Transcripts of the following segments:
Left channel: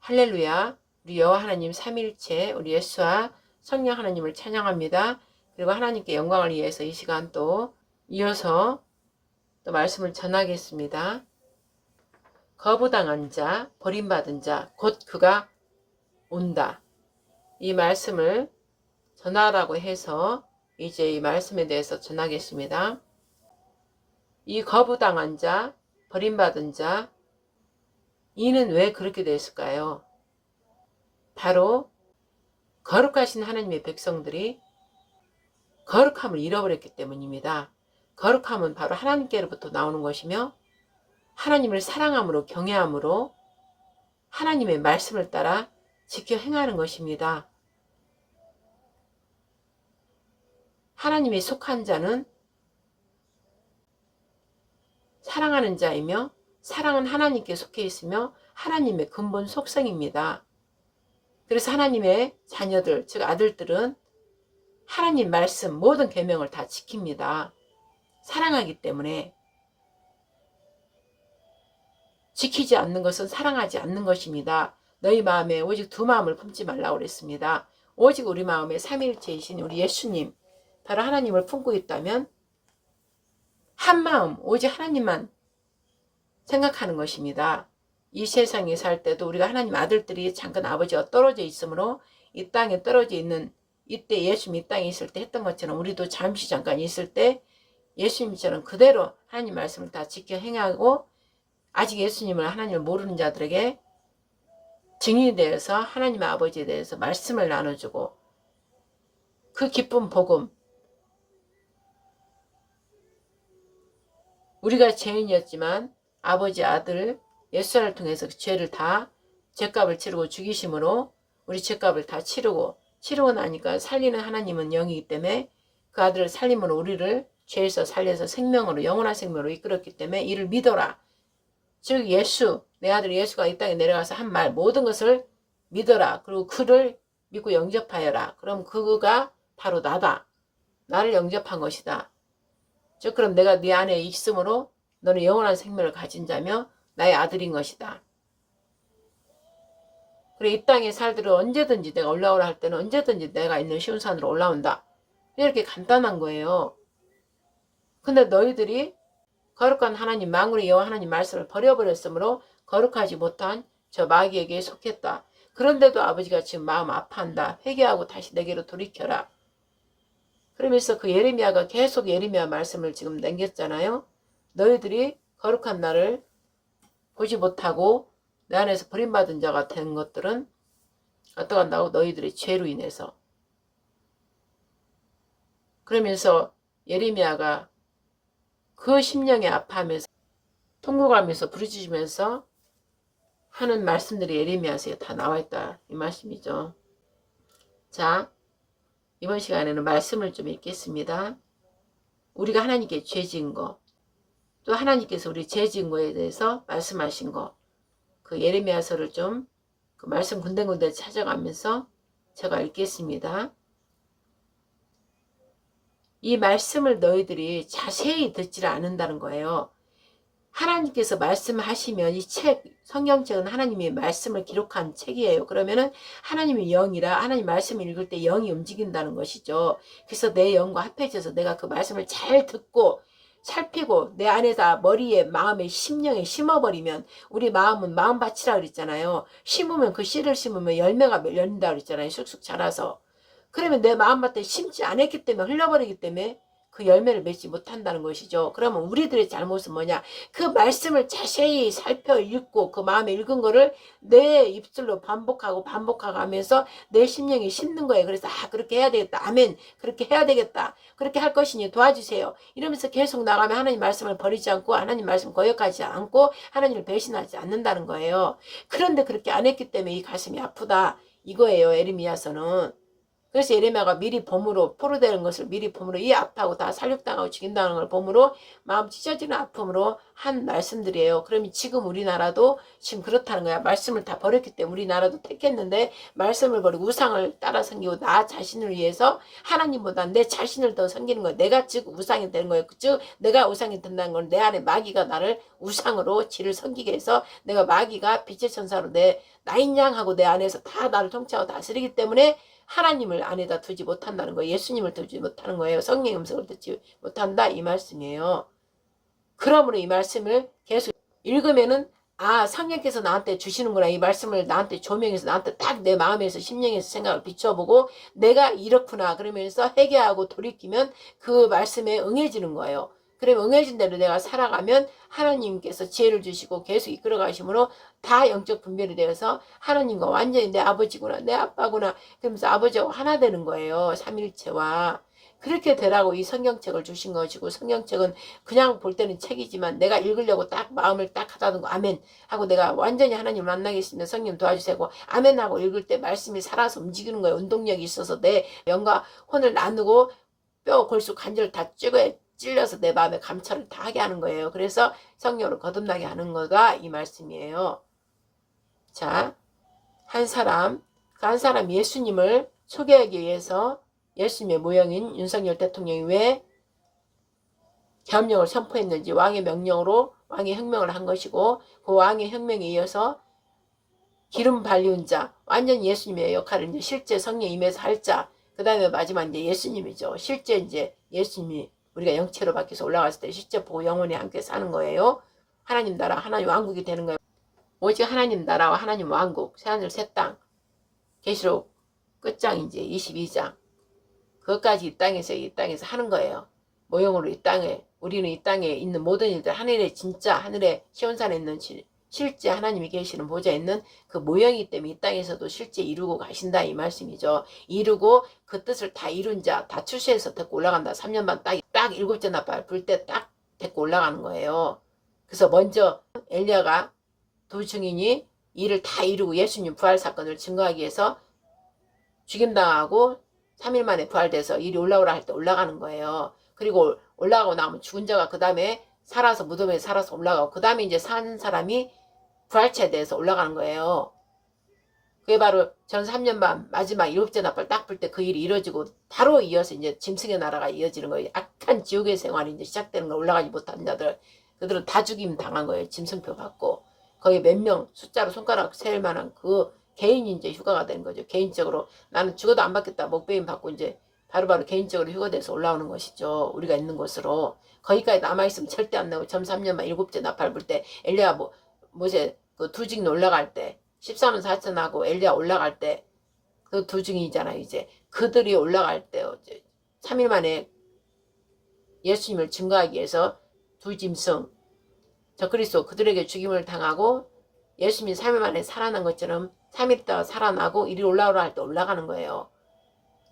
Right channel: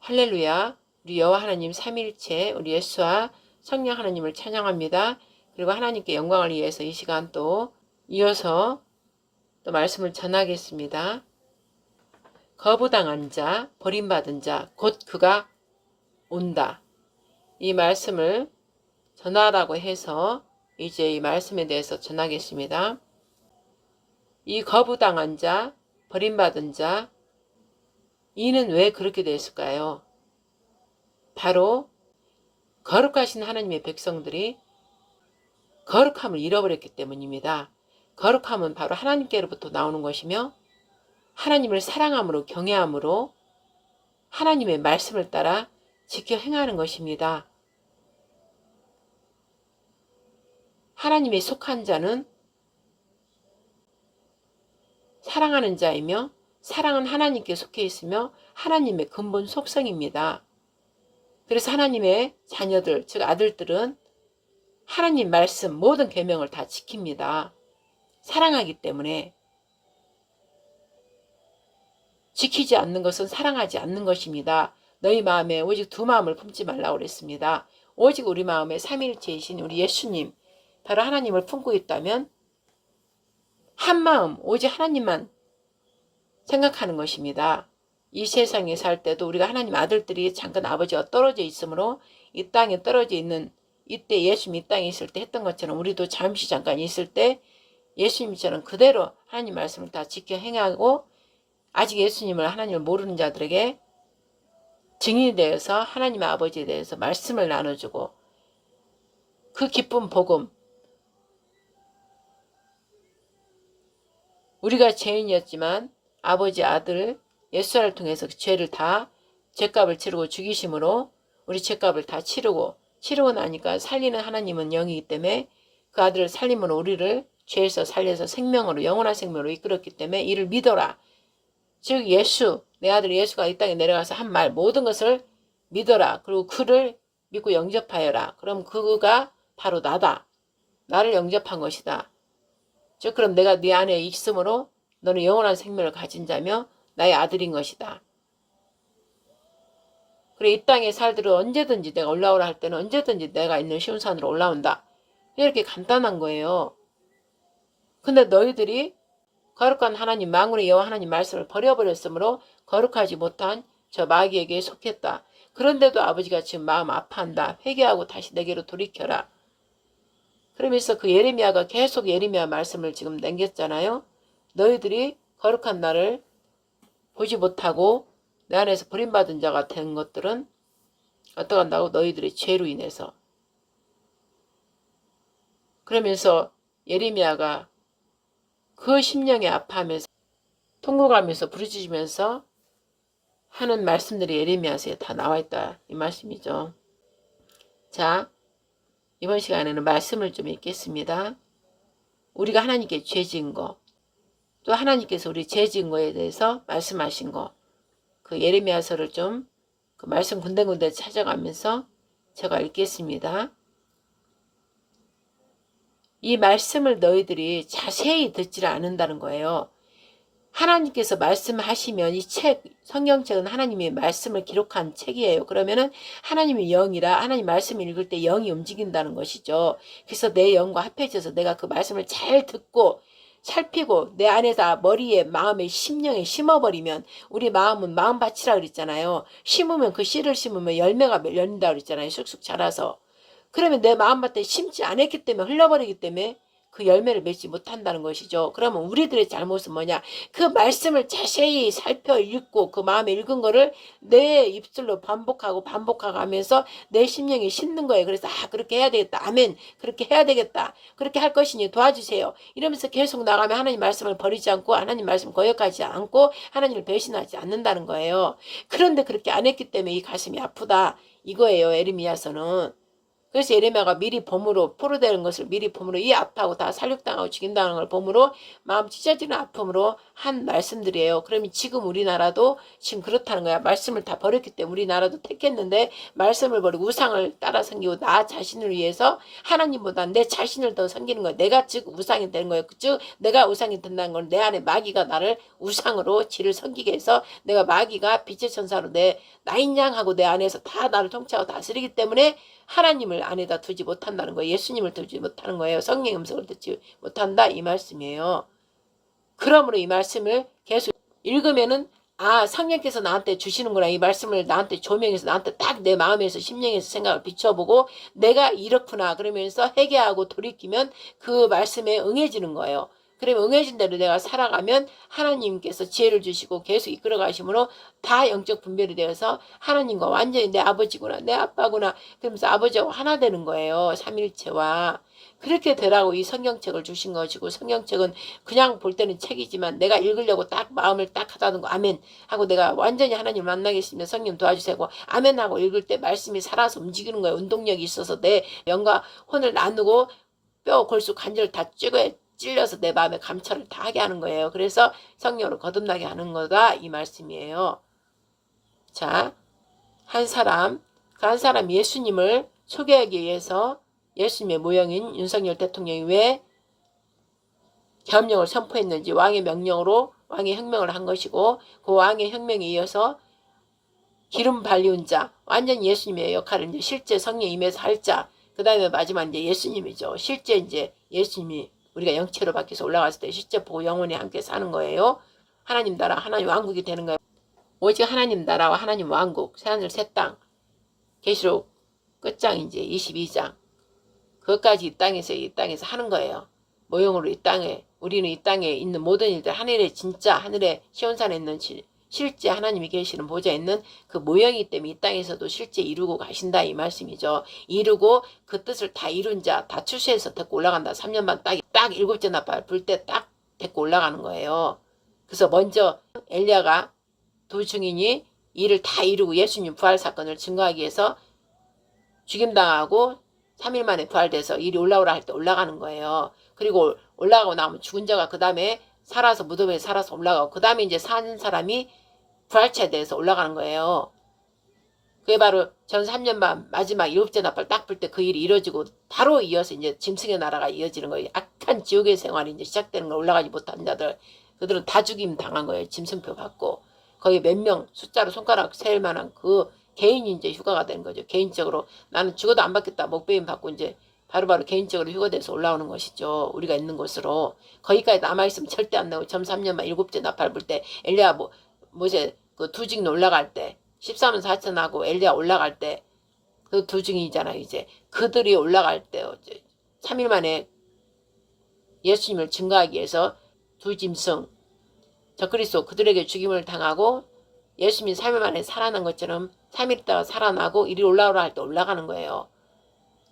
할렐루야. 우리 여호와 하나님 삼위일체 우리 예수와 성령 하나님을 찬양합니다. 그리고 하나님께 영광을 위해서 이 시간 또 이어서 또 말씀을 전하겠습니다. 거부당한 자, 버림받은 자, 곧 그가 온다. 이 말씀을 전하라고 해서 이제 이 말씀에 대해서 전하겠습니다. 이 거부당한 자, 버림받은 자, 이는 왜 그렇게 됐을까요? 바로 거룩하신 하나님의 백성들이 거룩함을 잃어버렸기 때문입니다. 거룩함은 바로 하나님께로부터 나오는 것이며 하나님을 사랑함으로 경외함으로 하나님의 말씀을 따라 지켜 행하는 것입니다. 하나님의 속한 자는 사랑하는 자이며 사랑은 하나님께 속해 있으며 하나님의 근본 속성입니다. 그래서 하나님의 자녀들, 즉 아들들은 하나님 말씀 모든 계명을 다 지킵니다. 사랑하기 때문에. 지키지 않는 것은 사랑하지 않는 것입니다. 너희 마음에 오직 두 마음을 품지 말라고 그랬습니다. 오직 우리 마음에 삼위일체이신 우리 예수님, 바로 하나님을 품고 있다면 한 마음, 오직 하나님만 생각하는 것입니다. 이 세상에 살 때도 우리가 하나님 아들들이 잠깐 아버지와 떨어져 있으므로 이 땅에 떨어져 있는 이때 예수님 이 땅에 있을 때 했던 것처럼 우리도 잠시 잠깐 있을 때 예수님처럼 그대로 하나님 말씀을 다 지켜 행하고 아직 예수님을 하나님을 모르는 자들에게 증인이 되어서 하나님 아버지에 대해서 말씀을 나눠주고 그 기쁜 복음, 우리가 죄인이었지만 아버지 아들 예수를 통해서 그 죄를 다 죄값을 치르고 죽이심으로 우리 죄값을 다 치르고 나니까 살리는 하나님은 영이기 때문에 그 아들을 살림으로 우리를 죄에서 살려서 생명으로 영원한 생명으로 이끌었기 때문에 이를 믿어라. 즉 예수, 내 아들 예수가 이 땅에 내려가서 한 말 모든 것을 믿어라. 그리고 그를 믿고 영접하여라. 그럼 그가 바로 나다. 나를 영접한 것이다. 즉 그럼 내가 네 안에 있으므로 너는 영원한 생명을 가진 자며 나의 아들인 것이다. 그래 이 땅에 살들은 언제든지 내가 올라오라 할 때는 언제든지 내가 있는 시온산으로 올라온다. 이렇게 간단한 거예요. 근데 너희들이 거룩한 하나님 만군의 여호와 하나님 말씀을 버려버렸으므로 거룩하지 못한 저 마귀에게 속했다. 그런데도 아버지가 지금 마음 아파한다. 회개하고 다시 내게로 돌이켜라. 그러면서 그 예레미야가 계속 예레미야 말씀을 지금 남겼잖아요. 너희들이 거룩한 나를 보지 못하고 내 안에서 버림받은 자가 된 것들은 어떡한다고? 너희들의 죄로 인해서. 그러면서 예레미야가 그 심령에 아파하면서 통곡하면서 부르짖으면서 하는 말씀들이 예레미야서에 다 나와 있다. 이 말씀이죠. 자, 이번 시간에는 말씀을 좀 읽겠습니다. 우리가 하나님께 죄 지은 거, 또 하나님께서 우리 죄 지은 거에 대해서 말씀하신 거, 그 예레미야서를 좀 그 말씀 군데군데 찾아가면서 제가 읽겠습니다. 이 말씀을 너희들이 자세히 듣지를 않는다는 거예요. 하나님께서 말씀하시면 이 책, 성경책은 하나님의 말씀을 기록한 책이에요. 그러면은 하나님의 영이라 하나님 말씀을 읽을 때 영이 움직인다는 것이죠. 그래서 내 영과 합해져서 내가 그 말씀을 잘 듣고 살피고 내 안에다 머리에 마음에 심령에 심어버리면 우리 마음은 마음밭이라 그랬잖아요. 심으면 그 씨를 심으면 열매가 열린다 그랬잖아요. 쑥쑥 자라서. 그러면 내 마음밭에 심지 않았기 때문에 흘러버리기 때문에 그 열매를 맺지 못한다는 것이죠. 그러면 우리들의 잘못은 뭐냐? 그 말씀을 자세히 살펴 읽고 그 마음에 읽은 거를 내 입술로 반복하고 하면서 내 심령에 심는 거예요. 그래서 그렇게 해야 되겠다. 아멘. 그렇게 해야 되겠다. 그렇게 할 것이니 도와주세요. 이러면서 계속 나가면 하나님 말씀을 버리지 않고 하나님 말씀 거역하지 않고 하나님을 배신하지 않는다는 거예요. 그런데 그렇게 안 했기 때문에 이 가슴이 아프다. 이거예요. 예레미야서는. 그래서 예레미야가 미리 범으로 포로되는 것을 미리 범으로 이 아파하고 다 살육당하고 죽임당하는 걸 범으로 마음 찢어지는 아픔으로 한 말씀들이에요. 그러면 지금 우리나라도 지금 그렇다는 거야. 말씀을 다 버렸기 때문에 우리나라도 택했는데 말씀을 버리고 우상을 따라 섬기고 나 자신을 위해서 하나님보다 내 자신을 더 섬기는 거야. 내가 즉 우상이 되는 거예요. 즉 내가 우상이 된다는 건 내 안에 마귀가 나를 우상으로 지를 섬기게 해서 내가 마귀가 빛의 천사로 내 나인양하고 내 안에서 다 나를 통치하고 다스리기 때문에 하나님을 안에다 두지 못한다는 거예요. 예수님을 두지 못하는 거예요. 성령의 음성을 듣지 못한다 이 말씀이에요. 그러므로 이 말씀을 계속 읽으면은 성령께서 나한테 주시는구나. 이 말씀을 나한테 조명해서 나한테 딱 내 마음에서 심령에서 생각을 비춰보고 내가 이렇구나 그러면서 회개하고 돌이키면 그 말씀에 응해지는 거예요. 그러면 응해진 대로 내가 살아가면 하나님께서 지혜를 주시고 계속 이끌어 가심으로 다 영적 분별이 되어서 하나님과 완전히 내 아버지구나 내 아빠구나 그러면서 아버지하고 하나 되는 거예요. 삼일체와. 그렇게 되라고 이 성경책을 주신 것이고 성경책은 그냥 볼 때는 책이지만 내가 읽으려고 딱 마음을 딱 하다는 거 아멘 하고 내가 완전히 하나님을 만나겠습니다. 성령 도와주세요. 아멘 하고 읽을 때 말씀이 살아서 움직이는 거예요. 운동력이 있어서 내 영과 혼을 나누고 뼈 골수 관절 다 찔려서 내 마음에 감찰을 다 하게 하는 거예요. 그래서 성령으로 거듭나게 하는 거다 이 말씀이에요. 자, 한 사람 예수님을 소개하기 위해서 예수님의 모형인 윤석열 대통령이 왜 계엄령을 선포했는지 왕의 명령으로 왕의 혁명을 한 것이고 그 왕의 혁명에 이어서 기름 발리운 자 완전 예수님의 역할을 이제 실제 성령 임해서 할 자 그 다음에 마지막 이제 예수님이죠. 실제 이제 예수님이 우리가 영체로 바뀌어서 올라갔을 때 실제 보고 영원히 함께 사는 거예요. 하나님 나라 하나님 왕국이 되는 거예요. 오직 하나님 나라와 하나님 왕국 새하늘 새 땅 계시록 끝장 이제 22장 그것까지 이 땅에서 하는 거예요. 모형으로 이 땅에 우리는 이 땅에 있는 모든 일들 하늘에 진짜 하늘에 시온산에 있는 실제 하나님이 계시는 보좌에 있는 그 모형이기 때문에 이 땅에서도 실제 이루고 가신다 이 말씀이죠. 이루고 그 뜻을 다 이룬 자 다 출세해서 데리고 올라간다. 3년 반 딱 7째 나팔 불 때 딱 데리고 올라가는 거예요. 그래서 먼저 엘리야가 두 증인이 이를 다 이루고 예수님 부활 사건을 증거하기 위해서 죽임당하고 3일 만에 부활돼서 일이 올라오라 할 때 올라가는 거예요. 그리고 올라가고 나면 죽은 자가 그 다음에 살아서 무덤에 살아서 올라가고 그 다음에 이제 사는 사람이 부활체에 대해서 올라가는 거예요. 그게 바로 전 3년 반 마지막 7째 나팔 딱 불 때 그 일이 이루어지고 바로 이어서 이제 짐승의 나라가 이어지는 거예요. 악한 지옥의 생활이 이제 시작되는 거 올라가지 못한 자들 그들은 다 죽임 당한 거예요. 짐승표 받고 거기 몇 명 숫자로 손가락 셀 만한 그 개인이 이제 휴가가 되는 거죠. 개인적으로 나는 죽어도 안 받겠다 목배임 받고 이제 바로바로 개인적으로 휴가돼서 올라오는 것이죠. 우리가 있는 곳으로 거기까지 남아있으면 절대 안 나오고 점 3년만 7째 나팔 불 때 엘리야 모세 그 두 증인 올라갈 때 14만 4천 하고 엘리야 올라갈 때 그 두 증인이잖아요. 이제 그들이 올라갈 때 3일 만에 예수님을 증거하기 위해서 두 짐승 적그리스도 그들에게 죽임을 당하고 예수님이 3일 만에 살아난 것처럼 3일 있다가 살아나고 이리 올라오라 할 때 올라가는 거예요.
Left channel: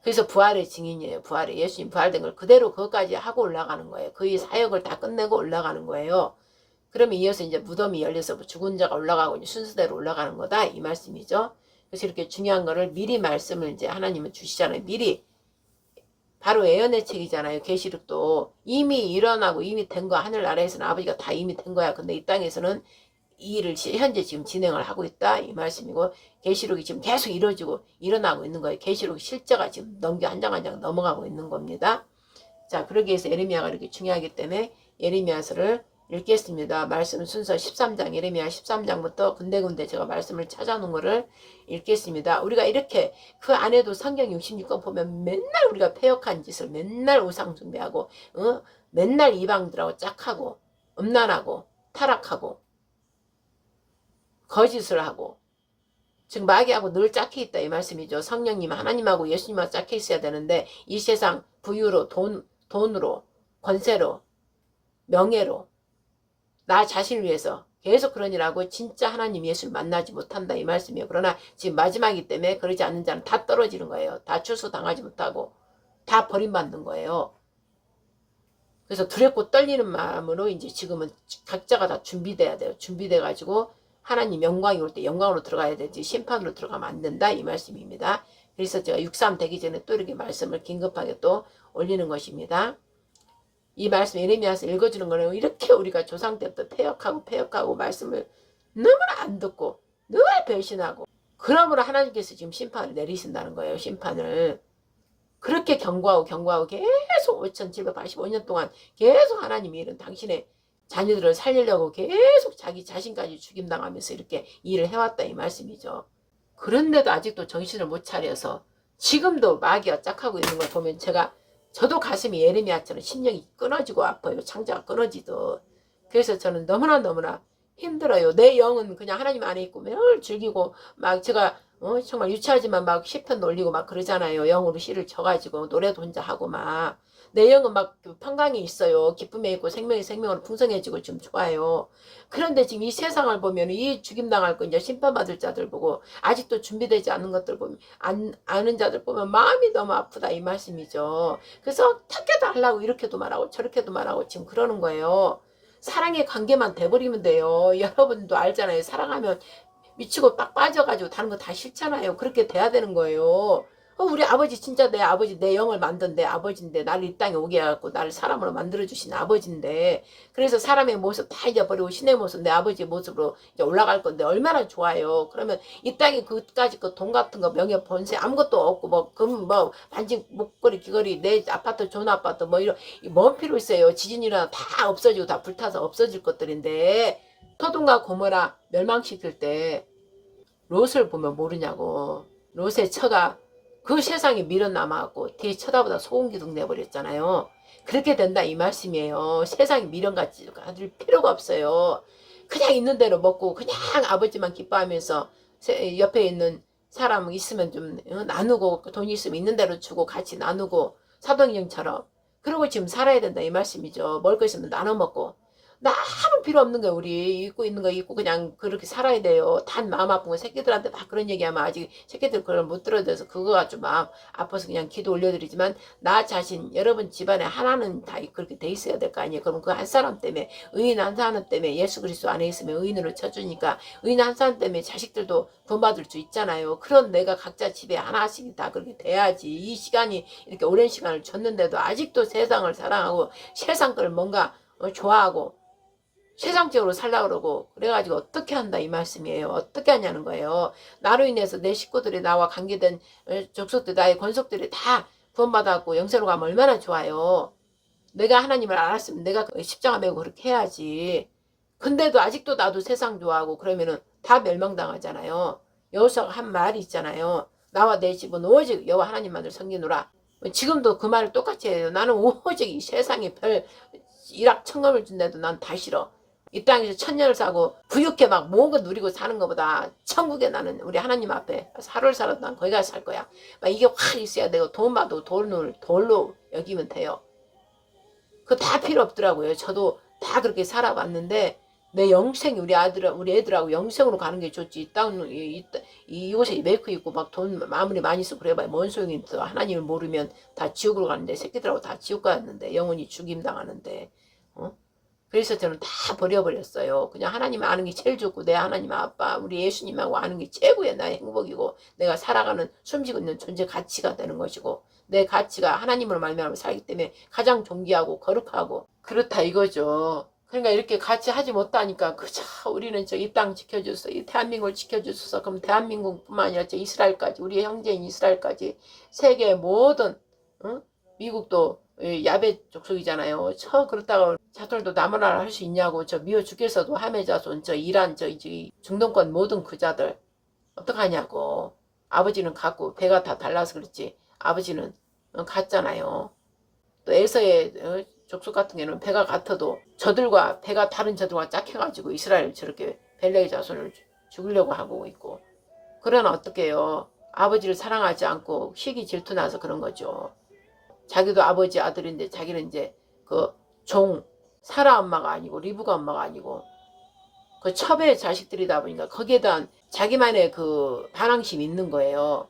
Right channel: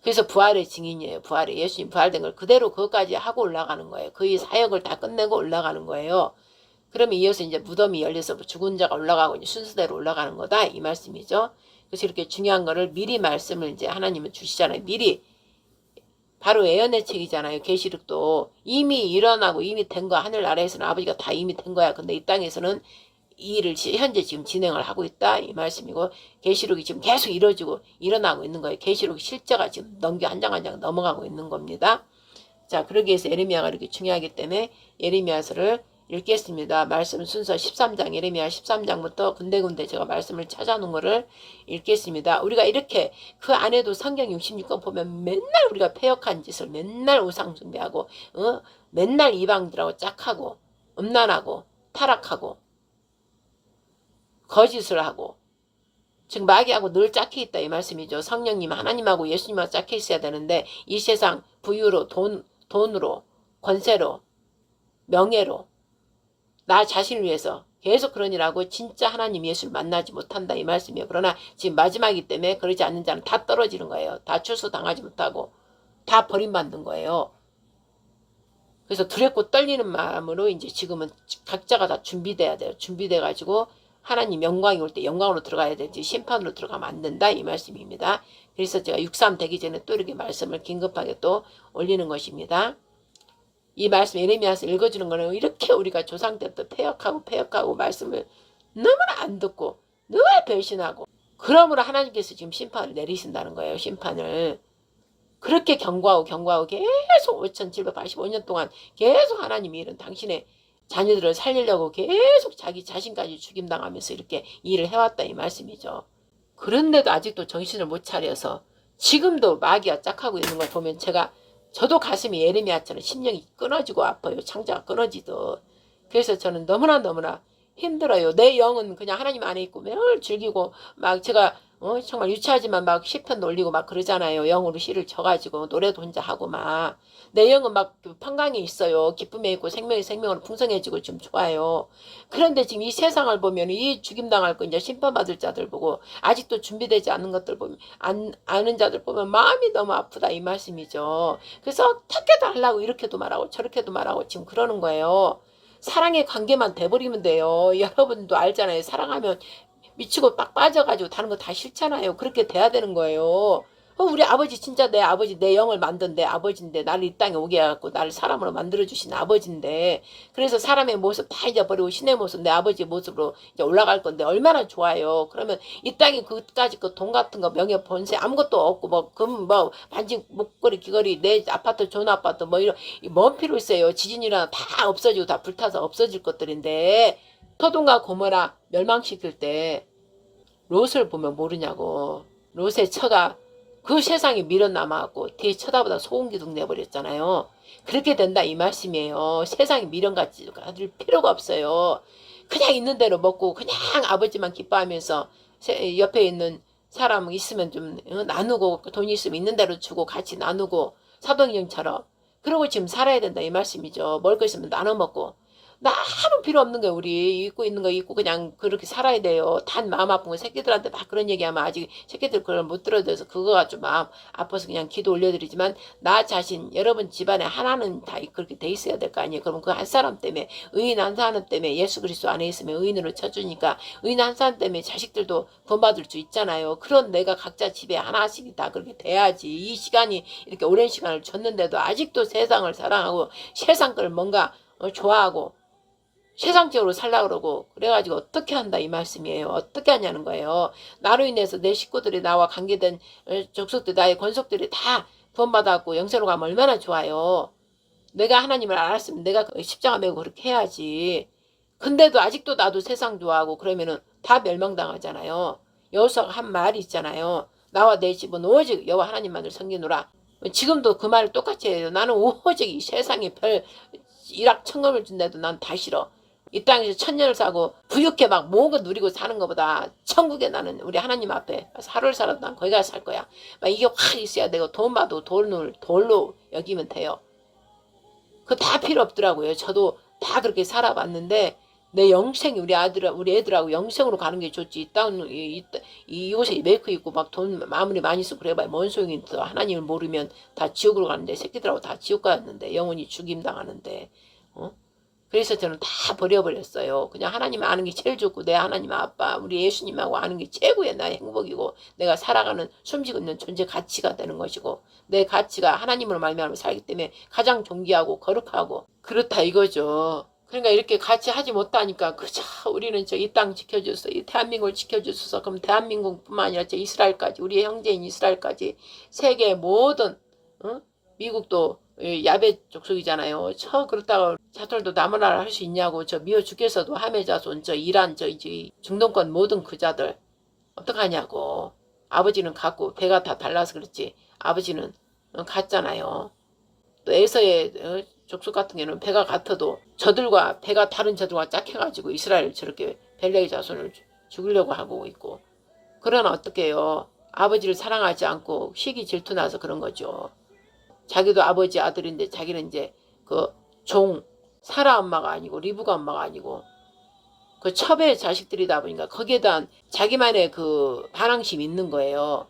그래서 부활의 증인이에요. 부활의 예수님 부활된 걸 그대로 그것까지 하고 올라가는 거예요. 그의 사역을 다 끝내고 올라가는 거예요. 그러면 이어서 이제 무덤이 열려서 죽은 자가 올라가고 이제 순서대로 올라가는 거다 이 말씀이죠. 그래서 이렇게 중요한 거를 미리 말씀을 이제 하나님은 주시잖아요. 미리 바로 예언의 책이잖아요. 계시록도 이미 일어나고 이미 된 거 하늘 나라에서는 아버지가 다 이미 된 거야. 근데 이 땅에서는 이 일을 현재 지금 진행을 하고 있다 이 말씀이고 계시록이 지금 계속 이루어지고 일어나고 있는 거예요. 계시록 실제가 지금 한 장 한 장 넘어가고 있는 겁니다. 자, 그러기 위해서 예레미야가 이렇게 중요하기 때문에 예레미야서를 읽겠습니다. 말씀 순서 13장 예레미야 13장부터 군데군데 제가 말씀을 찾아놓은 거를 읽겠습니다. 우리가 이렇게 그 안에도 성경 66권 보면 맨날 우리가 패역한 짓을 맨날 우상 숭배하고 맨날 이방들하고 짝하고 음란하고 타락하고 거짓을 하고 즉 마귀하고 늘 짝해 있다 이 말씀이죠. 성령님 하나님하고 예수님하고 짝해 있어야 되는데 이 세상 부유로 돈으로 권세로 명예로 나 자신을 위해서 계속 그러니라고 진짜 하나님 예수를 만나지 못한다 이 말씀이에요. 그러나 지금 마지막이기 때문에 그러지 않는 자는 다 떨어지는 거예요. 다 출소당하지 못하고 다 버림받는 거예요. 그래서 두렵고 떨리는 마음으로 이제 지금은 각자가 다 준비돼야 돼요. 준비돼 가지고 하나님 영광이 올 때 영광으로 들어가야 되지 심판으로 들어가면 안 된다 이 말씀입니다. 그래서 제가 6.3 되기 전에 또 이렇게 말씀을 긴급하게 또 올리는 것입니다. 이 말씀 예레미야서 읽어주는 거는 이렇게 우리가 조상 때부터 패역하고 말씀을 너무나 안 듣고 늘 배신하고 그러므로 하나님께서 지금 심판을 내리신다는 거예요. 심판을. 그렇게 경고하고 계속 5785년 동안 계속 하나님이 이런 당신의 자녀들을 살리려고 계속 자기 자신까지 죽임당하면서 이렇게 일을 해왔다 이 말씀이죠. 그런데도 아직도 정신을 못 차려서 지금도 마귀가 짝하고 있는 걸 보면 저도 가슴이 예레미야처럼 심령이 끊어지고 아파요. 창자가 끊어지듯. 그래서 저는 너무나 힘들어요. 내 영은 그냥 하나님 안에 있고 매일 즐기고 막 제가 정말 유치하지만 막 시편 올리고 막 그러잖아요. 영으로 시를 쳐가지고 노래도 혼자 하고 막 내 영은 막 평강에 있어요. 기쁨에 있고 생명으로 풍성해지고 좀 좋아요. 그런데 지금 이 세상을 보면 이 죽임당할 거 이제 심판받을 자들 보고 아직도 준비되지 않은 것들 보면 아는 자들 보면 마음이 너무 아프다 이 말씀이죠. 그래서 어떻게도 하려고 이렇게도 말하고 저렇게도 말하고 지금 그러는 거예요. 사랑의 관계만 돼버리면 돼요. 여러분도 알잖아요. 사랑하면 미치고 빡 빠져가지고 다른 거 다 싫잖아요. 그렇게 돼야 되는 거예요. 우리 아버지 진짜 내 아버지 내 영을 만든 내 아버지인데 나를 이 땅에 오게 해갖고 나를 사람으로 만들어주신 아버지인데 그래서 사람의 모습 다 잊어버리고 신의 모습 내 아버지의 모습으로 이제 올라갈 건데 얼마나 좋아요. 그러면 이 땅에 그까짓 그 돈 같은 거 명예 번세 아무것도 없고 뭐 금 뭐 반지 목걸이 귀걸이 내 아파트 좋은 아파트 뭐 이런 뭔 필요 있어요. 지진 일어나 다 없어지고 다 불타서 없어질 것들인데 소돔과 고모라 멸망시킬 때 롯을 보면 모르냐고. 롯의 처가 그 세상에 미련남아갖고 뒤에 쳐다보다 소금기둥 내버렸잖아요. 그렇게 된다 이 말씀이에요. 세상에 미련같이 가질 필요가 없어요. 그냥 있는 대로 먹고 그냥 아버지만 기뻐하면서 옆에 있는 사람 있으면 좀 나누고 돈이 있으면 있는 대로 주고 같이 나누고 사도행전처럼 그러고 지금 살아야 된다 이 말씀이죠. 먹을 거 있으면 나눠 먹고 나 아무 필요 없는 거야. 우리 입고 있는 거 입고 그냥 그렇게 살아야 돼요. 단 마음 아픈 거 새끼들한테 막 그런 얘기하면 아직 새끼들 그걸 못 들어줘서 그거가 좀 마음 아파서 그냥 기도 올려드리지만 나 자신 여러분 집안에 하나는 다 그렇게 돼 있어야 될 거 아니에요. 그러면 그 한 사람 때문에 의인 한 사람 때문에 예수 그리스도 안에 있으면 의인으로 쳐주니까 의인 한 사람 때문에 자식들도 구원받을 수 있잖아요. 그런 내가 각자 집에 하나씩 다 그렇게 돼야지. 이 시간이 이렇게 오랜 시간을 줬는데도 아직도 세상을 사랑하고 세상 걸 뭔가 좋아하고 세상적으로 살려고 그러고 그래가지고 어떻게 한다 이 말씀이에요. 어떻게 하냐는 거예요. 나로 인해서 내 식구들이 나와 관계된 족속들 나의 권속들이 다 구원받았고 영생으로 가면 얼마나 좋아요. 내가 하나님을 알았으면 내가 십자가 메고 그렇게 해야지. 근데도 아직도 나도 세상 좋아하고 그러면은 다 멸망당하잖아요. 여호수아가 한 말이 있잖아요. 나와 내 집은 오직 여호와 하나님만을 섬기노라. 지금도 그 말을 똑같이 해요. 나는 오직 이 세상에 별 일확천금을 준대도 난 다 싫어. 이 땅에서 천년을 사고 부유케 막 모은 누리고 사는 것보다 천국에 나는 우리 하나님 앞에 하루를 살아도 난 거기 가서 살 거야. 막 이게 확 있어야 되고 돈 봐도 돌로 여기면 돼요. 그거 다 필요 없더라고요. 저도 다 그렇게 살아봤는데 내 영생이 우리 애들하고 영생으로 가는 게 좋지. 이곳에 메이크 있고 막 돈 아무리 많이 쓰고 그래봐야 뭔 소용이 있어. 하나님을 모르면 다 지옥으로 가는데 새끼들하고 다 지옥 가는데 영원히 죽임 당하는데 그래서 저는 다 버려버렸어요. 그냥 하나님 아는 게 제일 좋고 내 하나님 아빠 우리 예수님하고 아는 게 최고의 나의 행복이고 내가 살아가는 숨쉬고 있는 존재 가치가 되는 것이고 내 가치가 하나님으로 말미암아 살기 때문에 가장 존귀하고 거룩하고 그렇다 이거죠. 그러니까 이렇게 같이 하지 못하니까 그저 우리는 저 이 땅 지켜줘서 이 대한민국을 지켜주셔서 그럼 대한민국뿐만 아니라 저 이스라엘까지 우리의 형제인 이스라엘까지 세계의 모든 미국도 야베 족속이잖아요. 그렇다고 자들도 남은 나라 할 수 있냐고 저 미워 죽겠어도 하메 자손 저 이란 저 이제 중동권 모든 그 자들 어떡하냐고. 아버지는 같고 배가 다 달라서 그렇지 아버지는 같잖아요. 또 에서의 족속 같은 경우는 배가 같아도 저들과 배가 다른 저들과 짝해가지고 이스라엘 저렇게 벨레의 자손을 죽이려고 하고 있고 그러나 어떻게 해요. 아버지를 사랑하지 않고 시기 질투나서 그런 거죠. 자기도 아버지 아들인데 자기는 이제 그 사라 엄마가 아니고 리브가 엄마가 아니고 그 첩의 자식들이다 보니까 거기에 대한 자기만의 그 반항심이 있는 거예요.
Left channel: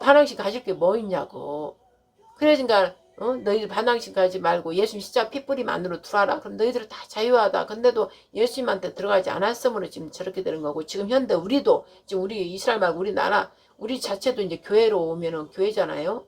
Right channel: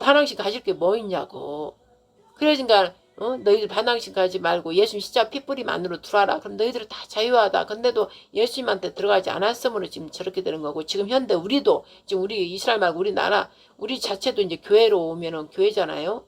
반항심 가질 게 뭐 있냐고. 그러니까 너희들 반항심 가지 말고 예수님 십자가 핏뿌림 안으로 들어와라. 그럼 너희들은 다 자유하다. 근데도 예수님한테 들어가지 않았으므로 지금 저렇게 되는 거고, 지금 현대 우리도 지금 우리 이스라엘 말고 우리나라 우리 자체도 이제 교회로 오면은 교회잖아요.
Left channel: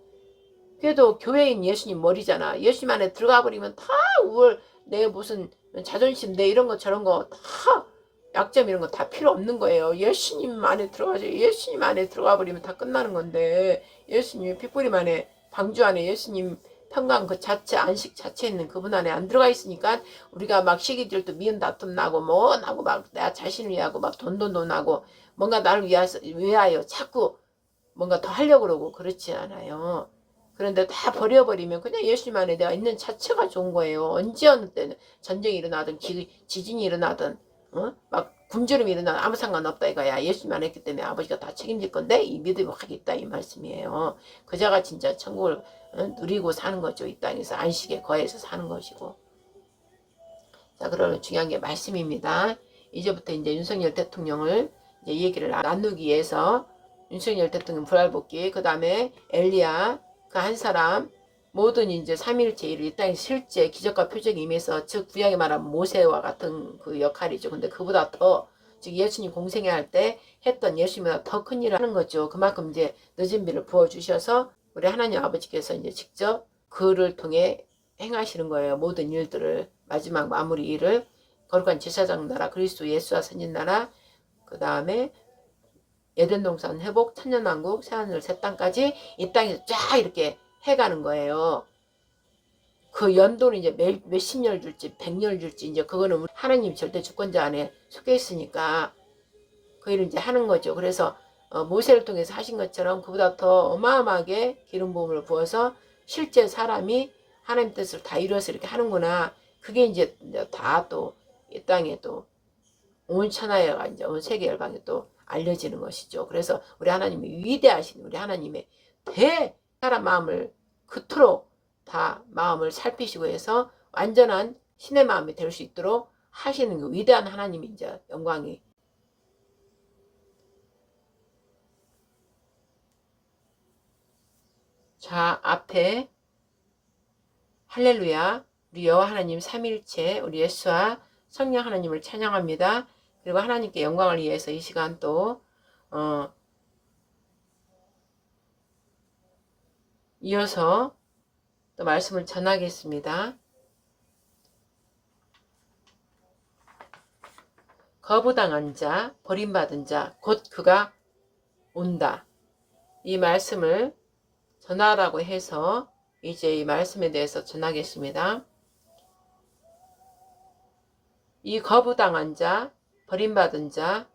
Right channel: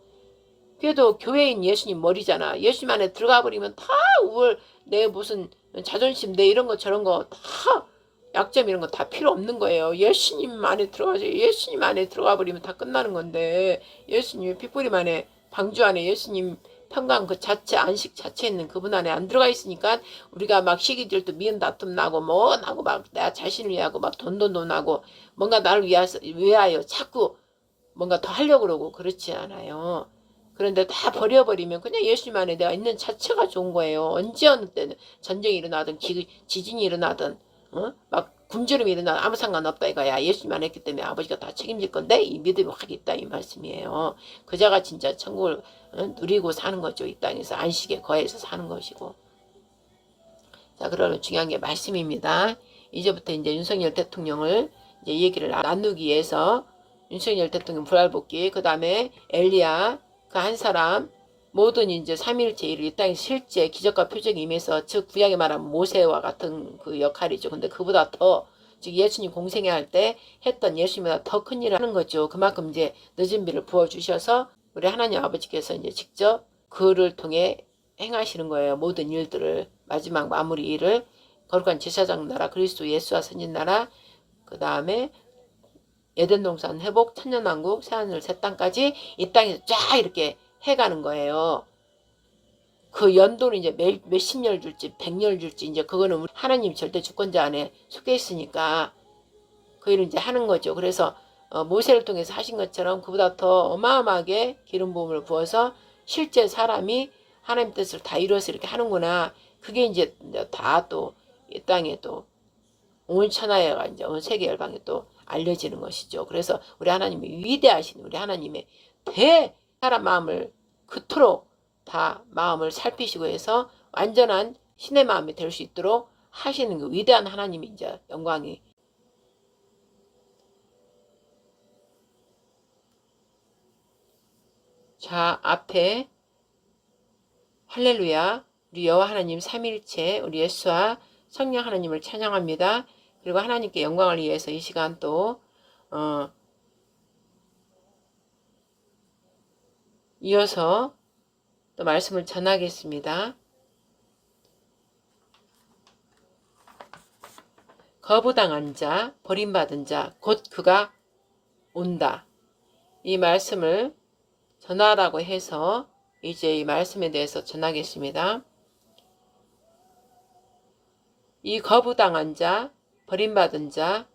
그래도 교회인 예수님 머리잖아. 예수님 안에 들어가 버리면 다 우월 내 무슨 자존심 내 이런 거 저런 거 다 약점 이런 거 다 필요 없는 거예요. 예수님 안에 들어가죠. 예수님 안에 들어가 버리면 다 끝나는 건데, 예수님의 핏뿌림 안에 방주 안에 예수님 평강 그 자체 안식 자체에 있는 그분 안에 안 들어가 있으니까 우리가 막 시기질도 미운 다툼 나고 뭐 나고 막 내 자신을 위하고 막 돈도 나고 뭔가 나를 위하여 자꾸 뭔가 더 하려고 그러고 그렇지 않아요. 그런데 다 버려버리면 그냥 예수님 안에 내가 있는 자체가 좋은 거예요. 언제 어느 때는 전쟁이 일어나든 지진이 일어나든 막 굶주림이 일어나든 아무 상관없다 이거야. 예수님 안에 있기 때문에 아버지가 다 책임질 건데 이 믿음이 확 있다 이 말씀이에요. 그자가 진짜 천국을 누리고 사는 거죠. 이 땅에서 안식에 거해서 사는 것이고. 자, 그러면 중요한 게 말씀입니다. 이제부터 이제 윤석열 대통령을 이제 얘기를 나누기 위해서 윤석열 대통령 부활복귀, 그 다음에 엘리야 그 한 사람 모든 이제 삼위일체 일을 이 땅에 실제 기적과 표적이 임해서, 즉 구약에 말하면 모세와 같은 그 역할이죠. 근데 그보다 더, 즉 예수님 공생애 할 때 했던 예수님보다 더 큰 일을 하는 거죠. 그만큼 이제 늦은 비를 부어주셔서 우리 하나님 아버지께서 이제 직접 그를 통해 행하시는 거예요. 모든 일들을, 마지막 마무리 일을 거룩한 제사장 나라 그리스도 예수와 선진 나라, 그 다음에 에덴 동산 회복, 천년왕국, 새하늘 새 땅까지 이 땅에서 쫙 이렇게 해가는 거예요. 그 연도는 이제 몇십 년 줄지 100년 줄지 이제 그거는 우리 하나님 절대 주권자 안에 속해 있으니까 그 일을 이제 하는 거죠. 그래서 모세를 통해서 하신 것처럼 그보다 더 어마어마하게 기름 부음을 부어서 실제 사람이 하나님 뜻을 다 이루어서 이렇게 하는구나. 그게 이제 다 또 이 땅에 또 온 천하에가 이제 온 세계 열방에 또 알려지는 것이죠. 그래서 우리 하나님이 위대하신 우리 하나님의 사람 마음을 그토록 다 마음을 살피시고 해서 완전한 신의 마음이 될 수 있도록 하시는 그 위대한 하나님이 이제 영광이. 자, 앞에 할렐루야, 우리 여호와 하나님 삼일체 우리 예수와 성령 하나님을 찬양합니다. 그리고 하나님께 영광을 위해서 이 시간 또 이어서 또 말씀을 전하겠습니다. 거부당한 자, 버림받은 자, 곧 그가 온다. 이 말씀을 전하라고 해서 이제 이 말씀에 대해서 전하겠습니다. 이 거부당한 자, 버림받은 자,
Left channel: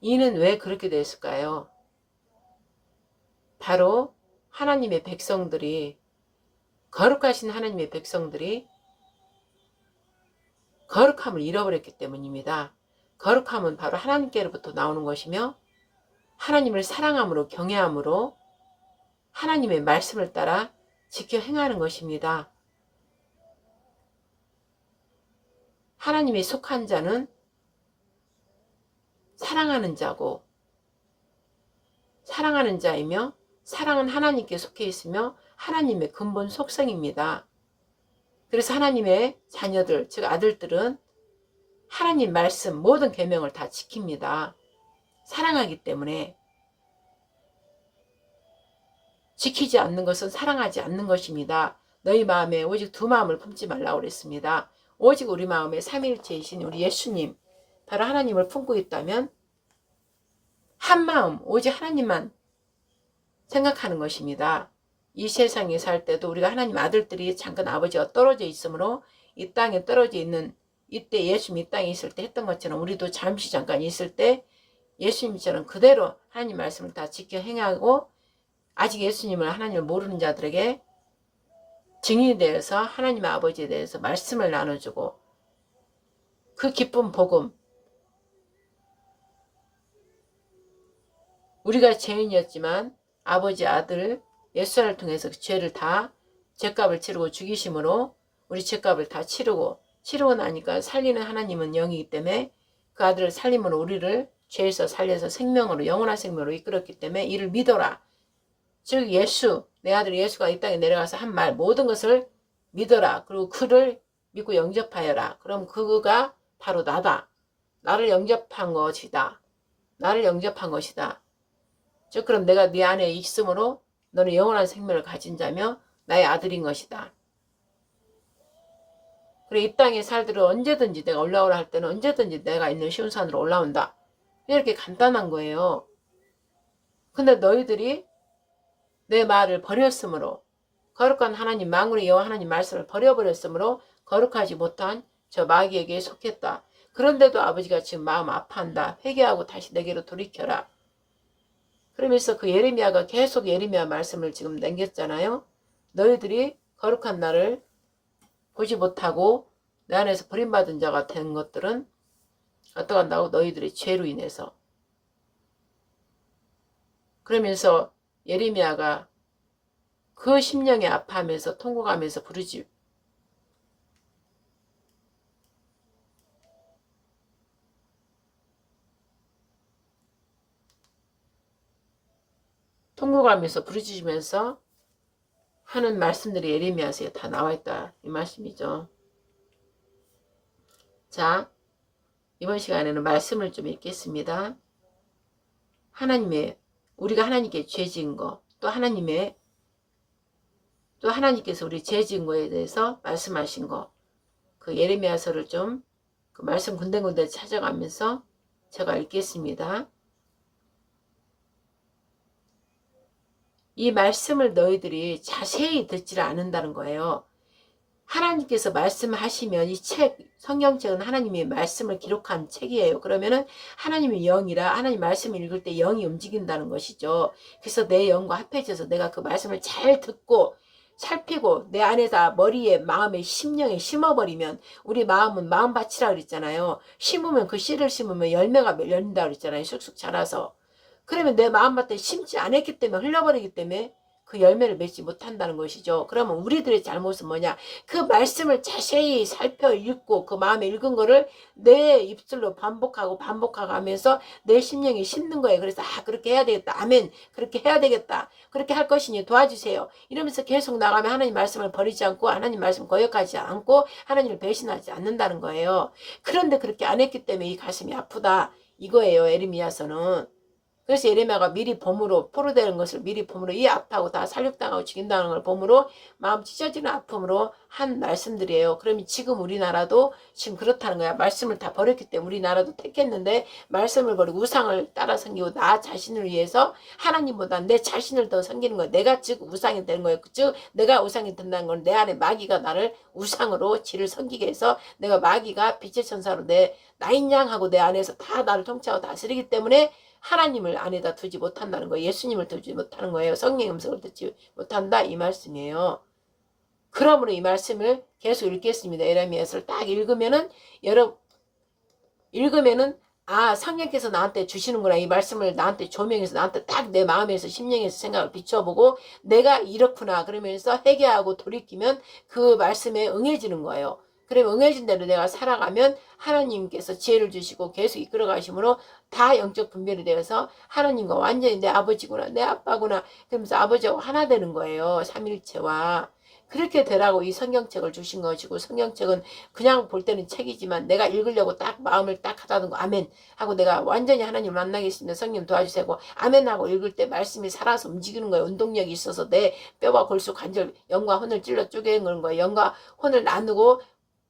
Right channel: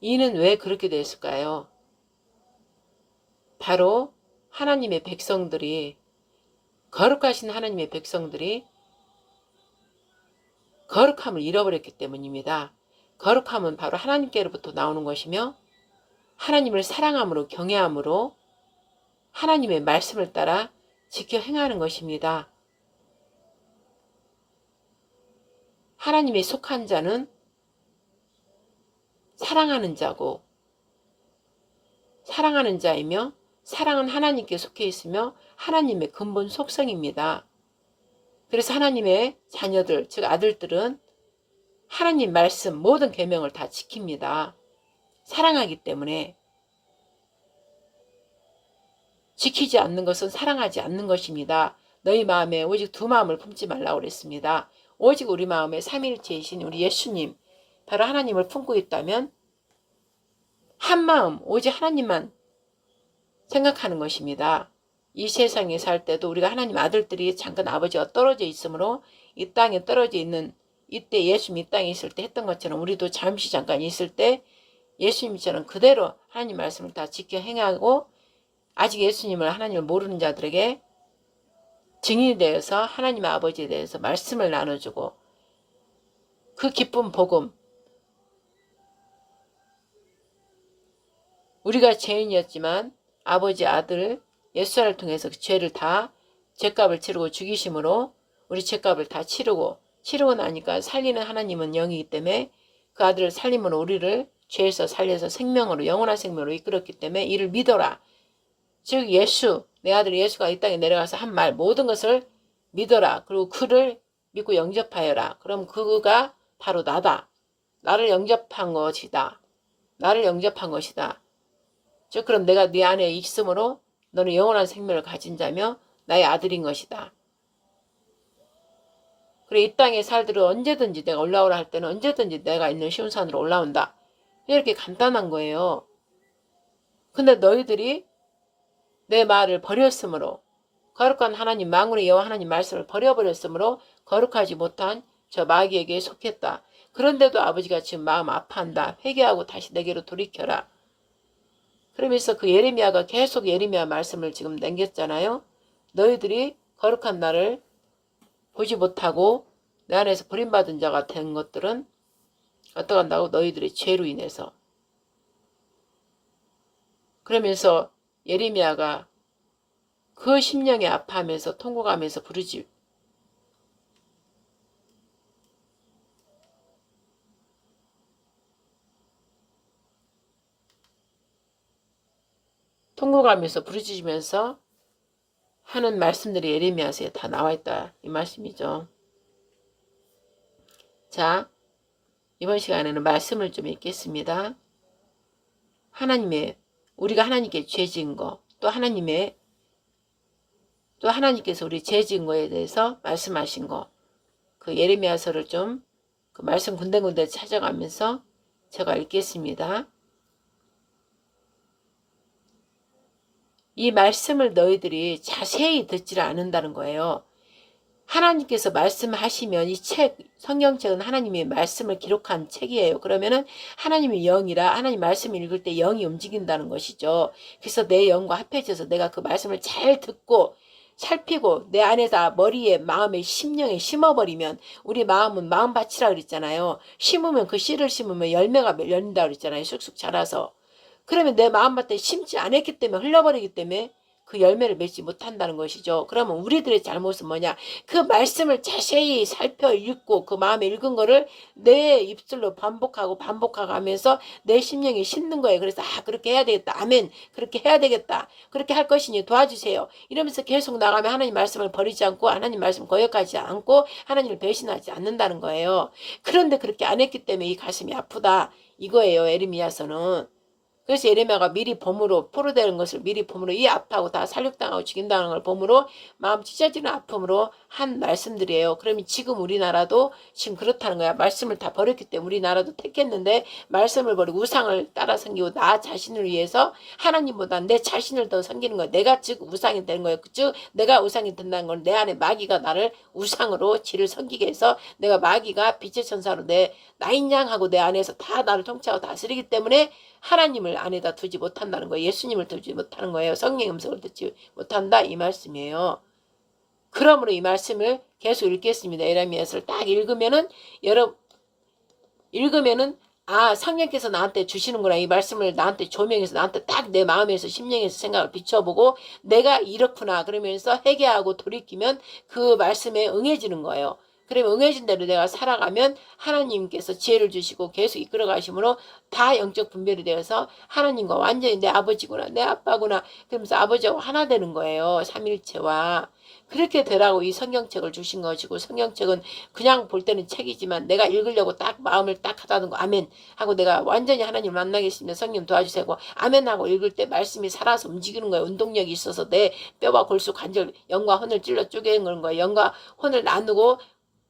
이는 왜 그렇게 됐을까요? 바로 하나님의 백성들이, 거룩하신 하나님의 백성들이 거룩함을 잃어버렸기 때문입니다. 거룩함은 바로 하나님께로부터 나오는 것이며 하나님을 사랑함으로 경외함으로 하나님의 말씀을 따라 지켜 행하는 것입니다. 하나님의 속한 자는 사랑하는 자고, 사랑하는 자이며 사랑은 하나님께 속해 있으며 하나님의 근본 속성입니다. 그래서 하나님의 자녀들, 즉 아들들은 하나님 말씀 모든 계명을 다 지킵니다. 사랑하기 때문에. 지키지 않는 것은 사랑하지 않는 것입니다. 너희 마음에 오직 두 마음을 품지 말라고 그랬습니다. 오직 우리 마음에 삼위일체이신 우리 예수님, 바로 하나님을 품고 있다면 한 마음 오직 하나님만 생각하는 것입니다. 이 세상에 살 때도 우리가 하나님 아들들이 잠깐 아버지와 떨어져 있으므로 이 땅에 떨어져 있는 이때 예수님 이 땅에 있을 때 했던 것처럼 우리도 잠시 잠깐 있을 때 예수님처럼 그대로 하나님 말씀을 다 지켜 행하고, 아직 예수님을 하나님을 모르는 자들에게 증인이 되어서 하나님 아버지에 대해서 말씀을 나눠주고, 그 기쁜 복음, 우리가 죄인이었지만 아버지 아들 예수를 통해서 그 죄를 다 죄값을 치르고 죽이심으로 우리 죄값을 다 치르고 나니까 살리는 하나님은 영이기 때문에 그 아들을 살림으로 우리를 죄에서 살려서 생명으로 영원한 생명으로 이끌었기 때문에 이를 믿어라. 즉 예수 내 아들 예수가 이 땅에 내려가서 한 말 모든 것을 믿어라. 그리고 그를 믿고 영접하여라. 그럼 그가 바로 나다. 나를 영접한 것이다. 나를 영접한 것이다. 즉 그럼 내가 네 안에 있으므로 너는 영원한 생명을 가진 자며 나의 아들인 것이다. 그래 이 땅에 살들은 언제든지 내가 올라오라 할 때는 언제든지 내가 있는 쉬운 산으로 올라온다. 이렇게 간단한 거예요. 근데 너희들이 내 말을 버렸으므로 거룩한 하나님 만군의 여호와 하나님 말씀을 버려버렸으므로 거룩하지 못한 저 마귀에게 속했다. 그런데도 아버지가 지금 마음 아파한다. 회개하고 다시 내게로 돌이켜라. 그러면서 그 예레미야가 계속 예레미야 말씀을 지금 남겼잖아요. 너희들이 거룩한 나를 보지 못하고 내 안에서 버림받은 자가 된 것들은 어떡한다고? 너희들의 죄로 인해서. 그러면서 예레미야가 그 심령에 아파하면서 통곡하면서 부르지. 통곡하면서 부르짖으면서 하는 말씀들이 예레미야서에 다 나와 있다. 이 말씀이죠. 자, 이번 시간에는 말씀을 좀 읽겠습니다. 우리가 하나님께 죄 지은 거, 또 하나님께서 우리 죄 지은 거에 대해서 말씀하신 거, 그 예레미야서를 좀 그 말씀 군데군데 찾아가면서 제가 읽겠습니다. 이 말씀을 너희들이 자세히 듣지를 않는다는 거예요. 하나님께서 말씀하시면 이 책, 성경책은 하나님의 말씀을 기록한 책이에요. 그러면은 하나님의 영이라 하나님 말씀을 읽을 때 영이 움직인다는 것이죠. 그래서 내 영과 합해져서 내가 그 말씀을 잘 듣고 살피고 내 안에다 머리에 마음에 심령에 심어버리면 우리 마음은 마음밭이라 그랬잖아요. 심으면 그 씨를 심으면 열매가 열린다 그랬잖아요. 쑥쑥 자라서. 그러면 내 마음밭에 심지 않았기 때문에 흘러버리기 때문에 그 열매를 맺지 못한다는 것이죠. 그러면 우리들의 잘못은 뭐냐? 그 말씀을 자세히 살펴 읽고 그 마음에 읽은 거를 내 입술로 반복하고 하면서 내 심령에 심는 거예요. 그래서 그렇게 해야 되겠다. 아멘. 그렇게 해야 되겠다. 그렇게 할 것이니 도와주세요. 이러면서 계속 나가면 하나님 말씀을 버리지 않고 하나님 말씀 거역하지 않고 하나님을 배신하지 않는다는 거예요. 그런데 그렇게 안 했기 때문에 이 가슴이 아프다. 이거예요. 에르미야서는. 그래서 예레미야가 미리 범으로 포로되는 것을 미리 범으로 이 아파하고 다 살육당하고 죽인다는 걸 범으로 마음 찢어지는 아픔으로 한 말씀들이에요. 그러면 지금 우리나라도 지금 그렇다는 거야. 말씀을 다 버렸기 때문에 우리나라도 택했는데 말씀을 버리고 우상을 따라 섬기고 나 자신을 위해서 하나님보다 내 자신을 더 섬기는 거야. 내가 즉 우상이 되는 거예요. 즉 내가 우상이 된다는 건 내 안에 마귀가 나를 우상으로 지를 섬기게 해서 내가 마귀가 빛의 천사로 내 나인 양하고 내 안에서 다 나를 통치하고 다스리기 때문에 하나님을 안에다 두지 못한다는 거예요. 예수님을 두지 못하는 거예요. 성령의 음성을 듣지 못한다 이 말씀이에요. 그러므로 이 말씀을 계속 읽겠습니다. 예레미야서를 딱 읽으면은 성령께서 나한테 주시는구나. 이 말씀을 나한테 조명해서 나한테 딱 내 마음에서 심령에서 생각을 비춰보고 내가 이렇구나 그러면서 회개하고 돌이키면 그 말씀에 응해지는 거예요. 그러면 응해진 대로 내가 살아가면 하나님께서 지혜를 주시고 계속 이끌어 가심으로 다 영적 분별이 되어서 하나님과 완전히 내 아버지구나 내 아빠구나 그러면서 아버지하고 하나 되는 거예요. 삼일체와. 그렇게 되라고 이 성경책을 주신 것이고 성경책은 그냥 볼 때는 책이지만 내가 읽으려고 딱 마음을 딱 하다는 거 아멘 하고 내가 완전히 하나님 만나겠으면 성령 도와주세요 하고 아멘 하고 읽을 때 말씀이 살아서 움직이는 거예요. 운동력이 있어서 내 뼈와 골수 관절 영과 혼을 찔러 쪼개는 거예요. 영과 혼을 나누고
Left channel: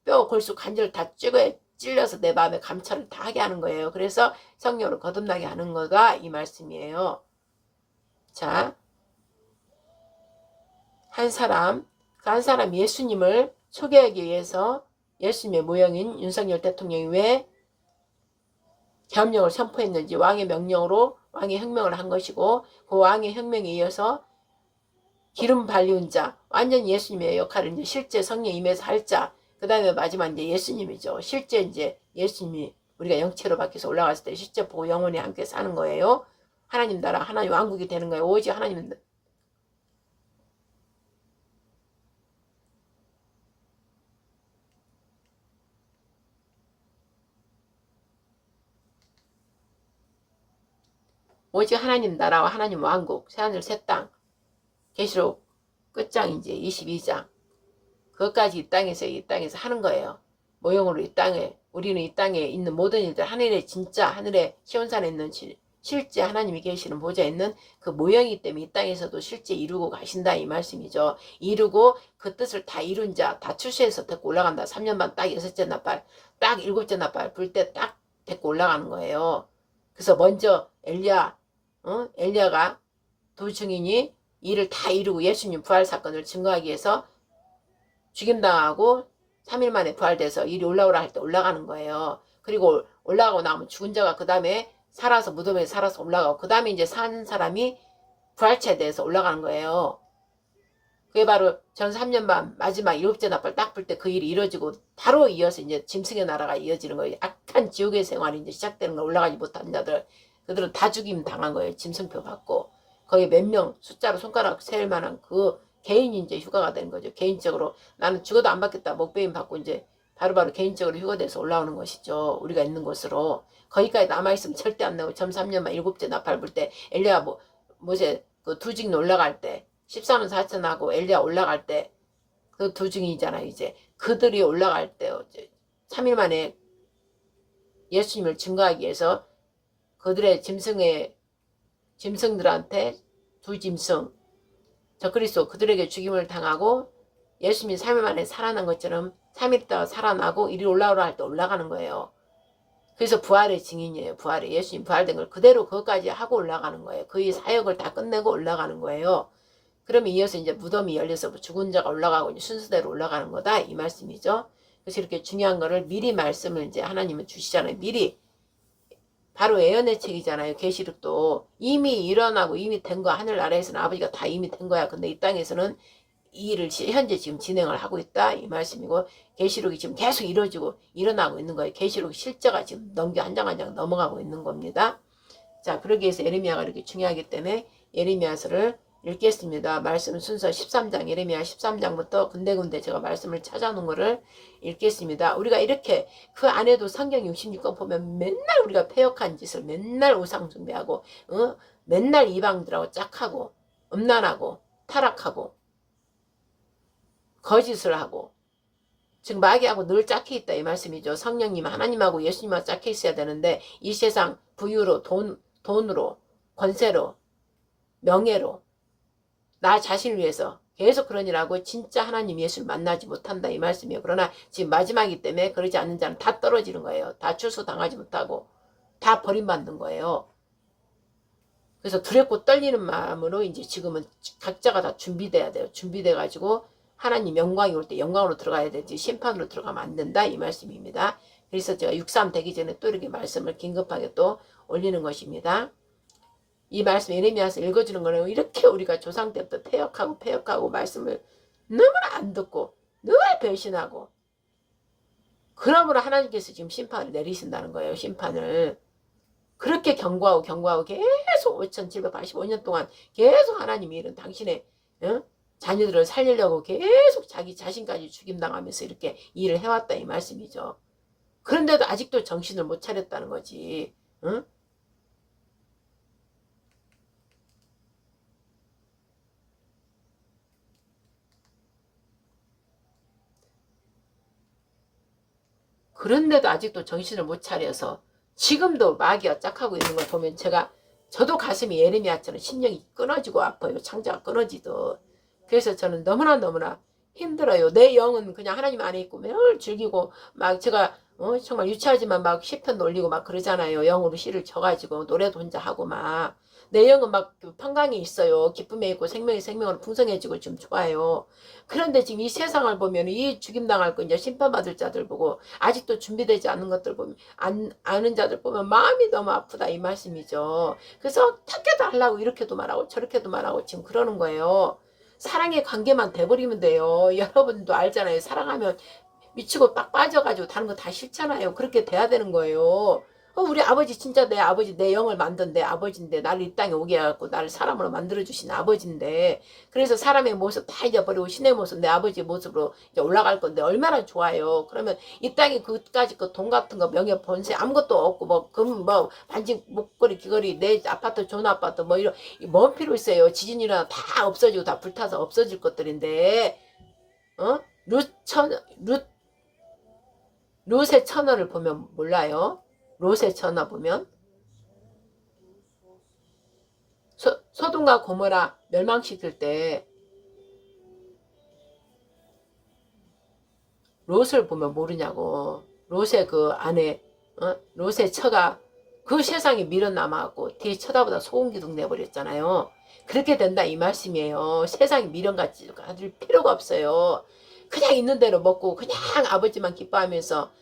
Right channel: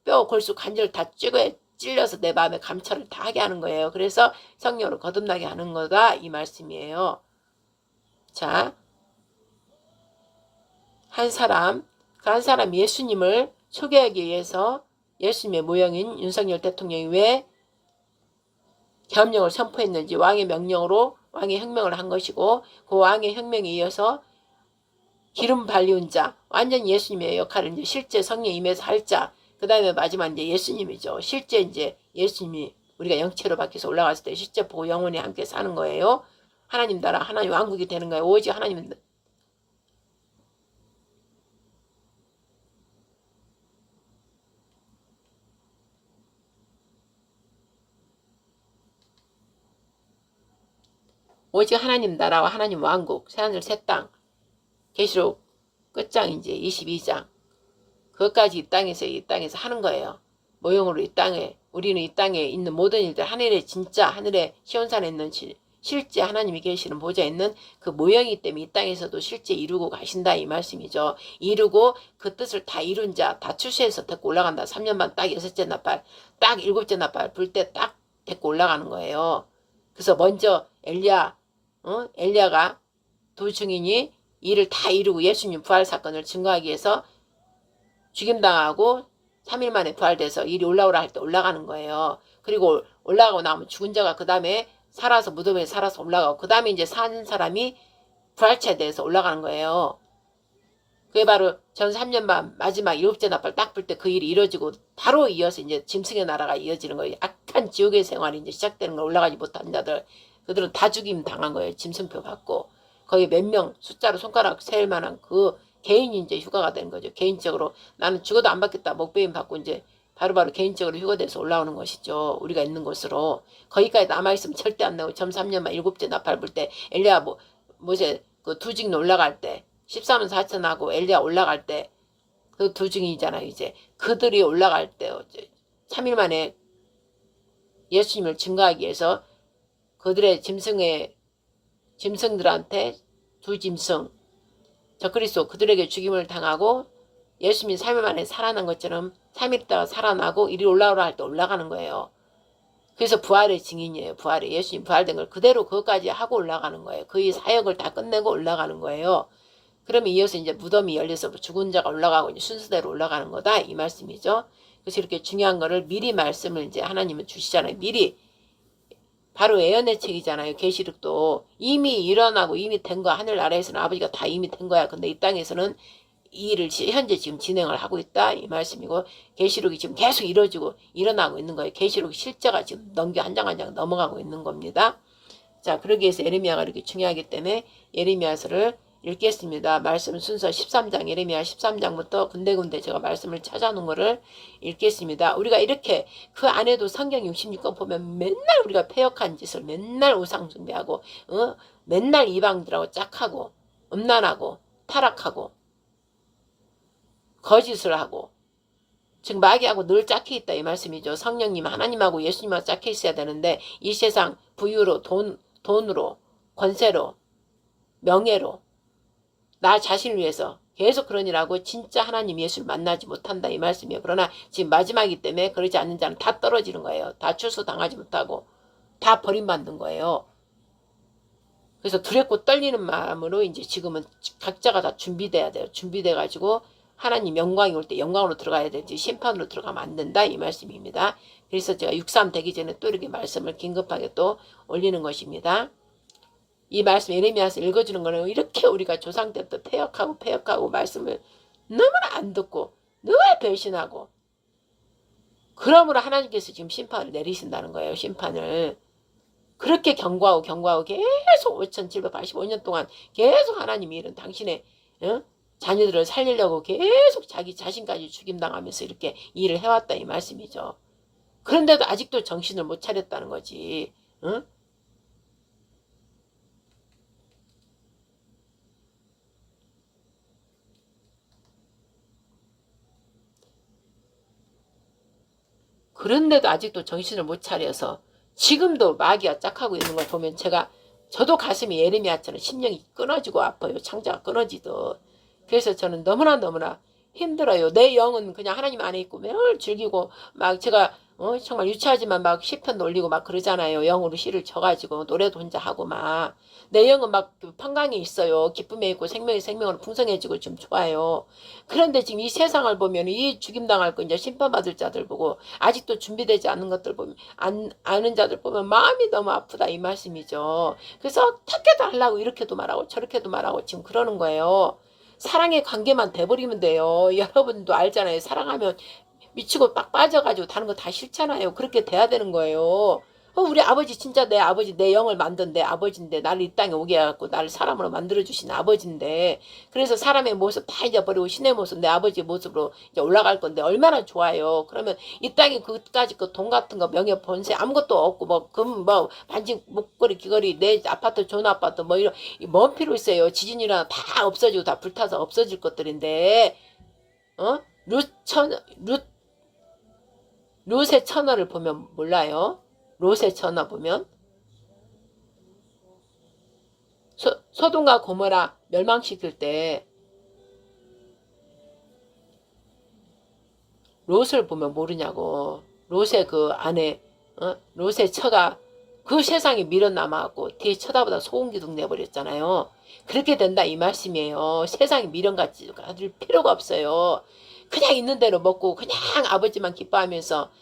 뼈 골수 관절 다 찔러서 내 마음에 감찰을 다 하게 하는 거예요. 그래서 성령으로 거듭나게 하는 거가 이 말씀이에요. 자, 한 사람 예수님을 소개하기 위해서 예수님의 모형인 윤석열 대통령이 왜 계엄령을 선포했는지 왕의 명령으로 왕의 혁명을 한 것이고 그 왕의 혁명에 이어서 기름 발리운 자 완전 예수님의 역할을 이제 실제 성령 임해서 할 자 그 다음에 마지막 이제 예수님이죠. 실제 이제 예수님이 우리가 영체로 바뀌어서 올라갔을 때 실제 보고 영원히 함께 사는 거예요. 하나님 나라 하나님 왕국이 되는 거예요. 오직 하나님 오직 하나님 나라와 하나님 왕국 새하늘 새 땅 계시록 끝장 이제 22장. 그것까지 이 땅에서 하는 거예요. 모형으로 이 땅에, 우리는 이 땅에 있는 모든 일들, 하늘에 진짜, 하늘에 시온산에 있는 실제 하나님이 계시는 보좌에 있는 그 모형이기 때문에 이 땅에서도 실제 이루고 가신다 이 말씀이죠. 이루고 그 뜻을 다 이룬 자, 다 출세해서 데리고 올라간다. 3년 반 딱 6째 나팔, 딱 7째 나팔 불 때 딱 데리고 올라가는 거예요. 그래서 먼저 엘리야가 두 증인이 이를 다 이루고 예수님 부활 사건을 증거하기 위해서 죽임당하고 3일 만에 부활돼서 일이 올라오라 할 때 올라가는 거예요. 그리고 올라가고 나면 죽은 자가 그 다음에 살아서 무덤에 살아서 올라가고 그 다음에 이제 사는 사람이 부활체에 대해서 올라가는 거예요. 그게 바로 전 3년 반 마지막 7째 나팔 딱 불 때 그 일이 이루어지고 바로 이어서 이제 짐승의 나라가 이어지는 거예요. 악한 지옥의 생활이 이제 시작되는 거. 올라가지 못한 자들 그들은 다 죽임 당한 거예요. 짐승표 받고 거기 몇 명 숫자로 손가락 세일 만한 그 개인이 이제 휴가가 되는 거죠. 개인적으로 나는 죽어도 안 받겠다. 목배임 받고 이제 바로바로 개인적으로 휴가돼서 올라오는 것이죠. 우리가 있는 곳으로. 거기까지 남아있으면 절대 안 나고 점 3년만 7째 나팔 불 때 엘리야 모세 그 두 증인 올라갈 때 14만 4천하고 엘리야 올라갈 때 그 두 증인이잖아요. 이제 그들이 올라갈 때 3일 만에 예수님을 증거하기 위해서 그들의 짐승들한테 두 짐승 적그리스도 그들에게 죽임을 당하고 예수님이 3일 만에 살아난 것처럼 3일 있다가 살아나고 이리 올라오라 할 때 올라가는 거예요. 그래서 부활의 증인이에요. 부활의 예수님 부활된 걸 그대로 그것까지 하고 올라가는 거예요. 그의 사역을 다 끝내고 올라가는 거예요. 그러면 이어서 이제 무덤이 열려서 죽은 자가 올라가고 이제 순서대로 올라가는 거다 이 말씀이죠. 그래서 이렇게 중요한 거를 미리 말씀을 이제 하나님은 주시잖아요. 미리 바로 예언의 책이잖아요. 계시록도 이미 일어나고 이미 된 거 하늘 아래에서는 아버지가 다 이미 된 거야. 근데 이 땅에서는 이 일을 현재 지금 진행을 하고 있다 이 말씀이고 계시록이 지금 계속 이루어지고 일어나고 있는 거예요. 계시록 실제가 지금 한 장 한 장 넘어가고 있는 겁니다. 자, 그러기 위해서 예레미야가 이렇게 중요하기 때문에 예레미야서를 읽겠습니다. 말씀 순서 13장 예레미야 13장부터 군데군데 제가 말씀을 찾아놓은 거를 읽겠습니다. 우리가 이렇게 그 안에도 성경 66권 보면 맨날 우리가 패역한 짓을 맨날 우상 숭배하고 맨날 이방들하고 짝하고 음란하고 타락하고 거짓을 하고 즉 마귀하고 늘 짝해 있다 이 말씀이죠. 성령님 하나님하고 예수님하고 짝해 있어야 되는데 이 세상 부유로 돈으로 권세로 명예로 나 자신을 위해서 계속 그런 일하고 진짜 하나님 예수를 만나지 못한다 이 말씀이에요. 그러나 지금 마지막이기 때문에 그러지 않는 자는 다 떨어지는 거예요. 다 출소당하지 못하고 다 버림받는 거예요. 그래서 두렵고 떨리는 마음으로 이제 지금은 각자가 다 준비돼야 돼요. 준비돼가지고 하나님 영광이 올 때 영광으로 들어가야 되지 심판으로 들어가면 안 된다 이 말씀입니다. 그래서 제가 6.3 되기 전에 또 이렇게 말씀을 긴급하게 또 올리는 것입니다. 이 말씀 예레미야서 읽어주는 거는 이렇게 우리가 조상 때부터 패역하고 말씀을 너무나 안 듣고 늘 배신하고 그러므로 하나님께서 지금 심판을 내리신다는 거예요. 심판을. 그렇게 경고하고 계속 5785년 동안 계속 하나님이 이런 당신의 자녀들을 살리려고 계속 자기 자신까지 죽임당하면서 이렇게 일을 해왔다 이 말씀이죠. 그런데도 아직도 정신을 못 차렸다는 거지. 응? 그런데도 아직도 정신을 못 차려서 지금도 마귀가 짝하고 있는 걸 보면 저도 가슴이 예레미야처럼 심령이 끊어지고 아파요. 창자가 끊어지듯. 그래서 저는 너무나 힘들어요. 내 영은 그냥 하나님 안에 있고 매일 즐기고 막 제가 정말 유치하지만 막 시편도 올리고 막 그러잖아요. 영으로 시를 쳐가지고 노래도 혼자 하고 막 내 영은 막 평강에 있어요. 기쁨에 있고 생명으로 풍성해지고 좀 좋아요. 그런데 지금 이 세상을 보면 이 죽임당할 거 이제 심판받을 자들 보고 아직도 준비되지 않은 것들 보면 아는 자들 보면 마음이 너무 아프다 이 말씀이죠. 그래서 어떻게도 하려고 이렇게도 말하고 저렇게도 말하고 지금 그러는 거예요. 사랑의 관계만 돼버리면 돼요. 여러분도 알잖아요. 사랑하면 미치고 빡 빠져가지고 다른 거 다 싫잖아요. 그렇게 돼야 되는 거예요. 우리 아버지 진짜 내 아버지, 내 영을 만든 내 아버지인데, 나를 이 땅에 오게 해갖고 나를 사람으로 만들어주신 아버지인데, 그래서 사람의 모습 다 잊어버리고 신의 모습, 내 아버지의 모습으로 이제 올라갈 건데 얼마나 좋아요. 그러면 이 땅에 그까짓 그 돈 같은 거, 명예, 본세 아무것도 없고 뭐 금, 뭐 반지, 목걸이, 귀걸이, 내 아파트, 좋은 아파트 뭐 이런 뭔 필요 있어요. 지진이나 다 없어지고 다 불타서 없어질 것들인데, 룻의 처녀를 보면 몰라요. 롯의 처녀 보면 소돔과 고모라 멸망시킬 때 롯을 보면 모르냐고. 롯의 그 아내, 롯의 처가 그 세상에 미련남아갖고 뒤에 쳐다보다 소금기둥 내버렸잖아요. 그렇게 된다 이 말씀이에요. 세상에 미련같이 가질 필요가 없어요. 그냥 있는 대로 먹고 그냥 아버지만 기뻐하면서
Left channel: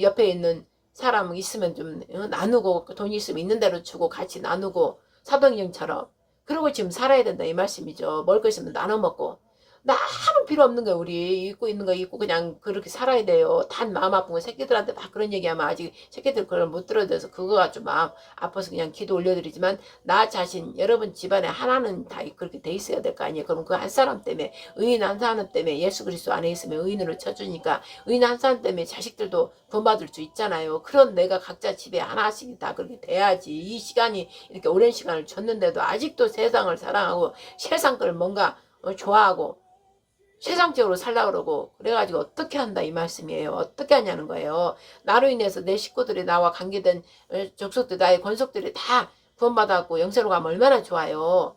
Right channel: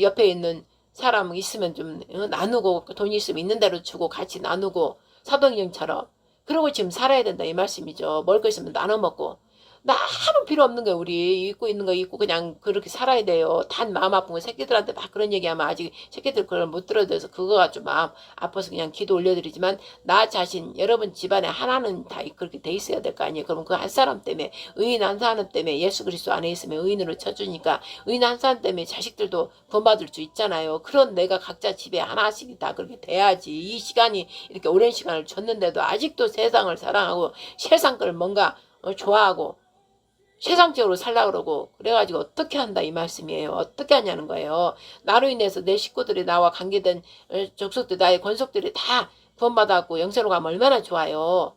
옆에 있는 사람 있으면 좀 나누고 돈이 있으면 있는 대로 주고 같이 나누고 사도행전처럼 그러고 지금 살아야 된다 이 말씀이죠. 먹을 거 있으면 나눠 먹고 나 아무 필요 없는 거야. 우리 입고 있는 거 입고 그냥 그렇게 살아야 돼요. 단 마음 아픈 거 새끼들한테 막 그런 얘기하면 아직 새끼들 그걸 못 들어줘서 그거가 좀 마음 아파서 그냥 기도 올려드리지만 나 자신 여러분 집안에 하나는 다 그렇게 돼 있어야 될 거 아니에요. 그럼 그 한 사람 때문에 의인 한 사람 때문에 예수 그리스도 안에 있으면 의인으로 쳐주니까 의인 한 사람 때문에 자식들도 구원받을 수 있잖아요. 그런 내가 각자 집에 하나씩 다 그렇게 돼야지. 이 시간이 이렇게 오랜 시간을 줬는데도 아직도 세상을 사랑하고 세상 걸 뭔가 좋아하고 세상적으로 살라 그러고 그래가지고 어떻게 한다 이 말씀이에요. 어떻게 하냐는 거예요. 나로 인해서 내 식구들이 나와 관계된 족속들 나의 권속들이 다 구원받았고 영생으로 가면 얼마나 좋아요.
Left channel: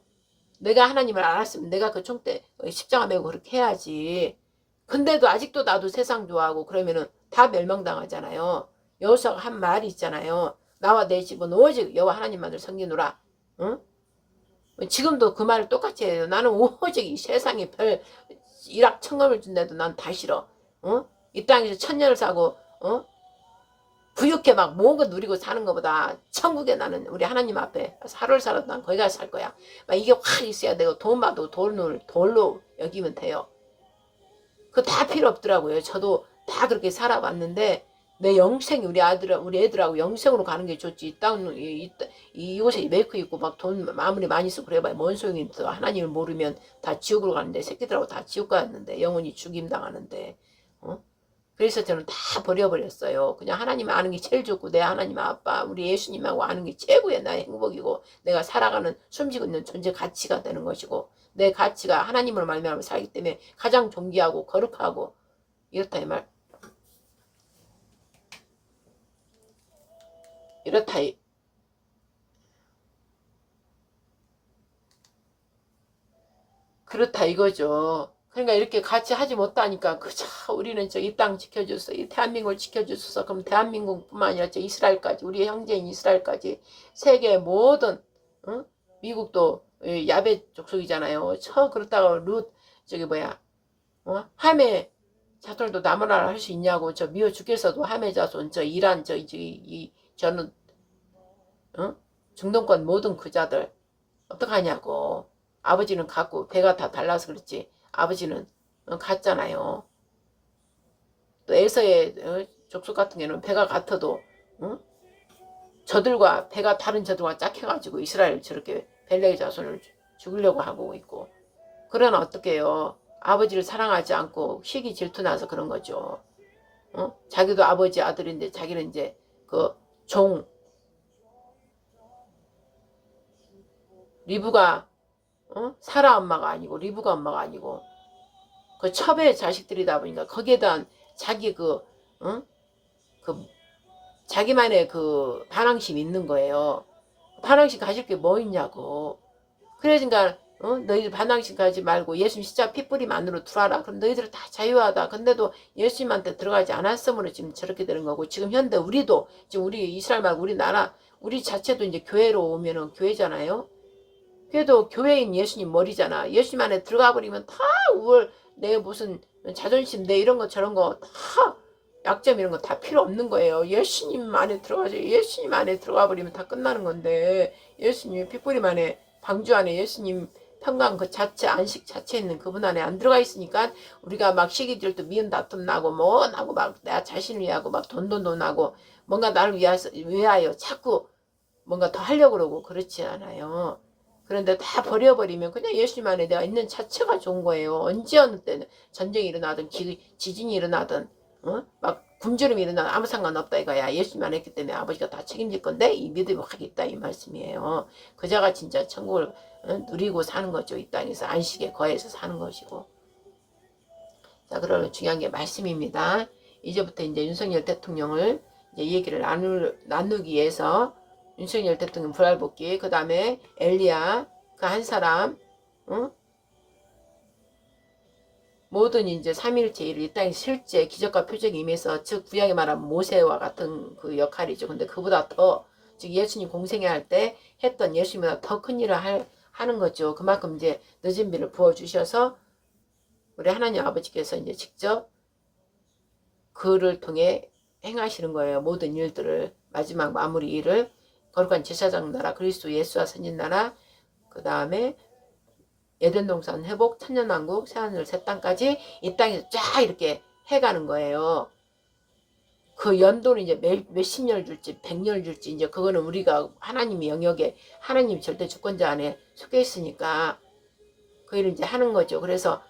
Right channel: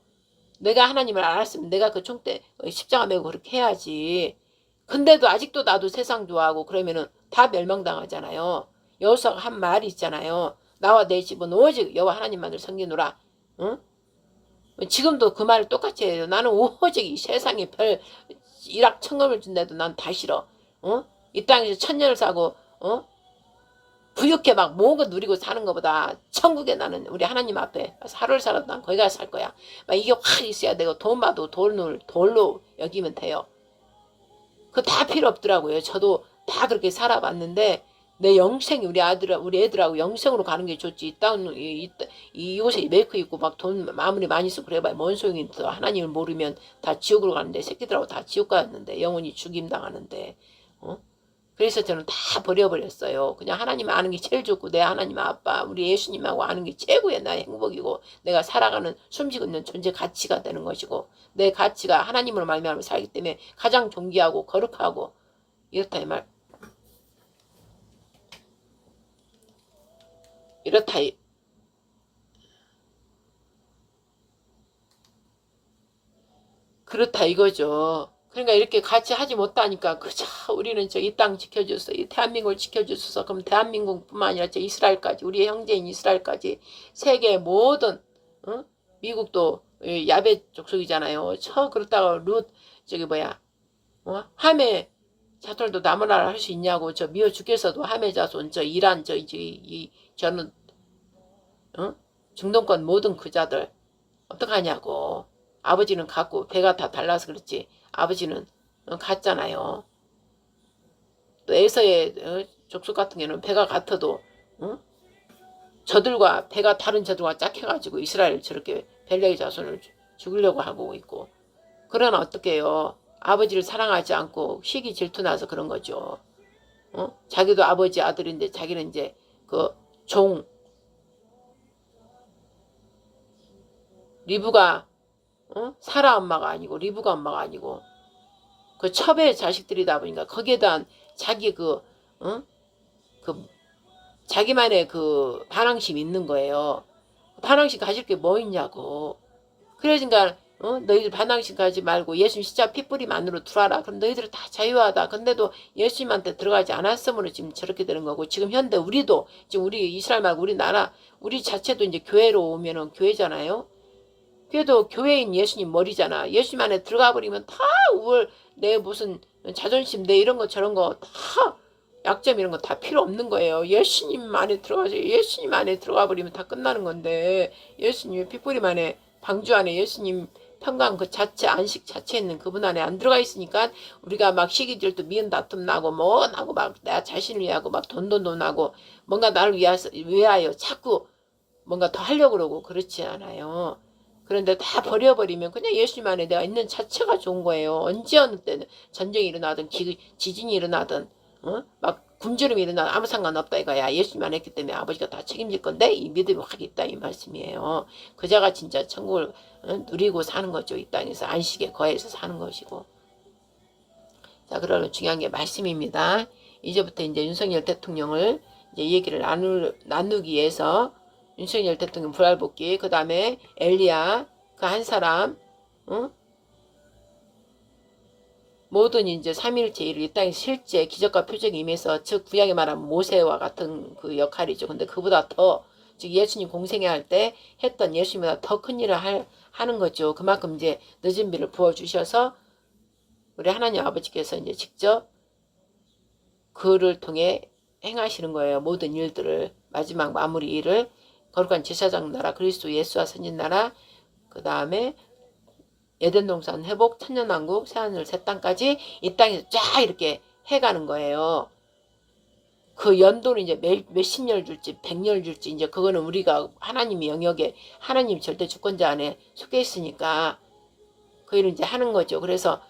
내가 하나님을 알았으면 내가 그 총대 십자가 메고 그렇게 해야지. 근데도 아직도 나도 세상 좋아하고 그러면은 다 멸망당하잖아요. 여호수아가 한 말이 있잖아요. 나와 내 집은 오직 여호와 하나님만을 섬기노라. 응? 지금도 그 말을 똑같이 해요. 나는 오직 이 세상에 별 일확천금을 준대도 난 다 싫어. 이 땅에서 천년을 사고 부유하게 막 모은 거 누리고 사는 것보다 천국에 나는 우리 하나님 앞에 하루를 살아도 난 거기 가서 살 거야. 막 이게 확 있어야 되고 돈 봐도 돌로 여기면 돼요. 그거 다 필요 없더라고요. 저도 다 그렇게 살아봤는데 내 영생이 우리 애들하고 영생으로 가는 게 좋지. 이곳에 메이크 있고 막 돈 아무리 많이 쓰고 그래봐야 뭔 소용이 있어. 하나님을 모르면 다 지옥으로 가는데 새끼들하고 다 지옥 가는데 영원히 죽임 당하는데. 그래서 저는 다 버려버렸어요. 그냥 하나님 아는 게 제일 좋고 내 하나님 아빠 우리 예수님하고 아는 게 최고의 나의 행복이고 내가 살아가는 숨쉬고 있는 존재 가치가 되는 것이고 내 가치가 하나님으로 말미암아 살기 때문에 가장 존귀하고 거룩하고 이렇다 이 말. 이렇다 그렇다 이거죠. 그러니까 이렇게 같이 하지 못하니까 그저 우리는 저 이 땅 지켜줘서 이 대한민국을 지켜줘서 그럼 대한민국뿐만 아니라 저 이스라엘까지 우리의 형제인 이스라엘까지 세계 모든 미국도 야베 족속이잖아요. 그렇다고 저기 뭐야 하메 자손도 나무나라 할 수 있냐고 저 미워 죽겠어도 하메 자손 저 이란 저는 중동권 모든 그자들 어떡하냐고. 아버지는 같고 배가 다 달라서 그렇지 아버지는 같잖아요. 또 에서의 족속 같은 경우는 배가 같아도 저들과 배가 다른 저들과 짝해가지고 이스라엘 저렇게 벨레의 자손을 죽이려고 하고 있고 그러나 어떻게 해요. 아버지를 사랑하지 않고 시기 질투나서 그런 거죠. 자기도 아버지 아들인데 자기는 이제 그 리브가 사라 엄마가 아니고 리브가 엄마가 아니고 그 첩의 자식들이다 보니까 거기에 대한 자기 자기만의 그 반항심이 있는 거예요. 반항심 가질 게 뭐 있냐고. 그러니까 너희들 반항심 가지 말고 예수님 십자가 핏뿌림만으로 들어와라. 그럼 너희들은 다 자유하다. 근데도 예수님한테 들어가지 않았으므로 지금 저렇게 되는 거고 지금 현대 우리도 지금 우리 이스라엘 말고 우리나라 우리 자체도 이제 교회로 오면은 교회잖아요. 그래도 교회인 예수님 머리잖아. 예수님 안에 들어가 버리면 다 내 무슨 자존심 내 이런 거 저런 거 다 약점 이런 거 다 필요 없는 거예요. 예수님 안에 들어가서 예수님 안에 들어가 버리면 다 끝나는 건데 예수님의 핏뿌림 안에 방주 안에 예수님 평강 그 자체 안식 자체에 있는 그분 안에 안 들어가 있으니까 우리가 막 시기질도 미운 다툼 나고 뭐 나고 막 나 자신을 위하고 막 돈도 나고 뭔가 나를 위하여 자꾸 뭔가 더 하려고 그러고 그렇지 않아요. 그런데 다 버려버리면 그냥 예수님 안에 내가 있는 자체가 좋은 거예요. 언제 어느 때는 전쟁이 일어나든 지진이 일어나든 막 굶주림이 일어나든 아무 상관없다 이거야. 예수님 안에 있기 때문에 아버지가 다 책임질 건데 이 믿음이 확 있다 이 말씀이에요. 그자가 진짜 천국을 누리고 사는 거죠. 이 땅에서 안식에 거해서 사는 것이고. 자, 그러면 중요한 게 말씀입니다. 이제부터 이제 윤석열 대통령을 이제 얘기를 나누기 위해서 윤석열 대통령 부활복귀, 그 다음에 엘리야, 그 한 사람, 응? 모든 이제 삼위일체 일을 이 땅에 실제 기적과 표적이 임해서, 즉 구약에 말하면 모세와 같은 그 역할이죠. 근데 그보다 더, 즉 예수님 공생애 할 때 했던 예수님보다 더 큰 일을 하는 거죠. 그만큼 이제 늦은 비를 부어주셔서 우리 하나님 아버지께서 이제 직접 그를 통해 행하시는 거예요. 모든 일들을, 마지막 마무리 일을. 거룩한 제사장 나라, 그리스도 예수와 선진 나라, 그 다음에 에덴 동산 회복, 천년왕국, 새하늘 새 땅까지 이 땅에서 쫙 이렇게 해가는 거예요. 그 연도는 이제 몇십 년 줄지 100년 줄지 이제 그거는 우리가 하나님의 영역에, 하나님 절대 주권자 안에 속해 있으니까 그 일을 이제 하는 거죠. 그래서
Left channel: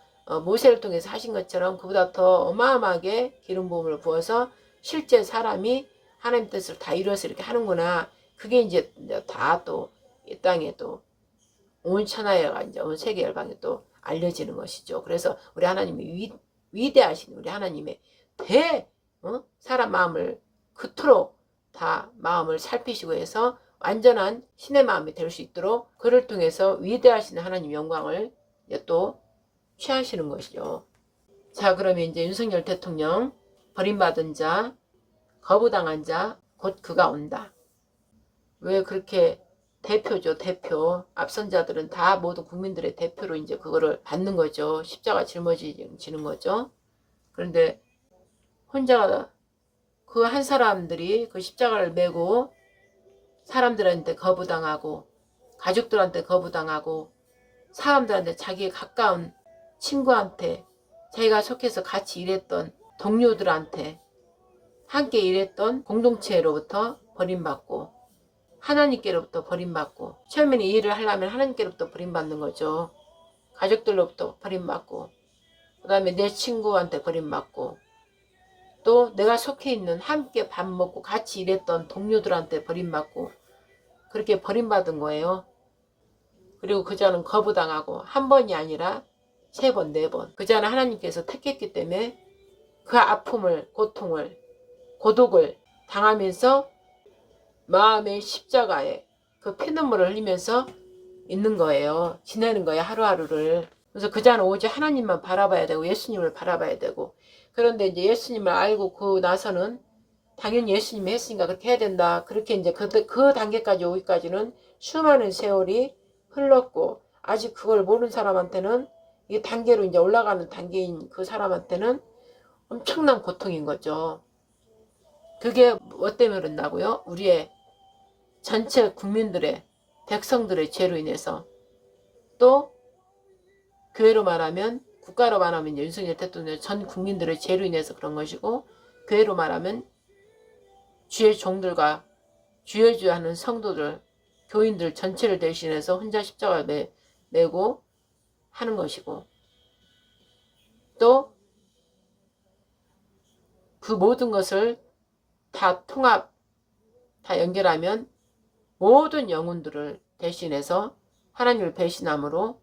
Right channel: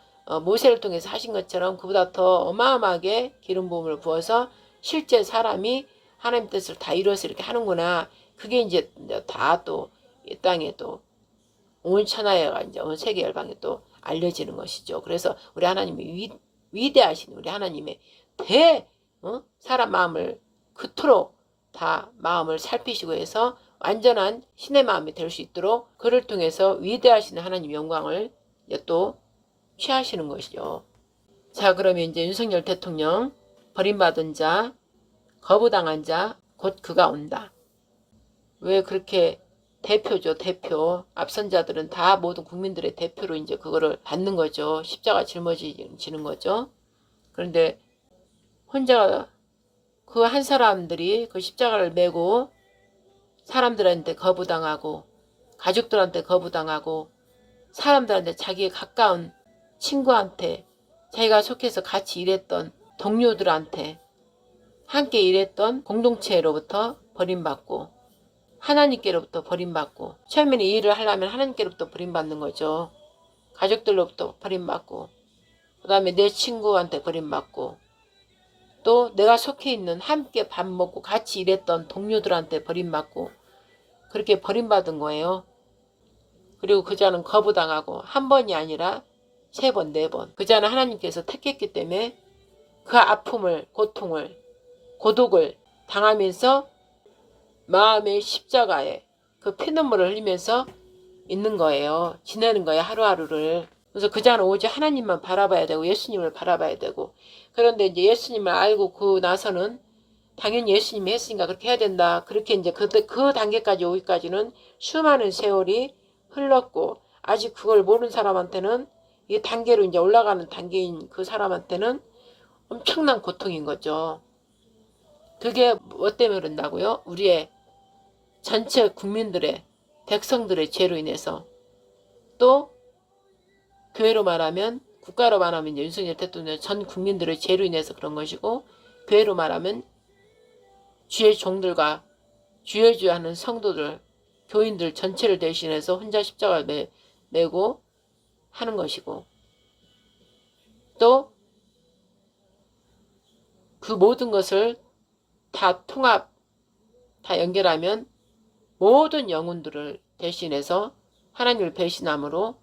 모세를 통해서 하신 것처럼 그보다 더 어마어마하게 기름 부음을 부어서 실제 사람이 하나님 뜻을 다 이루어서 이렇게 하는구나. 그게 이제 다 또 이 땅에 또 온 천하에가 이제 온 세계 열방에 또 알려지는 것이죠. 그래서 우리 하나님이 위대하신 우리 하나님의 사람 마음을 그토록 다 마음을 살피시고 해서 완전한 신의 마음이 될 수 있도록 그를 통해서 위대하신 하나님 영광을 이제 또 취하시는 것이죠. 자, 그러면 이제 윤석열 대통령 버림받은 자, 거부당한 자, 곧 그가 온다. 왜 그렇게 대표죠, 대표. 앞선 자들은 다 모든 국민들의 대표로 이제 그거를 받는 거죠. 십자가 짊어지는 거죠. 그런데 혼자 그 한 사람들이 그 십자가를 메고 사람들한테 거부당하고 가족들한테 거부당하고 사람들한테 자기의 가까운 친구한테 자기가 속해서 같이 일했던 동료들한테 함께 일했던 공동체로부터 버림받고 하나님께로부터 버림받고 처음에는 이 일을 하려면 하나님께로부터 버림받는 거죠. 가족들로부터 버림받고 그 다음에 내 친구한테 버림받고 또 내가 속해 있는 함께 밥 먹고 같이 일했던 동료들한테 버림받고 그렇게 버림받은 거예요. 그리고 그자는 거부당하고 한 번이 아니라 3번, 4번. 그자는 하나님께서 택했기 때문에 그 아픔을, 고통을, 고독을 당하면서 마음의 십자가에 그 피눈물을 흘리면서 있는 거예요. 지내는 거예요, 하루하루를. 그래서 그자는 오직 하나님만 바라봐야 되고 예수님을 바라봐야 되고 그런데 이제 예수님을 알고 그 나서는 당연히 예수님이 했으니까 그렇게 해야 된다. 그렇게 이제 그 단계까지 오기까지는 수많은 세월이 흘렀고 아직 그걸 모르는 사람한테는 이 단계로 이제 올라가는 단계인 그 사람한테는 엄청난 고통인 거죠. 그게 뭐 때문에 그런다고요? 우리의 전체 국민들의 백성들의 죄로 인해서 또 교회로 말하면 국가로 말하면 윤석열 대통령 전 국민들의 죄로 인해서 그런 것이고 교회로 말하면 주의 종들과 주여주하는 성도들 교인들 전체를 대신해서 혼자 십자가를 메고 하는 것이고 또 그 모든 것을 다 통합 다 연결하면 모든 영혼들을 대신해서 하나님을 배신함으로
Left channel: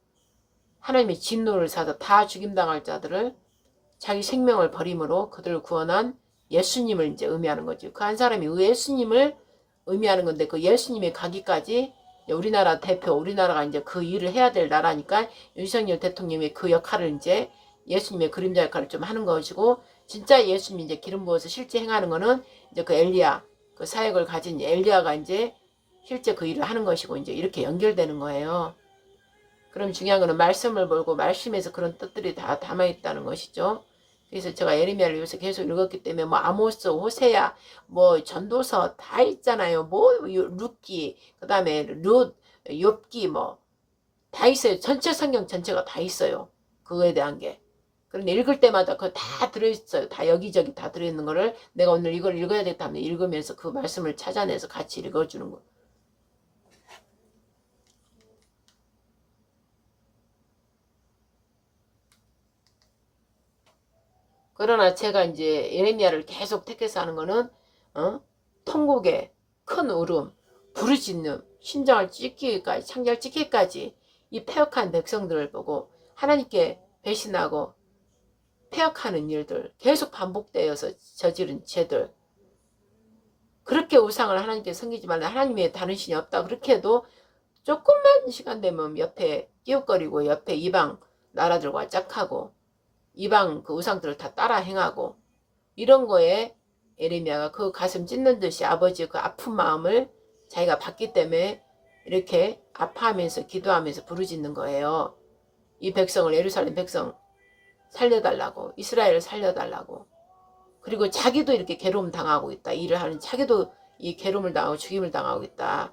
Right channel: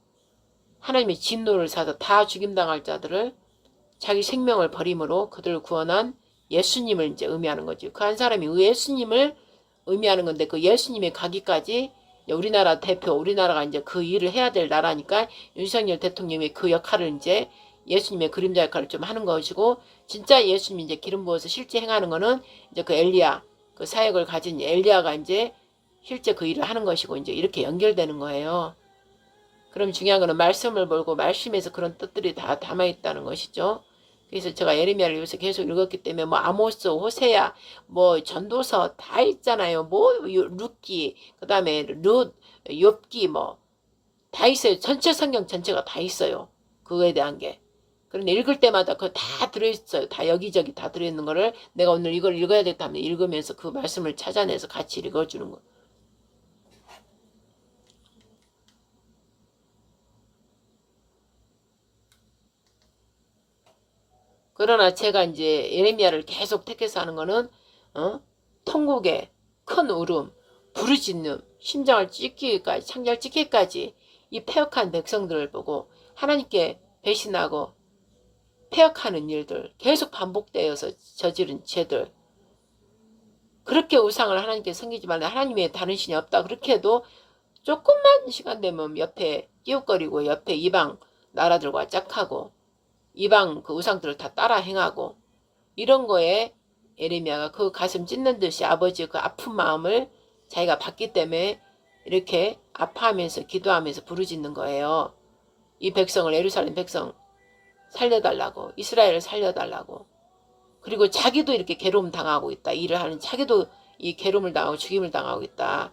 하나님의 진노를 사서 다 죽임당할 자들을 자기 생명을 버림으로 그들을 구원한 예수님을 이제 의미하는 거죠. 그 한 사람이 예수님을 의미하는 건데 그 예수님의 가기까지 우리나라 대표, 우리나라가 이제 그 일을 해야 될 나라니까 윤석열 대통령의 그 역할을 이제 예수님의 그림자 역할을 좀 하는 것이고 진짜 예수님이 이제 기름 부어서 실제 행하는 거는 이제 그 엘리야, 그 사역을 가진 엘리야가 이제 실제 그 일을 하는 것이고 이제 이렇게 연결되는 거예요. 그럼 중요한 거는 말씀을 보고 말씀에서 그런 뜻들이 다 담아있다는 것이죠. 그래서 제가 예레미야를 요새 계속 읽었기 때문에 뭐 아모스, 호세야, 뭐 전도서 다 있잖아요. 뭐 룻기, 그 다음에 룻, 욥기 뭐 다 있어요. 전체 성경 전체가 다 있어요. 그거에 대한 게. 그런데 읽을 때마다 그거 다 들어있어요. 다 여기저기 다 들어있는 거를 내가 오늘 이걸 읽어야겠다 하면 읽으면서 그 말씀을 찾아내서 같이 읽어주는 거. 그러나 제가 이제 예레미야를 계속 택해서 하는 거는 통곡의 큰 울음, 부르짖는, 심장을 찢기까지, 창자를 찢기까지 이 패역한 백성들을 보고 하나님께 배신하고 패역하는 일들, 계속 반복되어서 저지른 죄들, 그렇게 우상을 하나님께 섬기지 말라, 하나님의 다른 신이 없다, 그렇게 해도 조금만 시간 되면 옆에 끼웃거리고 옆에 이방 나라들과 짝하고 이방 그 우상들을 다 따라 행하고 이런 거에 예레미야가 그 가슴 찢는 듯이 아버지의 그 아픈 마음을 자기가 봤기 때문에 이렇게 아파하면서 기도하면서 부르짖는 거예요. 이 백성을, 예루살렘 백성 살려달라고, 이스라엘을 살려달라고. 그리고 자기도 이렇게 괴로움 당하고 있다. 일을 하는 자기도 이 괴로움을 당하고 죽임을 당하고 있다.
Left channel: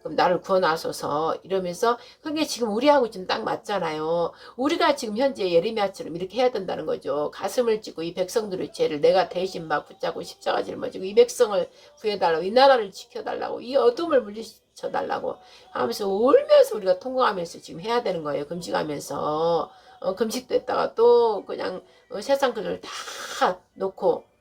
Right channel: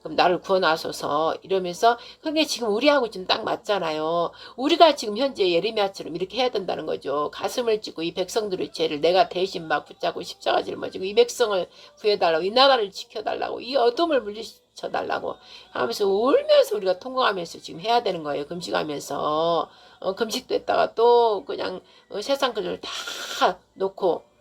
그럼 나를 구원하소서 이러면서, 그게 지금 우리하고 지금 딱 맞잖아요. 우리가 지금 현재 예레미야처럼 이렇게 해야 된다는 거죠. 가슴을 찢고 이 백성들의 죄를 내가 대신 막 붙잡고 십자가 짊어지고 이 백성을 구해달라고, 이 나라를 지켜달라고, 이 어둠을 물리쳐달라고 하면서 울면서 우리가 통곡하면서 지금 해야 되는 거예요. 금식하면서. 금식도 했다가 또 그냥 세상 것을 다 놓고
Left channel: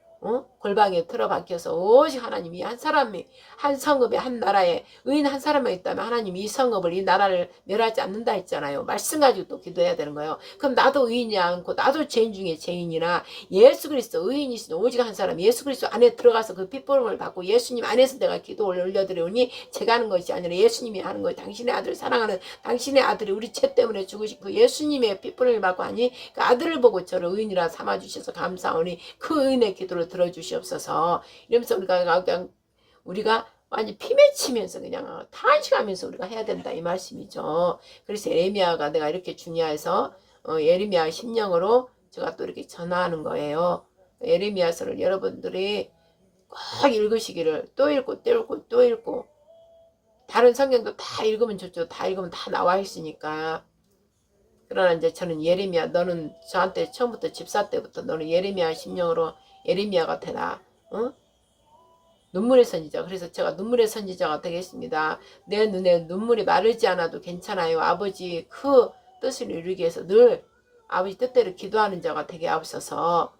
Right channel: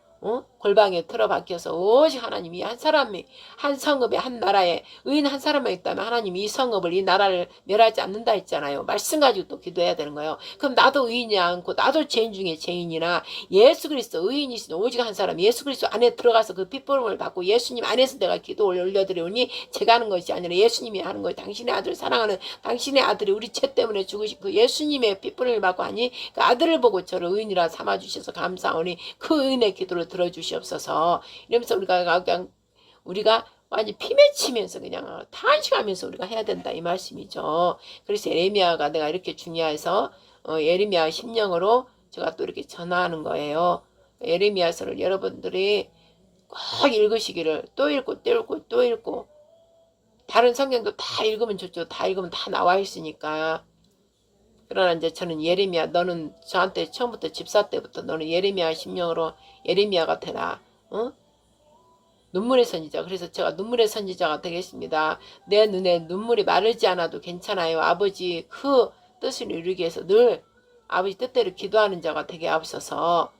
골방에 틀어박혀서 오직 하나님이 한 사람이, 한 성읍에, 한 나라에 의인 한 사람만 있다면 하나님이 이 성읍을, 이 나라를 멸하지 않는다 했잖아요. 말씀 가지고 또 기도해야 되는 거예요. 그럼 나도 의인이 않고 나도 죄인 중에 죄인이나 예수 그리스도 의인이신 오직 한 사람 예수 그리스도 안에 들어가서 그 핏부름을 받고 예수님 안에서 내가 기도를 올려드리오니 제가 하는 것이 아니라 예수님이 하는 거예요. 당신의 아들 사랑하는 당신의 아들이 우리 죄 때문에 죽으신 그 예수님의 핏부름을 받고 하니 그 아들을 보고 저를 의인이라 삼아주셔서 감사하오니 그 의인의 기도를 들어주시옵소서. 이러면서 우리가 완전 피 맺히면서 그냥 탄식하면서 우리가 해야 된다 이 말씀이죠. 그래서 예레미야가 내가 이렇게 중요해서 예레미야 심령으로 제가 또 이렇게 전하는 거예요. 예레미야서를 여러분들이 꼭 읽으시기를, 또 읽고 또 읽고 또 읽고, 다른 성경도 다 읽으면 좋죠. 다 읽으면 다 나와 있으니까. 그러나 이제 저는 예레미야, 너는 저한테 처음부터 집사 때부터 너는 예레미야 심령으로 예레미야가 되라. 눈물의 선지자. 그래서 제가 눈물의 선지자가 되겠습니다. 내 눈에 눈물이 마르지 않아도 괜찮아요. 아버지 그 뜻을 이루기 위해서 늘 아버지 뜻대로 기도하는 자가 되게 앞서서,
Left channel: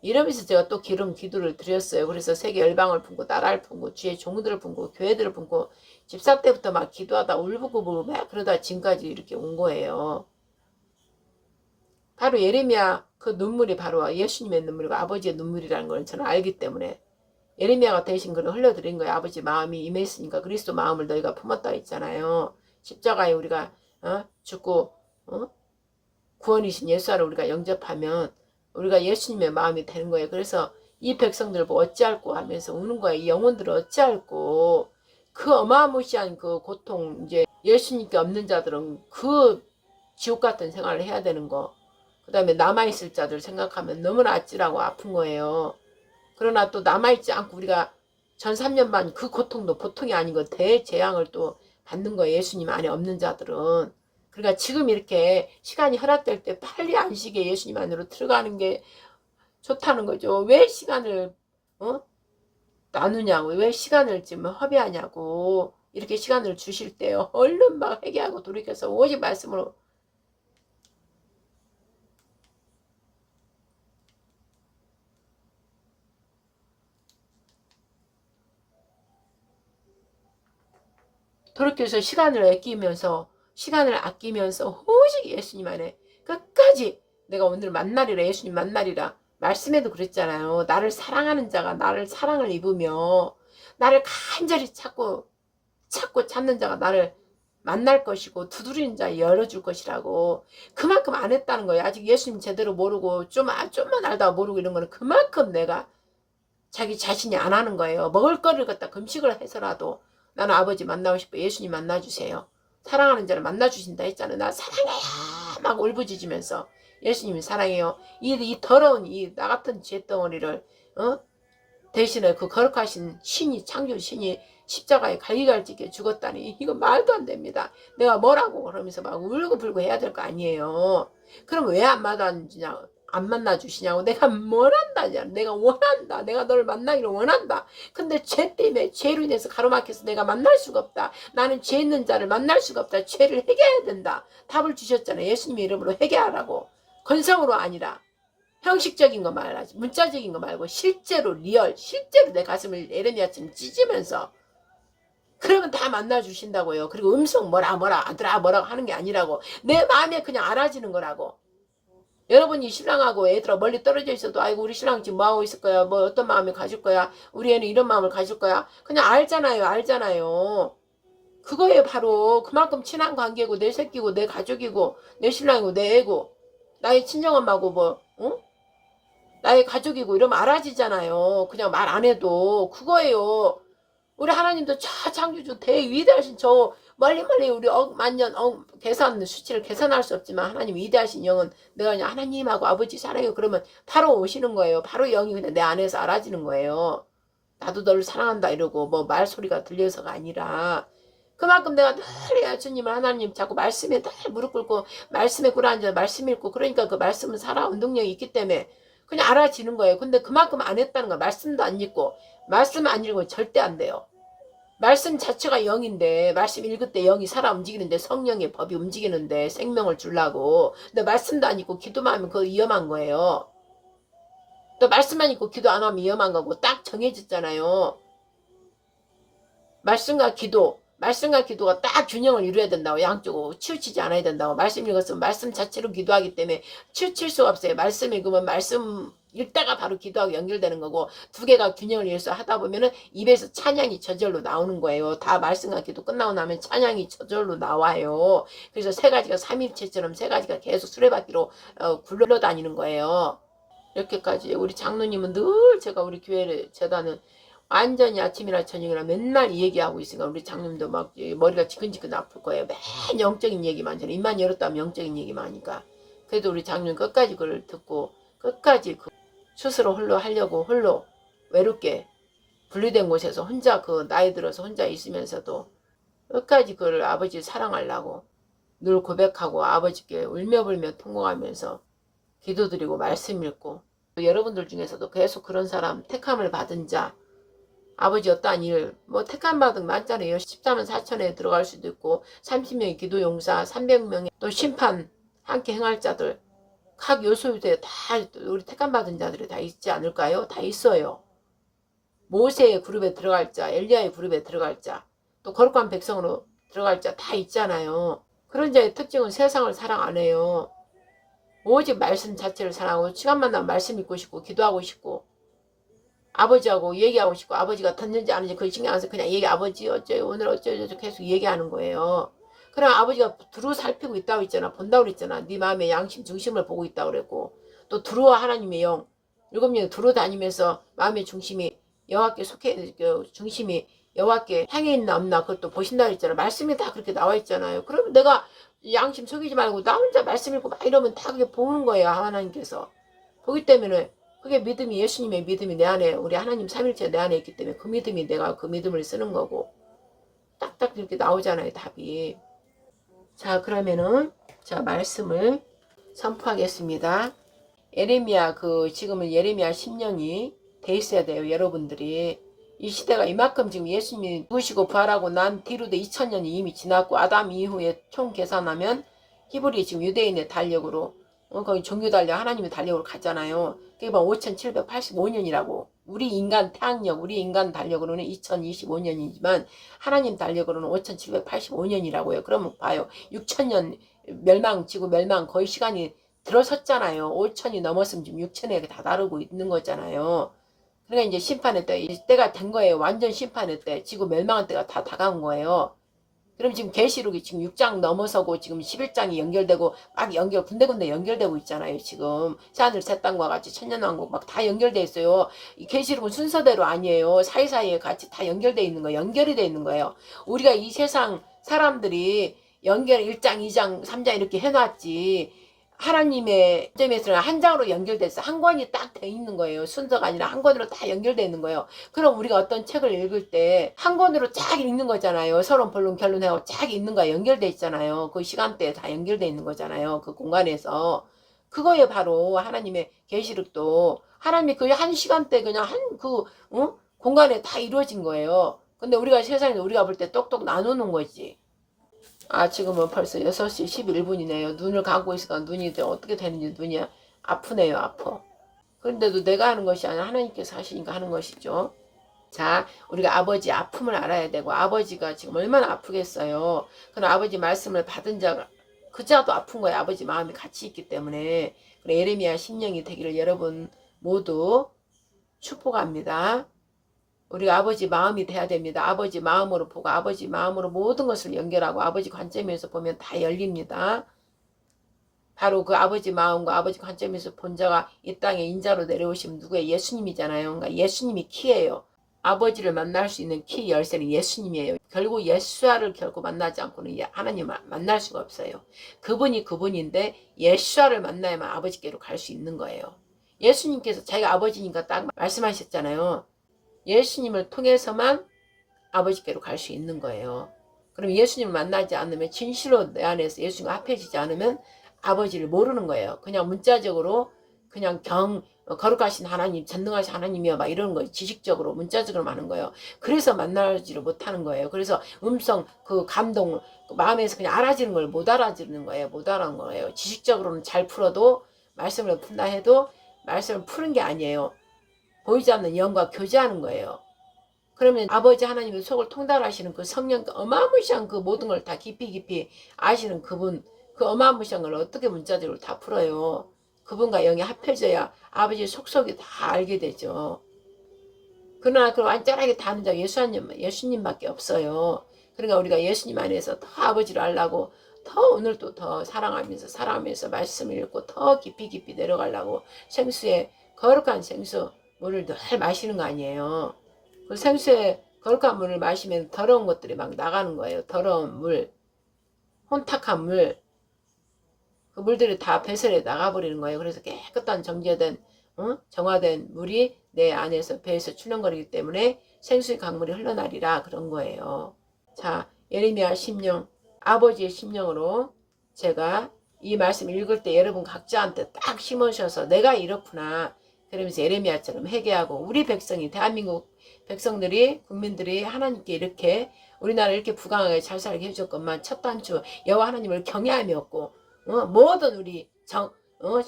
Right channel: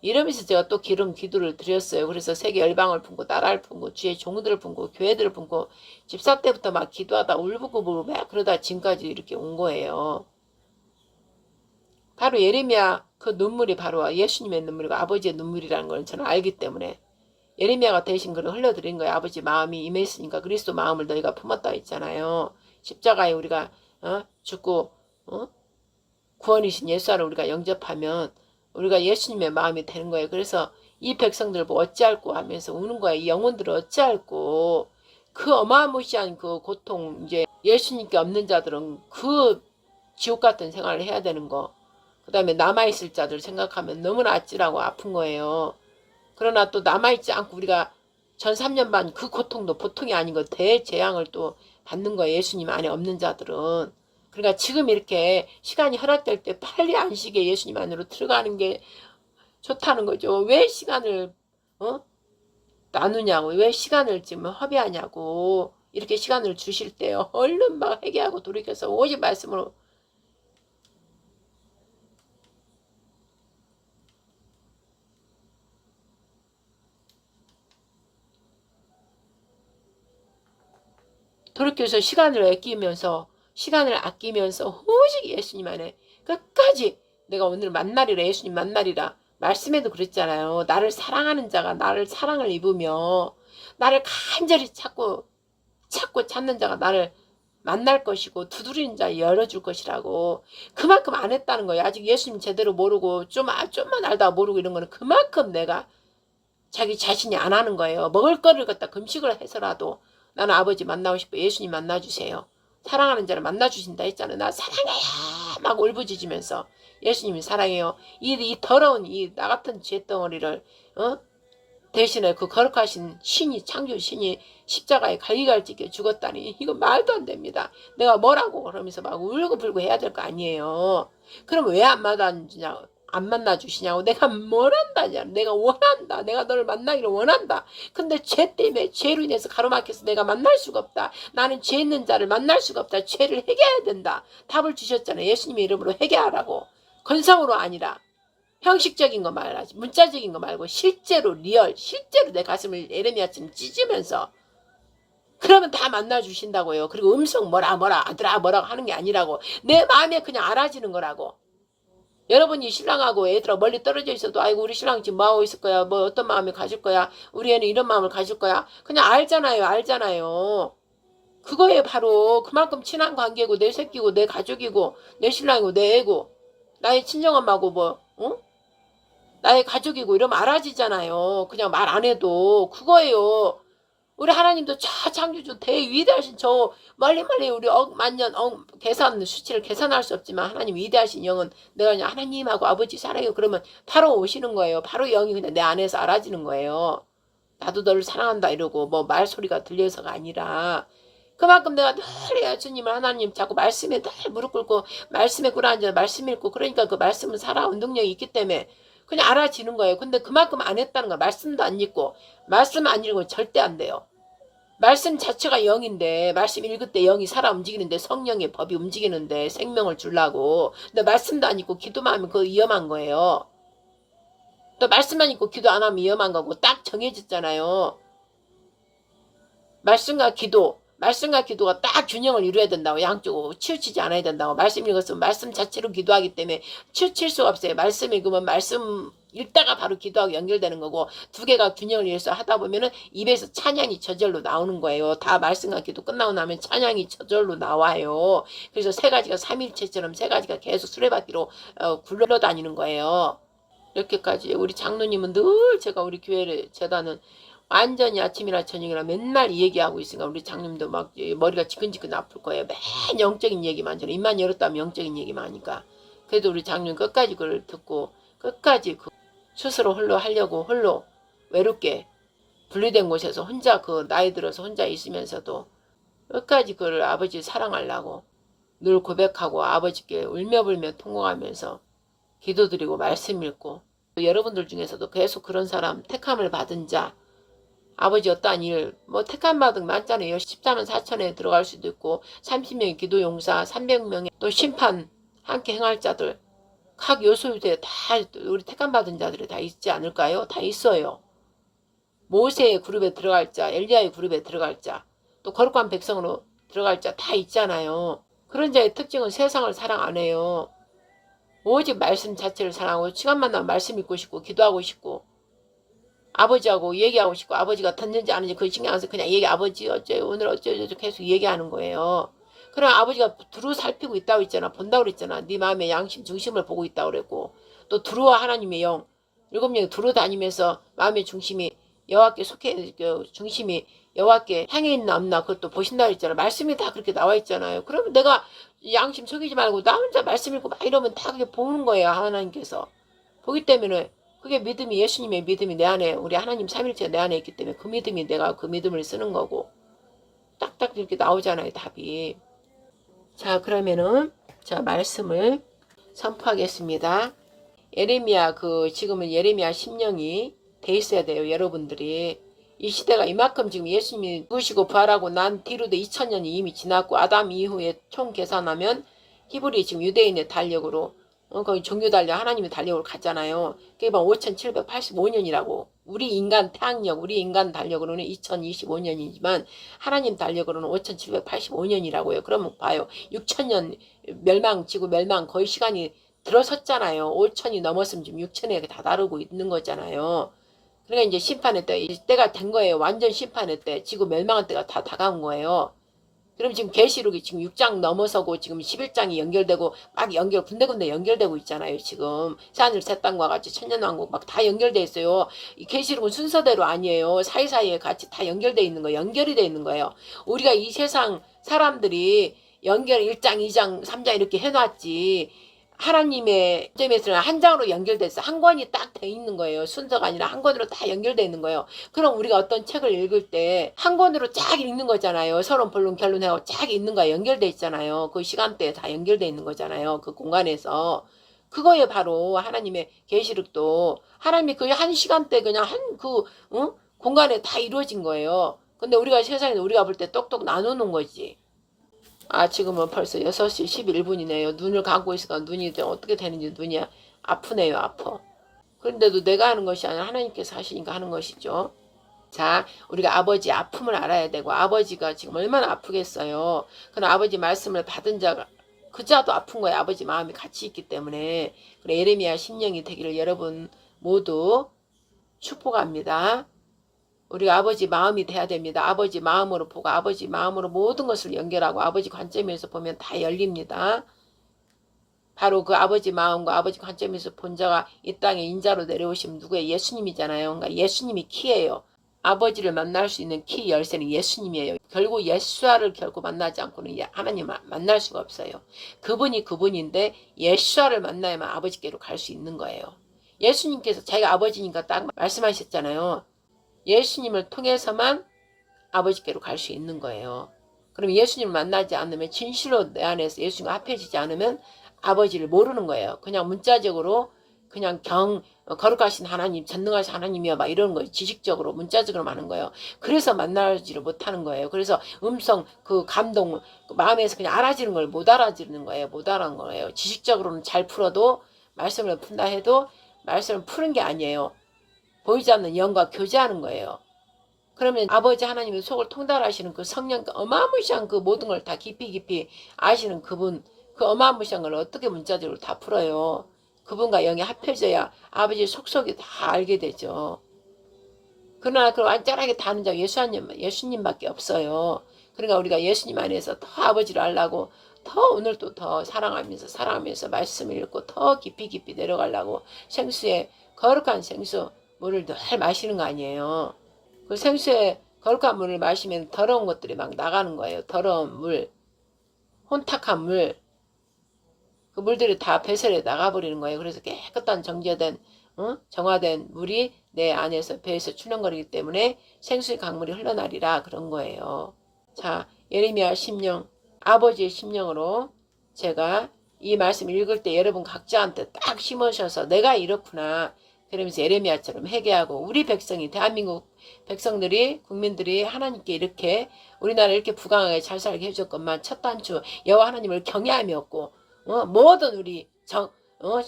이러면서 제가 또 기름 기도를 드렸어요. 그래서 세계 열방을 품고 나라를 품고 주의 종들을 품고 교회들을 품고 집사 때부터 막 기도하다 울부짖고 막 그러다 지금까지 이렇게 온 거예요. 바로 예레미야 그 눈물이 바로 예수님의 눈물이고 아버지의 눈물이라는 걸 저는 알기 때문에 예레미야가 대신 그걸 흘려드린 거예요. 아버지 마음이 임했으니까 그리스도 마음을 너희가 품었다 했잖아요. 십자가에 우리가 죽고 구원이신 예수를 우리가 영접하면 우리가 예수님의 마음이 되는 거예요. 그래서 이 백성들 보고 어찌할꼬 하면서 우는 거예요. 이 영혼들을 어찌할꼬. 그 어마무시한 그 고통, 이제 예수님께 없는 자들은 그 지옥 같은 생활을 해야 되는 거. 그 다음에 남아있을 자들 생각하면 너무나 아찔하고 아픈 거예요. 그러나 또 남아있지 않고 우리가 전 3년 반 그 고통도 보통이 아닌 거 대재앙을 또 받는 거예요. 예수님 안에 없는 자들은. 그러니까 지금 이렇게 시간이 허락될 때 빨리 안식에 예수님 안으로 들어가는 게 좋다는 거죠. 왜 시간을 나누냐고, 왜 시간을 지금 허비하냐고. 이렇게 시간을 주실 때 얼른 막 회개하고 돌이켜서 오직 말씀으로 돌이켜서 시간을 아끼면서 오직 예수님 안에 끝까지 내가 오늘 만나리라, 예수님 만나리라. 말씀에도 그랬잖아요. 나를 사랑하는 자가 나를 사랑을 입으며 나를 간절히 찾는 자가 나를 만날 것이고 두드리는 자 열어줄 것이라고. 그만큼 안 했다는 거예요. 아직 예수님 제대로 모르고 좀만 알다 모르고 이런 거는 그만큼 내가 자기 자신이 안 하는 거예요. 먹을 거를 갖다 금식을 해서라도 나는 아버지 만나고 싶어. 예수님 만나주세요. 사랑하는 자를 만나주신다 했잖아요. 나 사랑해요. 막 울부짖으면서 예수님이 사랑해요. 이 더러운 이 나 같은 죄덩어리를 대신에 그 거룩하신 신이, 창조 신이 십자가에 갈기갈지게 죽었다니 이거 말도 안 됩니다. 내가 뭐라고 그러면서 막 울고불고 해야 될 거 아니에요. 그럼 왜 안 받아주냐, 안 만나주시냐고. 내가 뭘 한다냐. 내가 원한다. 내가 너를 만나기를 원한다. 근데 죄 때문에 죄로 인해서 가로막혀서 내가 만날 수가 없다. 나는 죄 있는 자를 만날 수가 없다. 죄를 해결해야 된다. 답을 주셨잖아요. 예수님의 이름으로 해결하라고. 건성으로 아니라 형식적인 거 말하지. 문자적인 거 말고 실제로 리얼. 실제로 내 가슴을 에레미야처럼 찢으면서 그러면 다 만나주신다고요. 그리고 음성 뭐라 아들아 뭐라고 하는 게 아니라고. 내 마음에 그냥 알아지는 거라고. 여러분이 신랑하고 애들하고 멀리 떨어져 있어도 아이고 우리 신랑 지금 뭐하고 있을 거야. 뭐 어떤 마음을 가질 거야. 우리 애는 이런 마음을 가질 거야. 그냥 알잖아요. 그거에 바로 그만큼 친한 관계고 내 새끼고 내 가족이고 내 신랑이고 내 애고 나의 친정엄마고 뭐 나의 가족이고 이러면 알아지잖아요. 그냥 말 안 해도 그거예요. 우리 하나님도 저 창조주 대위대하신 저 멀리 우리 만년 계산 수치를 계산할 수 없지만 하나님 위대하신 영은 내가 그냥 하나님하고 아버지 사랑해요. 그러면 바로 오시는 거예요. 바로 영이 그냥 내 안에서 알아지는 거예요. 나도 너를 사랑한다 이러고 뭐 말소리가 들려서가 아니라 그만큼 내가 늘 예수님을 하나님 자꾸 말씀에 늘 무릎 꿇고 말씀에 꿇어앉아 말씀 읽고 그러니까 그 말씀은 살아온 능력이 있기 때문에 그냥 알아지는 거예요. 근데 그만큼 안 했다는 거야. 말씀도 안 읽고 말씀 안 읽으면 절대 안 돼요. 말씀 자체가 영인데 말씀 읽을 때 영이 살아 움직이는데 성령의 법이 움직이는데 생명을 주려고 근데 말씀도 안 읽고 기도만 하면 그거 위험한 거예요. 또 말씀만 읽고 기도 안 하면 위험한 거고 딱 정해졌잖아요. 말씀과 기도가 딱 균형을 이루어야 된다고. 양쪽으로 치우치지 않아야 된다고. 말씀 읽었으면 말씀 자체로 기도하기 때문에 치우칠 수가 없어요. 말씀 읽으면 말씀 읽다가 바로 기도하고 연결되는 거고 두 개가 균형을 이루어서 하다 보면은 입에서 찬양이 저절로 나오는 거예요. 다 말씀과 기도 끝나고 나면 찬양이 저절로 나와요. 그래서 세 가지가 삼일체처럼 세 가지가 계속 수레바퀴로 굴러다니는 거예요. 이렇게까지 우리 장로님은 늘 제가 우리 교회를 재단은 완전히 아침이나 저녁이나 맨날 이 얘기하고 있으니까 우리 장님도 막 머리가 지끈지끈 아플 거예요. 맨 영적인 얘기만 저는 입만 열었다면 영적인 얘기만 하니까. 그래도 우리 장님 끝까지 그걸 듣고 끝까지 그 스스로 홀로 하려고 홀로 외롭게 분리된 곳에서 혼자 그 나이 들어서 혼자 있으면서도 끝까지 그걸 아버지 사랑하려고 늘 고백하고 아버지께 울며불며 통곡하면서 기도드리고 말씀 읽고 여러분들 중에서도 계속 그런 사람 택함을 받은 자 아버지 어떠한 일, 뭐 택함 받은 많잖아요. 14만 4천에 들어갈 수도 있고 30명의 기도용사, 300명의 또 심판 함께 행할 자들 각 요소에 다 우리 택함 받은 자들이 다 있지 않을까요? 다 있어요. 모세의 그룹에 들어갈 자, 엘리야의 그룹에 들어갈 자, 또 거룩한 백성으로 들어갈 자 다 있잖아요. 그런 자의 특징은 세상을 사랑 안 해요. 오직 말씀 자체를 사랑하고 시간만 나면 말씀 읽고 싶고 기도하고 싶고 아버지하고 얘기하고 싶고 아버지가 듣는지 아는지 그걸 신경 안 써서 그냥 아버지 어째요 오늘 어째요 계속 얘기하는 거예요. 그럼 아버지가 두루 살피고 있다고 했잖아. 본다고 그랬잖아. 네 마음의 양심 중심을 보고 있다고 그랬고 또 두루와 하나님의 영 일곱 명이 두루 다니면서 마음의 중심이 여호와께 속해 중심이 여호와께 향해 있나 없나 그것도 보신다고 했잖아. 말씀이 다 그렇게 나와 있잖아요. 그러면 내가 양심 속이지 말고 나 혼자 말씀 읽고 막 이러면 다 그게 보는 거예요. 하나님께서 보기 때문에 그게 믿음이 예수님의 믿음이 내 안에 우리 하나님 삼일체 내 안에 있기 때문에 그 믿음이 내가 그 믿음을 쓰는 거고 딱딱 이렇게 나오잖아요. 답이. 자 그러면은 자 말씀을 선포하겠습니다. 예레미야 지금은 예레미야 심령이 돼 있어야 돼요. 여러분들이 이 시대가 이만큼 지금 예수님이 부시고 부활하고 난 뒤로도 2000년이 이미 지났고 아담 이후에 총 계산하면 히브리 지금 유대인의 달력으로 거기 종교 달력 하나님의 달력으로 갔잖아요. 그게 막 5785년이라고 우리 인간 태양력 우리 인간 달력으로는 2025년이지만 하나님 달력으로는 5785년이라고요. 그러면 봐요. 6000년 멸망 지구 멸망 거의 시간이 들어섰잖아요. 5000이 넘었으면 지금 6000에 다다르고 있는 거잖아요. 그러니까 이제 심판의 때, 때가 된 거예요. 완전 심판의 때, 지구 멸망할 때가 다 다가온 거예요. 그럼 지금 계시록이 지금 6장 넘어서고 지금 11장이 연결되고 막 군데군데 연결되고 있잖아요. 지금 새하늘 새 땅과 같이 천년왕국 막 다 연결돼 있어요. 이 계시록은 순서대로 아니에요. 사이사이에 같이 다 연결돼 있는 거예요. 연결이 돼 있는 거예요. 우리가 이 세상 사람들이 연결 1장, 2장, 3장 이렇게 해놨지. 하나님의 점에서는 한 장으로 연결돼서 한 권이 딱 돼 있는 거예요. 순서가 아니라 한 권으로 다 연결돼 있는 거예요. 그럼 우리가 어떤 책을 읽을 때 한 권으로 쫙 읽는 거잖아요. 서론, 본론, 결론하고 쫙 읽는 거야. 연결돼 있잖아요. 그 시간대에 다 연결돼 있는 거잖아요. 그 공간에서. 그거에 바로 하나님의 계시록도 하나님이 그 한 시간대 그냥 공간에 다 이루어진 거예요. 근데 우리가 세상에 우리가 볼 때 똑똑 나누는 거지. 아, 지금은 벌써 6시 11분이네요. 눈을 감고 있으니까 눈이 어떻게 되는지 눈이 아프네요. 아파. 그런데도 내가 하는 것이 아니라 하나님께서 하시니까 하는 것이죠. 자, 우리가 아버지 아픔을 알아야 되고, 아버지가 지금 얼마나 아프겠어요. 그럼 아버지 말씀을 받은 자가 그자도 아픈 거예요. 아버지 마음이 같이 있기 때문에. 그래, 예레미야 심령이 되기를 여러분 모두 축복합니다. 우리가 아버지 마음이 돼야 됩니다. 아버지 마음으로 보고 아버지 마음으로 모든 것을 연결하고 아버지 관점에서 보면 다 열립니다. 바로 그 아버지 마음과 아버지 관점에서 본 자가 이 땅에 인자로 내려오시면 누구예요? 예수님이잖아요. 그러니까 예수님이 키예요. 아버지를 만날 수 있는 키 열쇠는 예수님이에요. 결국 예수아를 결코 만나지 않고는 하나님 만날 수가 없어요. 그분이 그분인데 예수아를 만나야만 아버지께로 갈 수 있는 거예요. 예수님께서 자기가 아버지니까 딱 말씀하셨잖아요. 예수님을 통해서만 아버지께로 갈 수 있는 거예요. 그럼 예수님을 만나지 않으면 진실로 내 안에서 예수님과 합해지지 않으면 아버지를 모르는 거예요. 그냥 문자적으로 그냥 거룩하신 하나님, 전능하신 하나님이여 막 이러는 거예요. 지식적으로 문자적으로 하는 거예요. 그래서 만나지를 못하는 거예요. 그래서 음성, 그 감동, 그 마음에서 그냥 알아지는 걸 못 알아지는 거예요. 못 알아는 거예요. 지식적으로는 잘 풀어도 말씀을 푼다 해도 말씀을 푸는 게 아니에요. 보이지 않는 영과 교제하는 거예요. 그러면 아버지 하나님의 속을 통달하시는 그 성령, 어마무시한 그 모든 걸 다 깊이 아시는 그분, 그 어마무시한 걸 어떻게 문자적으로 다 풀어요. 그분과 영이 합해져야 아버지의 속속이 다 알게 되죠. 그러나 그 완전하게 다 아는 자가 예수님밖에 없어요. 그러니까 우리가 예수님 안에서 더 아버지를 알라고 더 오늘도 더 사랑하면서 말씀을 읽고 더 깊이 내려가려고 생수에 거룩한 생수 물을 늘 마시는 거 아니에요. 그 생수에 거룩한 물을 마시면 더러운 것들이 막 나가는 거예요. 더러운 물, 혼탁한 물, 그 물들이 다 배설에 나가버리는 거예요. 그래서 깨끗한 정제된 정화된 물이 내 안에서 배에서 출렁거리기 때문에 생수의 강물이 흘러나리라 그런 거예요. 자, 예레미야 심령, 아버지의 심령으로 제가 이 말씀 읽을 때 여러분 각자한테 딱 심으셔서 내가 이렇구나. 그러면서 예레미야처럼 회개하고 우리 백성이 대한민국 백성들이 국민들이 하나님께 이렇게 우리나라 이렇게 부강하게 잘 살게 해줬건만 첫 단추 여호와 하나님을 경외함이 없고 모든 우리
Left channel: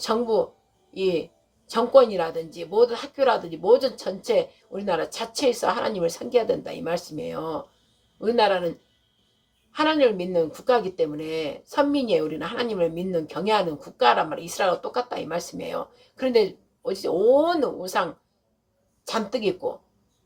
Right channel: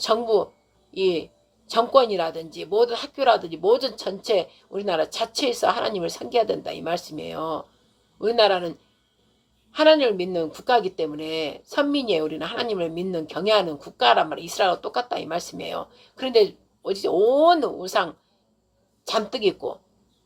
정부 이 정권이라든지 모든 학교라든지 모든 전체 우리나라 자체에서 하나님을 섬겨야 된다 이 말씀이에요. 우리나라는 하나님을 믿는 국가이기 때문에 선민이에요. 우리는 하나님을 믿는 경외하는 국가란 말이에요. 이스라엘과 똑같다 이 말씀이에요. 그런데 어디 온 우상 잔뜩 있고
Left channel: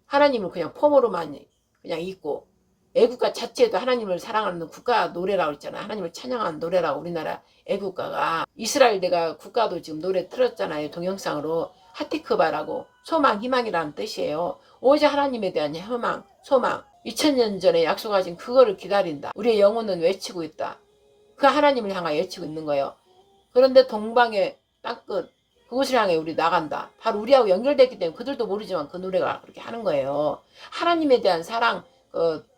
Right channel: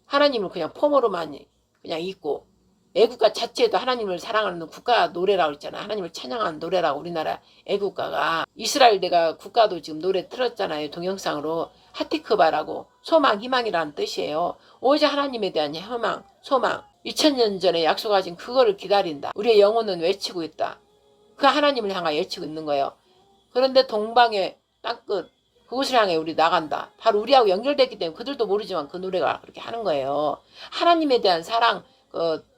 하나님을 그냥 폼으로만 그냥 있고 애국가 자체도 하나님을 사랑하는 국가 노래라고 했잖아요. 하나님을 찬양하는 노래라고 우리나라 애국가가 이스라엘 내가 국가도 지금 노래 틀었잖아요. 동영상으로 하티크바라고 소망 희망이라는 뜻이에요. 오직 하나님에 대한 희망 소망 2000년 전에 약속하신 그거를 기다린다. 우리의 영혼은 외치고 있다. 그 하나님을 향하여 외치고 있는 거예요. 그런데 동방의 땅끝 그곳을 향해 우리 나간다. 바로 우리하고 연결됐기 때문에 그들도 모르지만 그 노래가 그렇게 하는 거예요. 하나님에 대한 사랑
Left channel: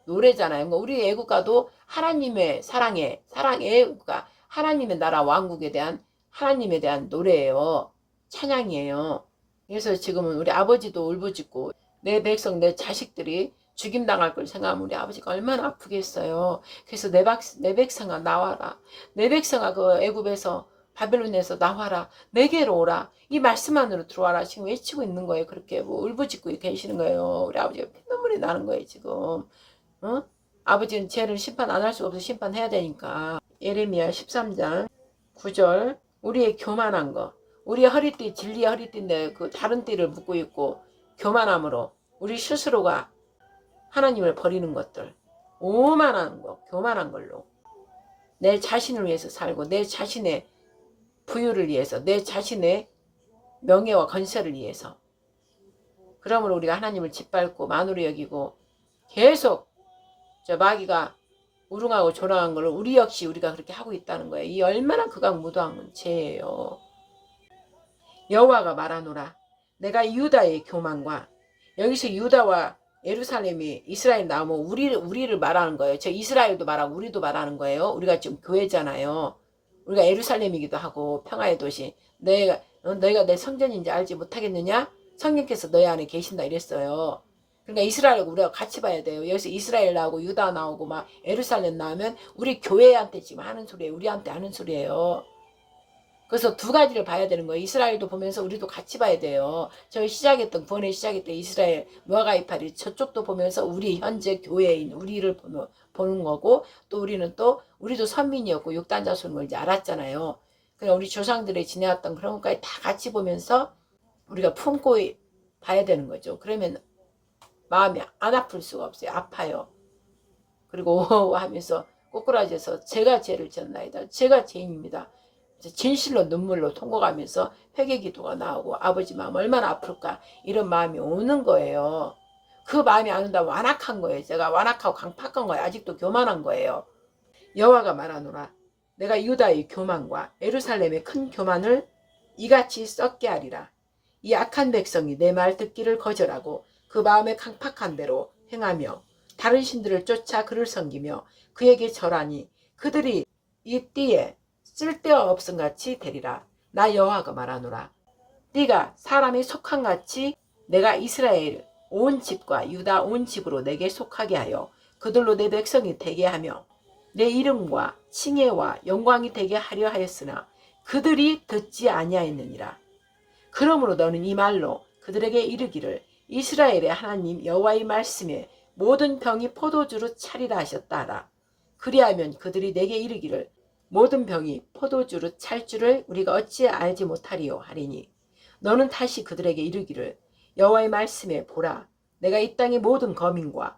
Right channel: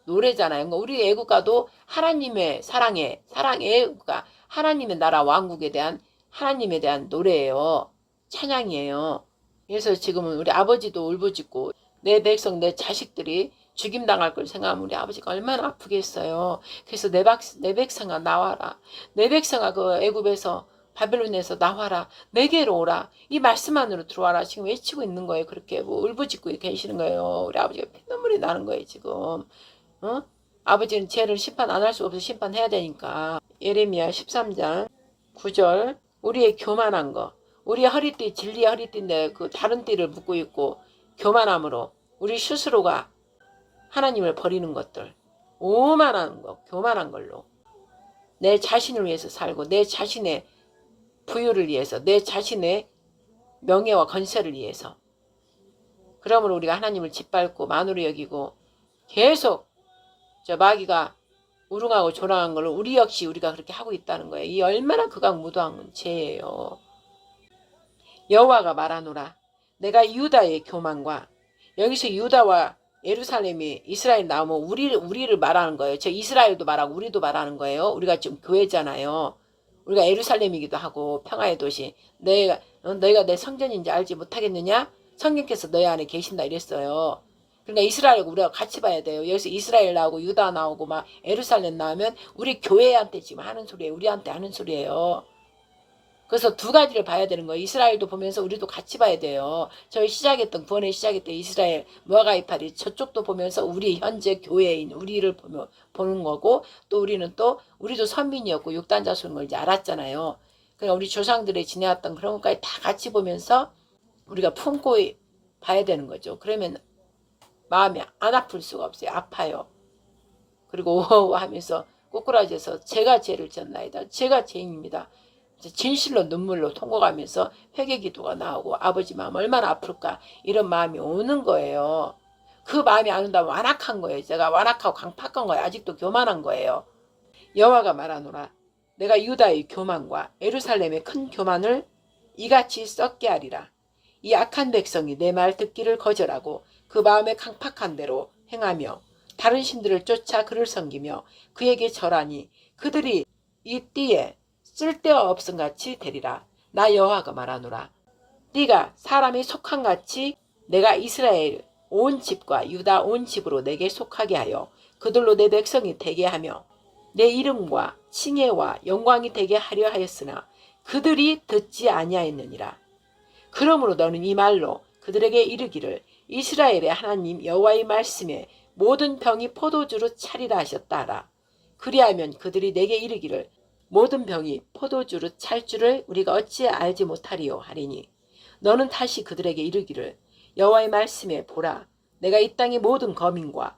노래잖아요. 우리 애국가도 하나님의 사랑의 애국가 하나님의 나라 왕국에 대한 하나님에 대한 노래예요. 찬양이에요. 그래서 지금은 우리 아버지도 울부짖고 내 백성 내 자식들이 죽임당할 걸 생각하면 우리 아버지가 얼마나 아프겠어요. 그래서 내 백성아 나와라. 내 백성아 그 애굽에서 바벨론에서 나와라. 내게로 오라. 이 말씀만으로 들어와라. 지금 외치고 있는 거예요. 그렇게 울부짖고 계시는 거예요. 우리 아버지가 피눈물이 나는 거예요. 지금. 아버지는 죄를 심판 안 할 수가 없어. 심판해야 되니까. 예레미야 13장 9절 우리의 교만한 거. 우리의 허리띠 진리의 허리띠인데 그 다른 띠를 묶고 있고 교만함으로 우리 스스로가 하나님을 버리는 것들. 오만한 거. 교만한 걸로. 내 자신을 위해서 살고 내 자신의 부유를 위해서 내 자신의 명예와 건설을 위해서 그러므로 우리가 하나님을 짓밟고 만으로 여기고 계속 저 마귀가 우롱하고 조롱한 걸 우리 역시 우리가 그렇게 하고 있다는 거예요. 이 얼마나 극악무도한 죄예요. 여호와가 말하노라 내가 유다의 교만과 여기서 유다와 예루살렘이 이스라엘 나오면 우리를 말하는 거예요. 저 이스라엘도 말하고 우리도 말하는 거예요. 우리가 지금 교회잖아요. 우리가 예루살렘이기도 하고 평화의 도시. 너희가 내 성전인지 알지 못하겠느냐? 성령께서 너희 안에 계신다 이랬어요. 그러니까 이스라엘과 우리가 같이 봐야 돼요. 여기서 이스라엘 나오고 유다 나오고 막 예루살렘 나오면 우리 교회한테 지금 하는 소리예요. 우리한테 하는 소리예요. 그래서 두 가지를 봐야 되는 거예요. 이스라엘도 보면서 우리도 같이 봐야 돼요. 저희 시작했던 구원의 시작했던 이스라엘 무화과이파리 저쪽도 보면서 우리 현재 교회인 우리를 보는 거고, 또 우리도 선민이었고 육단 자손을 이제 알았잖아요. 그러니까 우리 조상들이 지내왔던 그런 것까지 다 같이 보면서 우리가 품고 봐야 되는 거죠. 그러면 마음이 안 아플 수가 없어요. 아파요. 그리고 오호 하면서 꼬꾸라져서 제가 죄를 졌나이다. 제가 죄인입니다. 진실로 눈물로 통곡하면서 회개기도가 나오고 아버지 마음 얼마나 아플까 이런 마음이 오는 거예요. 그 마음이 안 온다면 완악한 거예요. 제가 완악하고 강팍한 거예요. 아직도 교만한 거예요. 여호와가 말하노라. 내가 유다의 교만과 예루살렘의 큰 교만을 이같이 썩게 하리라. 이 악한 백성이 내 말 듣기를 거절하고 그 마음에 강팍한 대로 행하며 다른 신들을 쫓아 그를 섬기며 그에게 절하니 그들이 이 띠에 쓸데없음 같이 되리라. 나 여호와가 말하노라. 띠가 사람이 속한 같이 내가 이스라엘 온 집과 유다 온 집으로 내게 속하게 하여 그들로 내 백성이 되게 하며 내 이름과 칭혜와 영광이 되게 하려 하였으나 그들이 듣지 아니하였느니라. 그러므로 너는 이 말로 그들에게 이르기를 이스라엘의 하나님 여호와의 말씀에 모든 병이 포도주로 차리라 하셨다 하라. 그리하면 그들이 내게 이르기를 모든 병이 포도주로 찰 줄을 우리가 어찌 알지 못하리요 하리니 너는 다시 그들에게 이르기를 여호와의 말씀에 보라. 내가 이 땅의 모든 거민과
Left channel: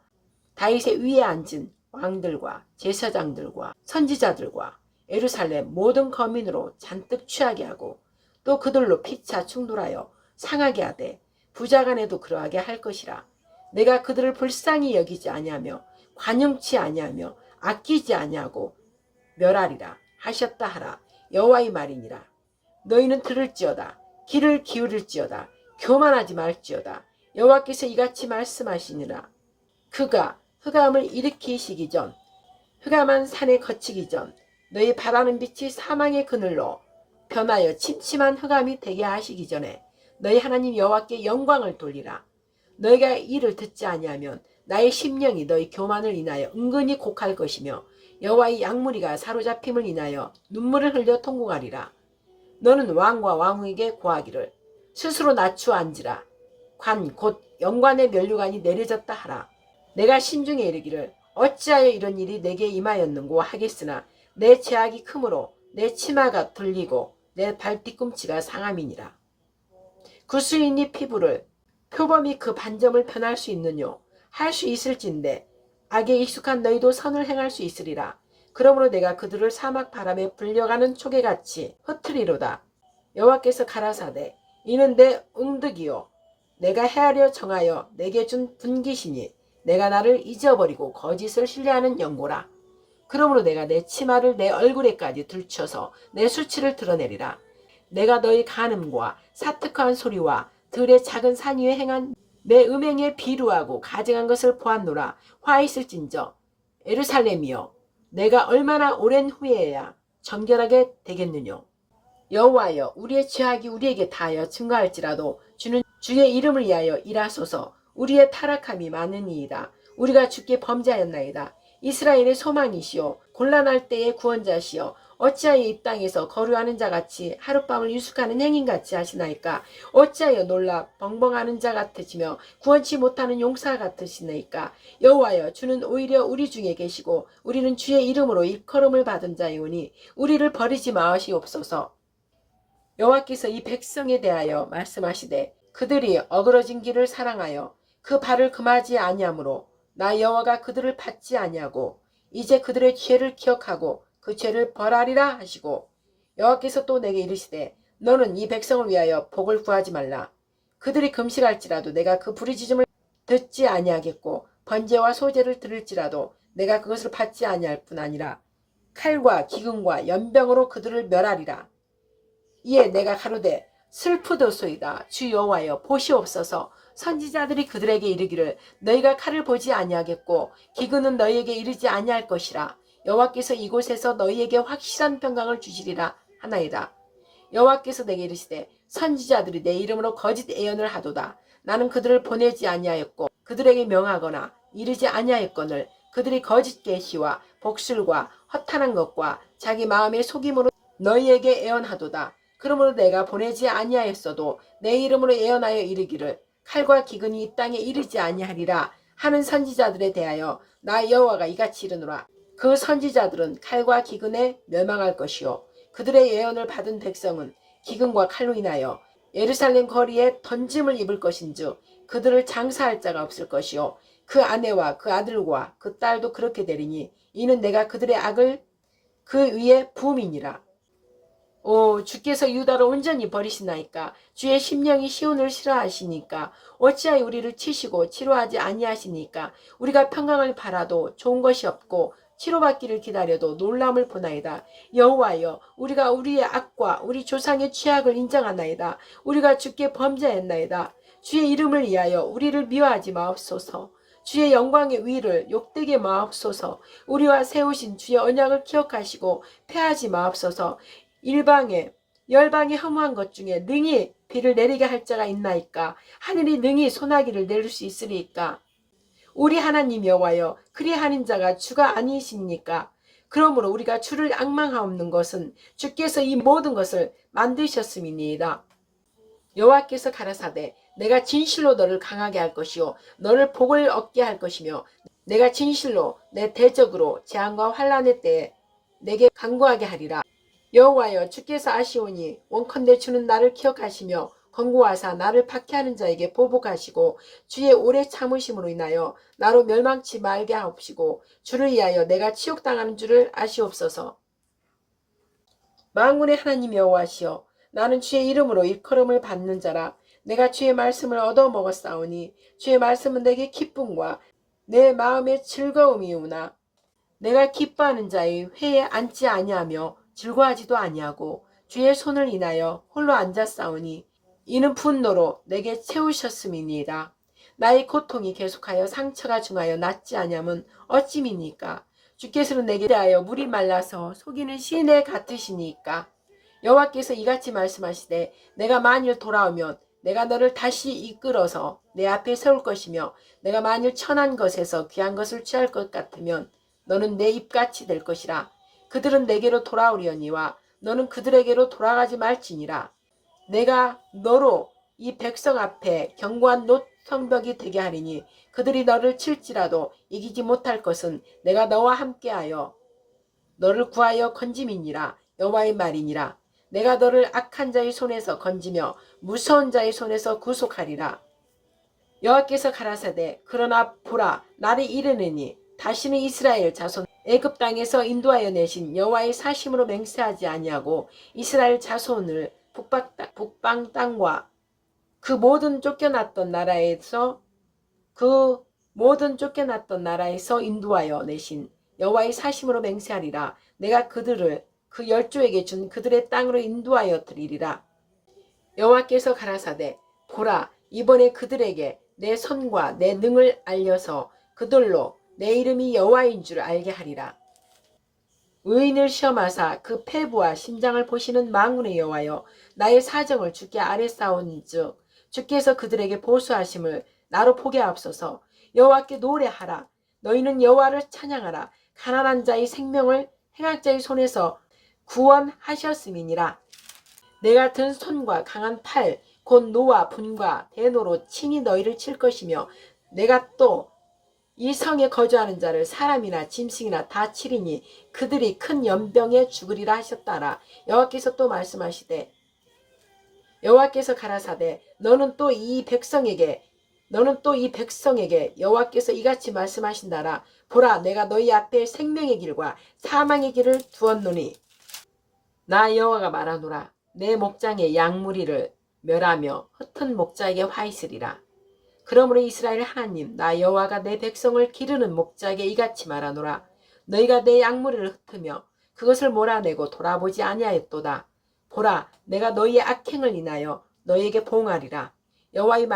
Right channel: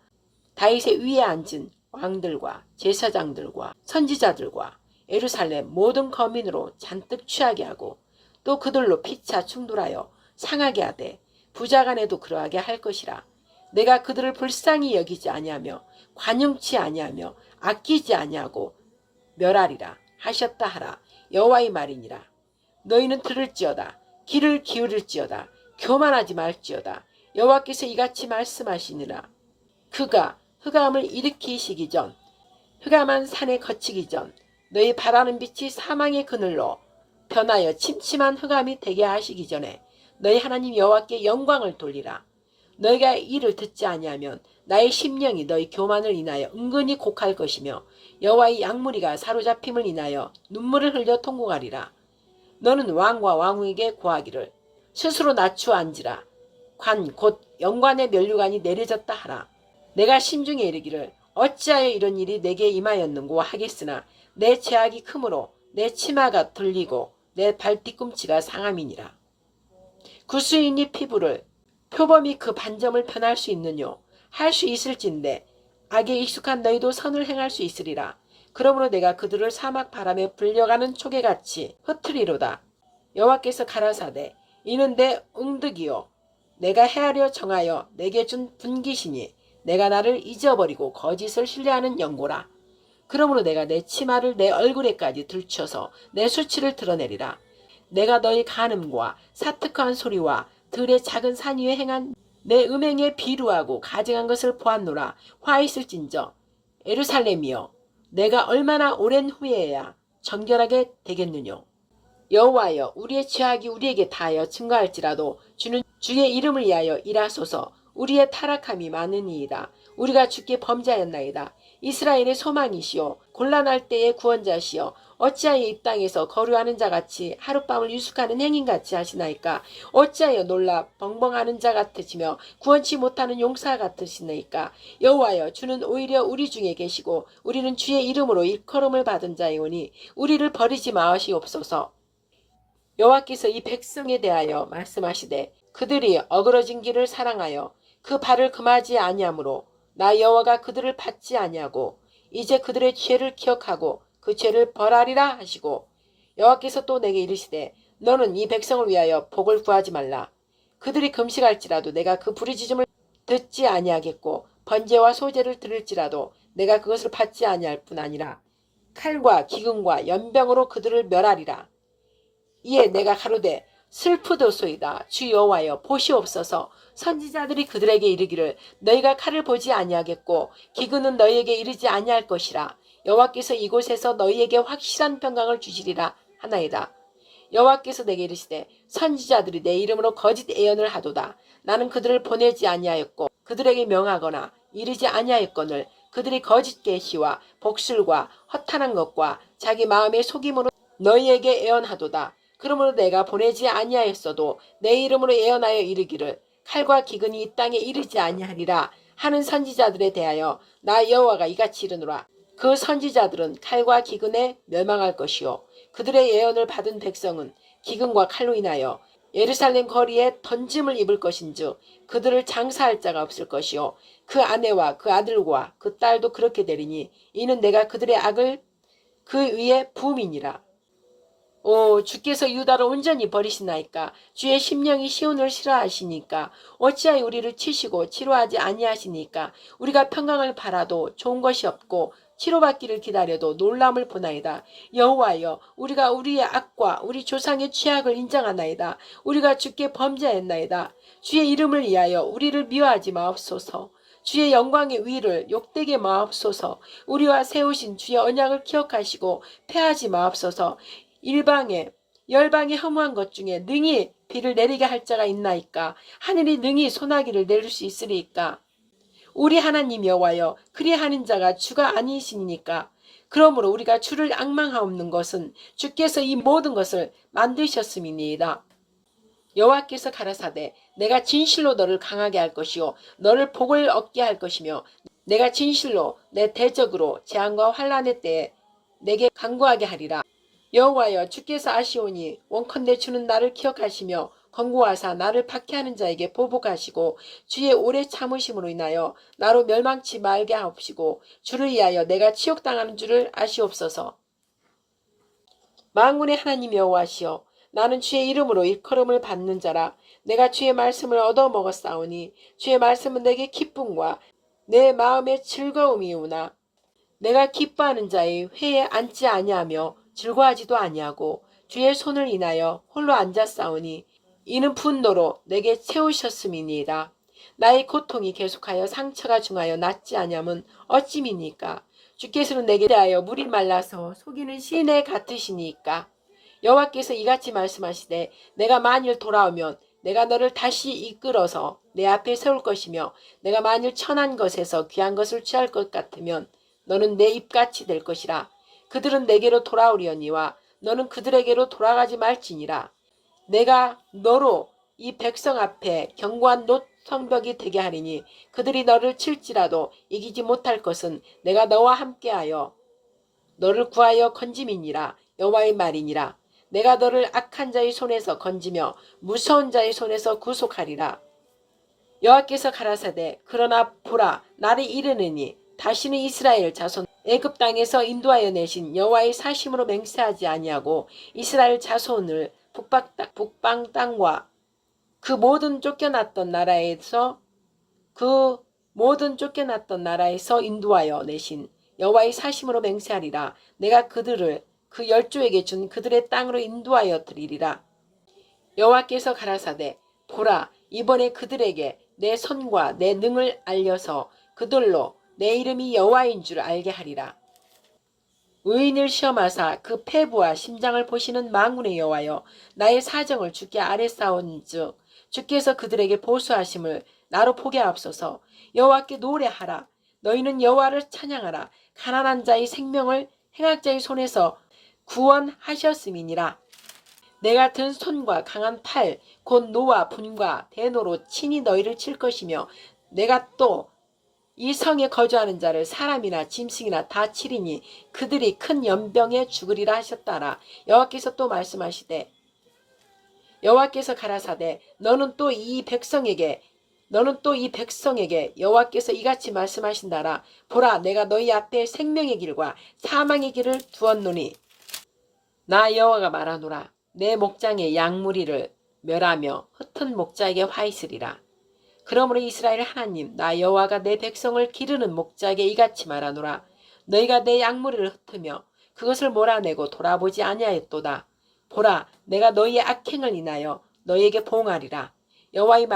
다윗의 위에 앉은 왕들과 제사장들과 선지자들과 예루살렘 모든 거민으로 잔뜩 취하게 하고 또 그들로 피차 충돌하여 상하게 하되 부자간에도 그러하게 할 것이라. 내가 그들을 불쌍히 여기지 아니하며 관용치 아니하며 아끼지 아니하고 멸하리라 하셨다 하라. 여호와의 말이니라. 너희는 들을지어다. 귀를 기울일지어다. 교만하지 말지어다. 여호와께서 이같이 말씀하시니라. 그가 흑암을 일으키시기 전 흑암한 산에 거치기 전 너희 바라는 빛이 사망의 그늘로 변하여 침침한 흑암이 되게 하시기 전에 너희 하나님 여호와께 영광을 돌리라. 너희가 이를 듣지 아니하면 나의 심령이 너희 교만을 인하여 은근히 곡할 것이며 여호와의 양무리가 사로잡힘을 인하여 눈물을 흘려 통곡하리라. 너는 왕과 왕후에게 고하기를 스스로 낮추어 앉으라. 관 곧 영관의 면류관이 내려졌다 하라. 내가 심중에 이르기를 어찌하여 이런 일이 내게 임하였는고 하겠으나 내 죄악이 크므로 내 치마가 들리고 내 발 뒤꿈치가 상함이니라. 구수인이 피부를 표범이 그 반점을 편할 수 있느뇨. 할 수 있을진데 악에 익숙한 너희도 선을 행할 수 있으리라. 그러므로 내가 그들을 사막 바람에 불려가는 초계같이 흩트리로다. 여호와께서 가라사대 이는 내 응득이요 내가 헤아려 정하여 내게 준 분기시니 내가 나를 잊어버리고 거짓을 신뢰하는 연고라. 그러므로 내가 내 치마를 내 얼굴에까지 들춰서 내 수치를 드러내리라. 내가 너희 간음과 사특한 소리와 들의 작은 산 위에 행한 내 음행에 비루하고 가증한 것을 보았노라. 화 있을진저 예루살렘이여 내가 얼마나 오랜 후에야 정결하게 되겠느뇨. 여호와여 우리의 죄악이 우리에게 다하여 증거할지라도 주는 주의 이름을 위하여 일하소서. 우리의 타락함이 많으니이다. 우리가 주께 범죄하였나이다. 이스라엘의 소망이시오 곤란할 때의 구원자시오 어찌하여 이 땅에서 거류하는 자같이 하룻밤을 유숙하는 행인같이 하시나이까. 어찌하여 놀라 벙벙하는 자 같으시며 구원치 못하는 용사 같으시나이까. 여호와여 주는 오히려 우리 중에 계시고 우리는 주의 이름으로 일컬음을 받은 자이오니 우리를 버리지 마시옵소서. 여호와께서 이 백성에 대하여 말씀하시되 그들이 어그러진 길을 사랑하여 그 발을 금하지 아니하므로 나 여호와가 그들을 받지 아니하고 이제 그들의 죄를 기억하고 그 죄를 벌하리라 하시고 여호와께서 또 내게 이르시되 너는 이 백성을 위하여 복을 구하지 말라. 그들이 금식할지라도 내가 그 부르짖음을 듣지 아니하겠고 번제와 소제를 들을지라도 내가 그것을 받지 아니할 뿐 아니라 칼과 기근과 연병으로 그들을 멸하리라. 이에 내가 가로되 슬프도소이다. 주 여호와여 보시옵소서. 선지자들이 그들에게 이르기를 너희가 칼을 보지 아니하겠고 기근은 너희에게 이르지 아니할 것이라. 여호와께서 이곳에서 너희에게 확실한 평강을 주시리라 하나이다. 여호와께서 내게 이르시되 선지자들이 내 이름으로 거짓 예언을 하도다. 나는 그들을 보내지 아니하였고 그들에게 명하거나 이르지 아니하였거늘 그들이 거짓 계시와 복술과 허탄한 것과 자기 마음의 속임으로 너희에게 예언하도다. 그러므로 내가 보내지 아니하였어도 내 이름으로 예언하여 이르기를 칼과 기근이 이 땅에 이르지 아니하리라 하는 선지자들에 대하여 나 여호와가 이같이 이르노라. 그 선지자들은 칼과 기근에 멸망할 것이요 그들의 예언을 받은 백성은 기근과 칼로 인하여 예루살렘 거리에 던짐을 입을 것인즉 그들을 장사할 자가 없을 것이요 그 아내와 그 아들과 그 딸도 그렇게 되리니 이는 내가 그들의 악을 그 위에 부음이니라. 오, 주께서 유다를 온전히 버리시나이까? 주의 심령이 시온을 싫어하시니까? 어찌하여 우리를 치시고 치료하지 아니하시니까? 우리가 평강을 바라도 좋은 것이 없고 치료받기를 기다려도 놀람을 보나이다. 여호와여, 우리가 우리의 악과 우리 조상의 죄악을 인정하나이다. 우리가 주께 범죄했나이다. 주의 이름을 위하여 우리를 미워하지 마옵소서. 주의 영광의 위를 욕되게 마옵소서. 우리와 세우신 주의 언약을 기억하시고 패하지 마옵소서. 일방에 열방에 허무한 것 중에 능히 비를 내리게 할 자가 있나이까? 하늘이 능히 소나기를 내릴 수 있으리이까? 우리 하나님 여호와여, 그리하는 자가 주가 아니시니까? 그러므로 우리가 주를 앙망하옵는 것은 주께서 이 모든 것을 만드셨음이니이다. 여호와께서 가라사대 내가 진실로 너를 강하게 할 것이요 너를 복을 얻게 할 것이며 내가 진실로 내 대적으로 재앙과 환난의 때에 내게 간구하게 하리라. 여호와여, 주께서 아시오니 원컨대 주는 나를 기억하시며 권고하사 나를 박해하는 자에게 보복하시고 주의 오래 참으심으로 인하여 나로 멸망치 말게 하옵시고 주를 위하여 내가 치욕당하는 줄을 아시옵소서. 만군의 하나님 여호와시여, 나는 주의 이름으로 일컬음을 받는 자라. 내가 주의 말씀을 얻어먹었사오니 주의 말씀은 내게 기쁨과 내 마음의 즐거움이오나 내가 기뻐하는 자의 회에 앉지 아니하며 즐거워하지도 아니하고 주의 손을 인하여 홀로 앉았사오니 이는 분노로 내게 채우셨음이니이다. 나의 고통이 계속하여 상처가 중하여 낫지 아니함은 어찌미니까? 주께서는 내게 대하여 물이 말라서 속이는 시내 같으시니까? 여호와께서 이같이 말씀하시되 내가 만일 돌아오면 내가 너를 다시 이끌어서 내 앞에 세울 것이며 내가 만일 천한 것에서 귀한 것을 취할 것 같으면 너는 내 입같이 될 것이라. 그들은 내게로 돌아오려니와 너는 그들에게로 돌아가지 말지니라. 내가 너로 이 백성 앞에 견고한 노성벽이 되게 하리니 그들이 너를 칠지라도 이기지 못할 것은 내가 너와 함께하여 너를 구하여 건짐이니라. 여호와의 말이니라. 내가 너를 악한 자의 손에서 건지며 무서운 자의 손에서 구속하리라. 여호와께서 가라사대 그러나 보라 나를 이르느니 다시는 이스라엘 자손 애굽 땅에서 인도하여 내신 여호와의 사심으로 맹세하지 아니하고 이스라엘 자손을 북방 땅과 그 모든 쫓겨났던 나라에서 인도하여 내신 여호와의 사심으로 맹세하리라. 내가 그들을 그 열조에게 준 그들의 땅으로 인도하여 드리리라. 여호와께서 가라사대 보라 이번에 그들에게 내 손과 내 능을 알려서 그들로 내 이름이 여호와인 줄 알게 하리라. 의인을 시험하사 그 폐부와 심장을 보시는 만군의 여호와여, 나의 사정을 주께 아뢰사온즉 주께서 그들에게 보수하심을 나로 보게 하옵소서. 여호와께 노래하라. 너희는 여호와를 찬양하라. 가난한 자의 생명을 행악자의 손에서 구원하셨음이니라. 내가 든 손과 강한 팔 곧 노와 분과 대노로 친히 너희를 칠 것이며 내가 또 이 성에 거주하는 자를 사람이나 짐승이나 다 치리니 그들이 큰 연병에 죽으리라 하셨다라. 여호와께서 또 말씀하시되 여호와께서 가라사대 너는 또 이 백성에게 여호와께서 이같이 말씀하신다라. 보라 내가 너희 앞에 생명의 길과 사망의 길을 두었노니 나 여호와가 말하노라. 내 목장의 양무리를 멸하며 흩은 목자에게 화 있으리라. 그러므로 이스라엘 하나님 나 여호와가 내 백성을 기르는 목자에게 이같이 말하노라. 너희가 내 양무리를 흩으며 그것을 몰아내고 돌아보지 아니하였도다. 보라 내가 너희의 악행을 인하여 너희에게 보응하리라. 여호와의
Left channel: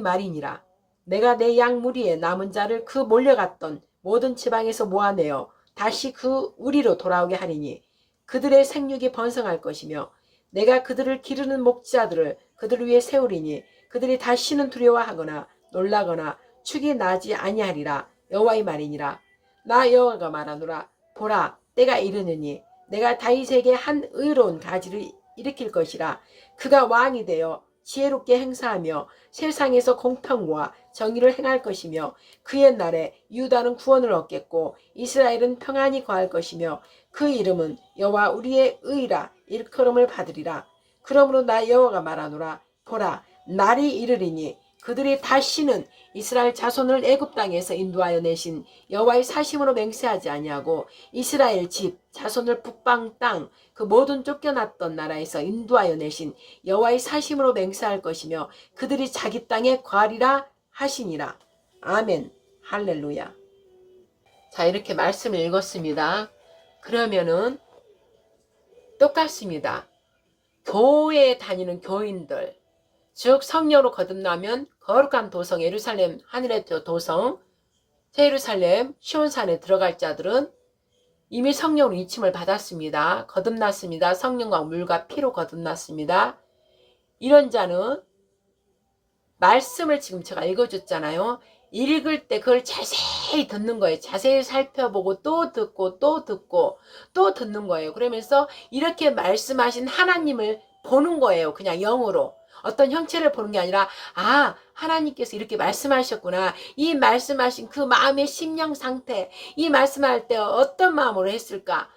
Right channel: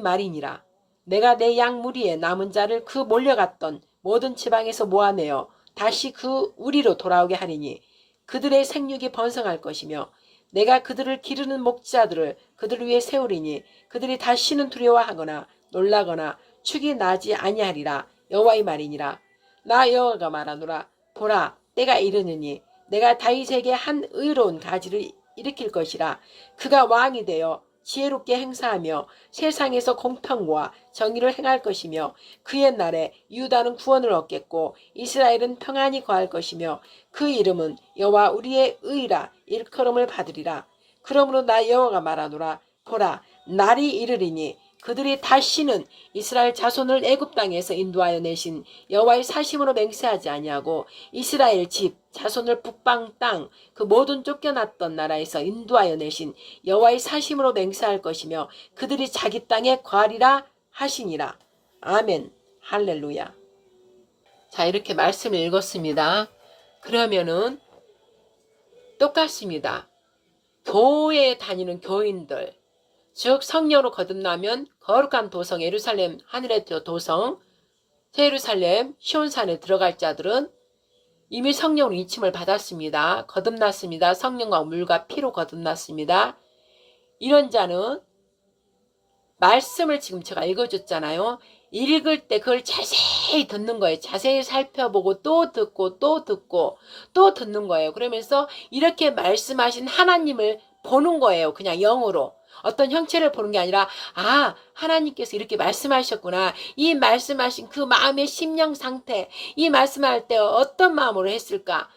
말이니라. 내가 내 양무리에 남은 자를 그 몰려갔던 모든 지방에서 모아내어 다시 그 우리로 돌아오게 하리니 그들의 생육이 번성할 것이며 내가 그들을 기르는 목자들을 그들을 위해 세우리니 그들이 다시는 두려워하거나 놀라거나 축이 나지 아니하리라. 여호와의 말이니라. 나 여호와가 말하노라. 보라, 때가 이르느니 내가 다윗에게 한 의로운 가지를 일으킬 것이라. 그가 왕이 되어 지혜롭게 행사하며 세상에서 공평과 정의를 행할 것이며 그의 날에 유다는 구원을 얻겠고 이스라엘은 평안히 거할 것이며 그 이름은 여호와 우리의 의라 일컬음을 받으리라. 그러므로 나 여호와가 말하노라. 보라, 날이 이르리니 그들이 다시는 이스라엘 자손을 애굽 땅에서 인도하여 내신 여호와의 사심으로 맹세하지 아니하고 이스라엘 집 자손을 북방 땅 그 모든 쫓겨났던 나라에서 인도하여 내신 여호와의 사심으로 맹세할 것이며 그들이 자기 땅에 거하리라 하시니라. 아멘. 할렐루야. 자, 이렇게 말씀을 읽었습니다. 그러면은 똑같습니다. 교회에 다니는 교인들, 즉 성령으로 거듭나면 거룩한 도성 예루살렘 하늘의 도성 예루살렘 시온산에 들어갈 자들은 이미 성령으로 인침을 받았습니다. 거듭났습니다. 성령과 물과 피로 거듭났습니다. 이런 자는 말씀을 지금 제가 읽어줬잖아요. 읽을 때 그걸 자세히 듣는 거예요. 자세히 살펴보고 또 듣고 또 듣고 또 듣는 거예요. 그러면서 이렇게 말씀하신 하나님을 보는 거예요. 그냥 영으로. 어떤 형체를 보는 게 아니라 아, 하나님께서 이렇게 말씀하셨구나. 이 말씀하신 그 마음의 심령 상태, 이 말씀할 때 어떤 마음으로 했을까?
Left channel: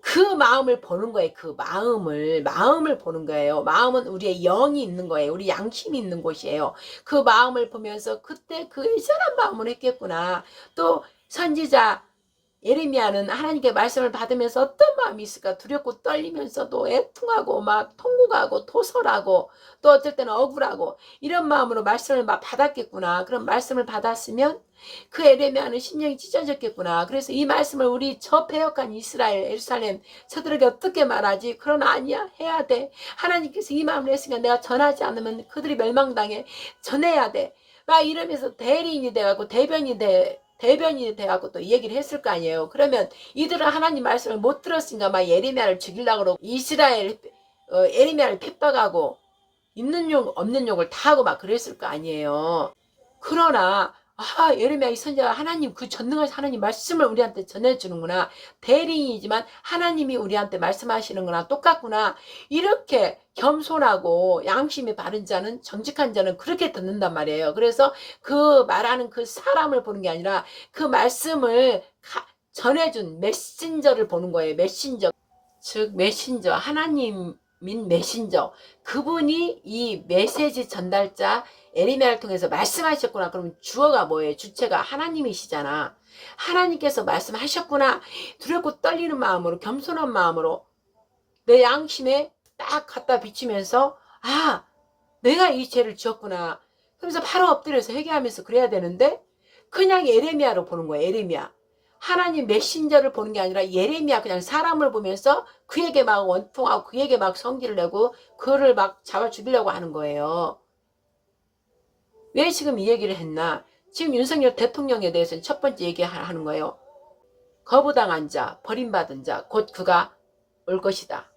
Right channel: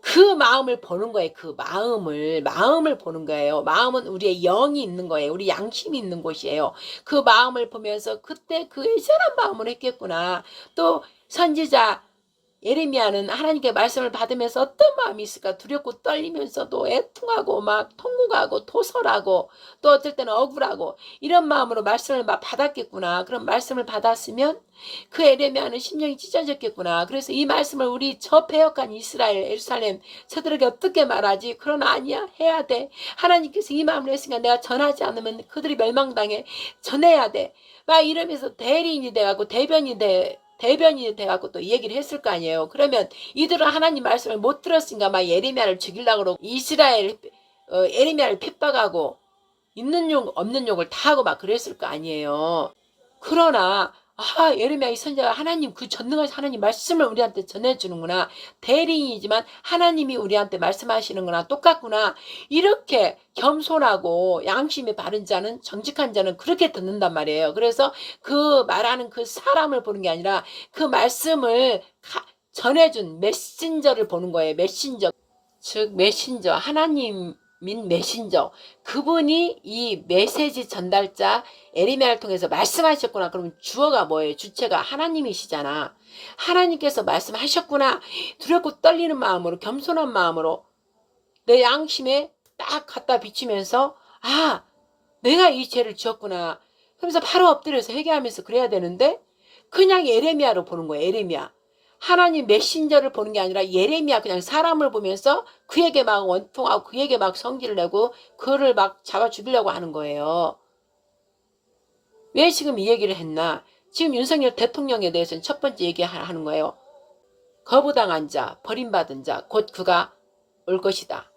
그 마음을 보는 거예요. 그 마음을 보는 거예요. 마음은 우리의 영이 있는 거예요. 우리 양심이 있는 곳이에요. 그 마음을 보면서 그때 그 예전한 마음을 했겠구나. 또 선지자 예레미야는 하나님께 말씀을 받으면서 어떤 마음이 있을까? 두렵고 떨리면서도 애통하고 막 통곡하고 토설하고 또 어떨 때는 억울하고 이런 마음으로 말씀을 막 받았겠구나. 그런 말씀을 받았으면 그 예레미야는 심령이 찢어졌겠구나. 그래서 이 말씀을 우리 저 패역한 이스라엘 예루살렘 저들에게 어떻게 말하지? 그러나 아니야. 해야 돼. 하나님께서 이 마음을 했으니까 내가 전하지 않으면 그들이 멸망당해. 전해야 돼. 막 이러면서 대리인이 돼갖고 대변인이 돼갖고 또 이 얘기를 했을 거 아니에요. 그러면 이들은 하나님 말씀을 못 들었으니까 막 예레미야를 죽이려고 그러고 이스라엘 예레미야를 핍박하고 있는 욕 없는 욕을 다 하고 막 그랬을 거 아니에요. 그러나 예레미야 이 선지자가 하나님 그 전능하신 하나님 말씀을 우리한테 전해주는구나. 대리인이지만 하나님이 우리한테 말씀하시는구나. 똑같구나. 이렇게 겸손하고 양심이 바른 자는 정직한 자는 그렇게 듣는단 말이에요. 그래서 그 말하는 그 사람을 보는 게 아니라 그 말씀을 전해준 메신저를 보는 거예요. 메신저. 즉 메신저 하나님인 메신저 그분이 이 메시지 전달자 에리메를 통해서 말씀하셨구나. 그러면 주어가 뭐예요? 주체가 하나님이시잖아. 하나님께서 말씀하셨구나. 두렵고 떨리는 마음으로 겸손한 마음으로 내 양심에 딱 갖다 비치면서 아 내가 이 죄를 지었구나. 그러면서 바로 엎드려서 회개하면서 그래야 되는데 그냥 예레미야로 보는 거예요. 예레미야. 하나님 메신저를 보는 게 아니라 예레미야 그냥 사람을 보면서 그에게 막 원통하고 그에게 막 성질을 내고 그를 막 잡아 죽이려고 하는 거예요. 왜 지금 이 얘기를 했나? 지금 윤석열 대통령에 대해서는 첫 번째 얘기하는 거예요. 거부당한 자, 버림받은 자, 곧 그가 올 것이다.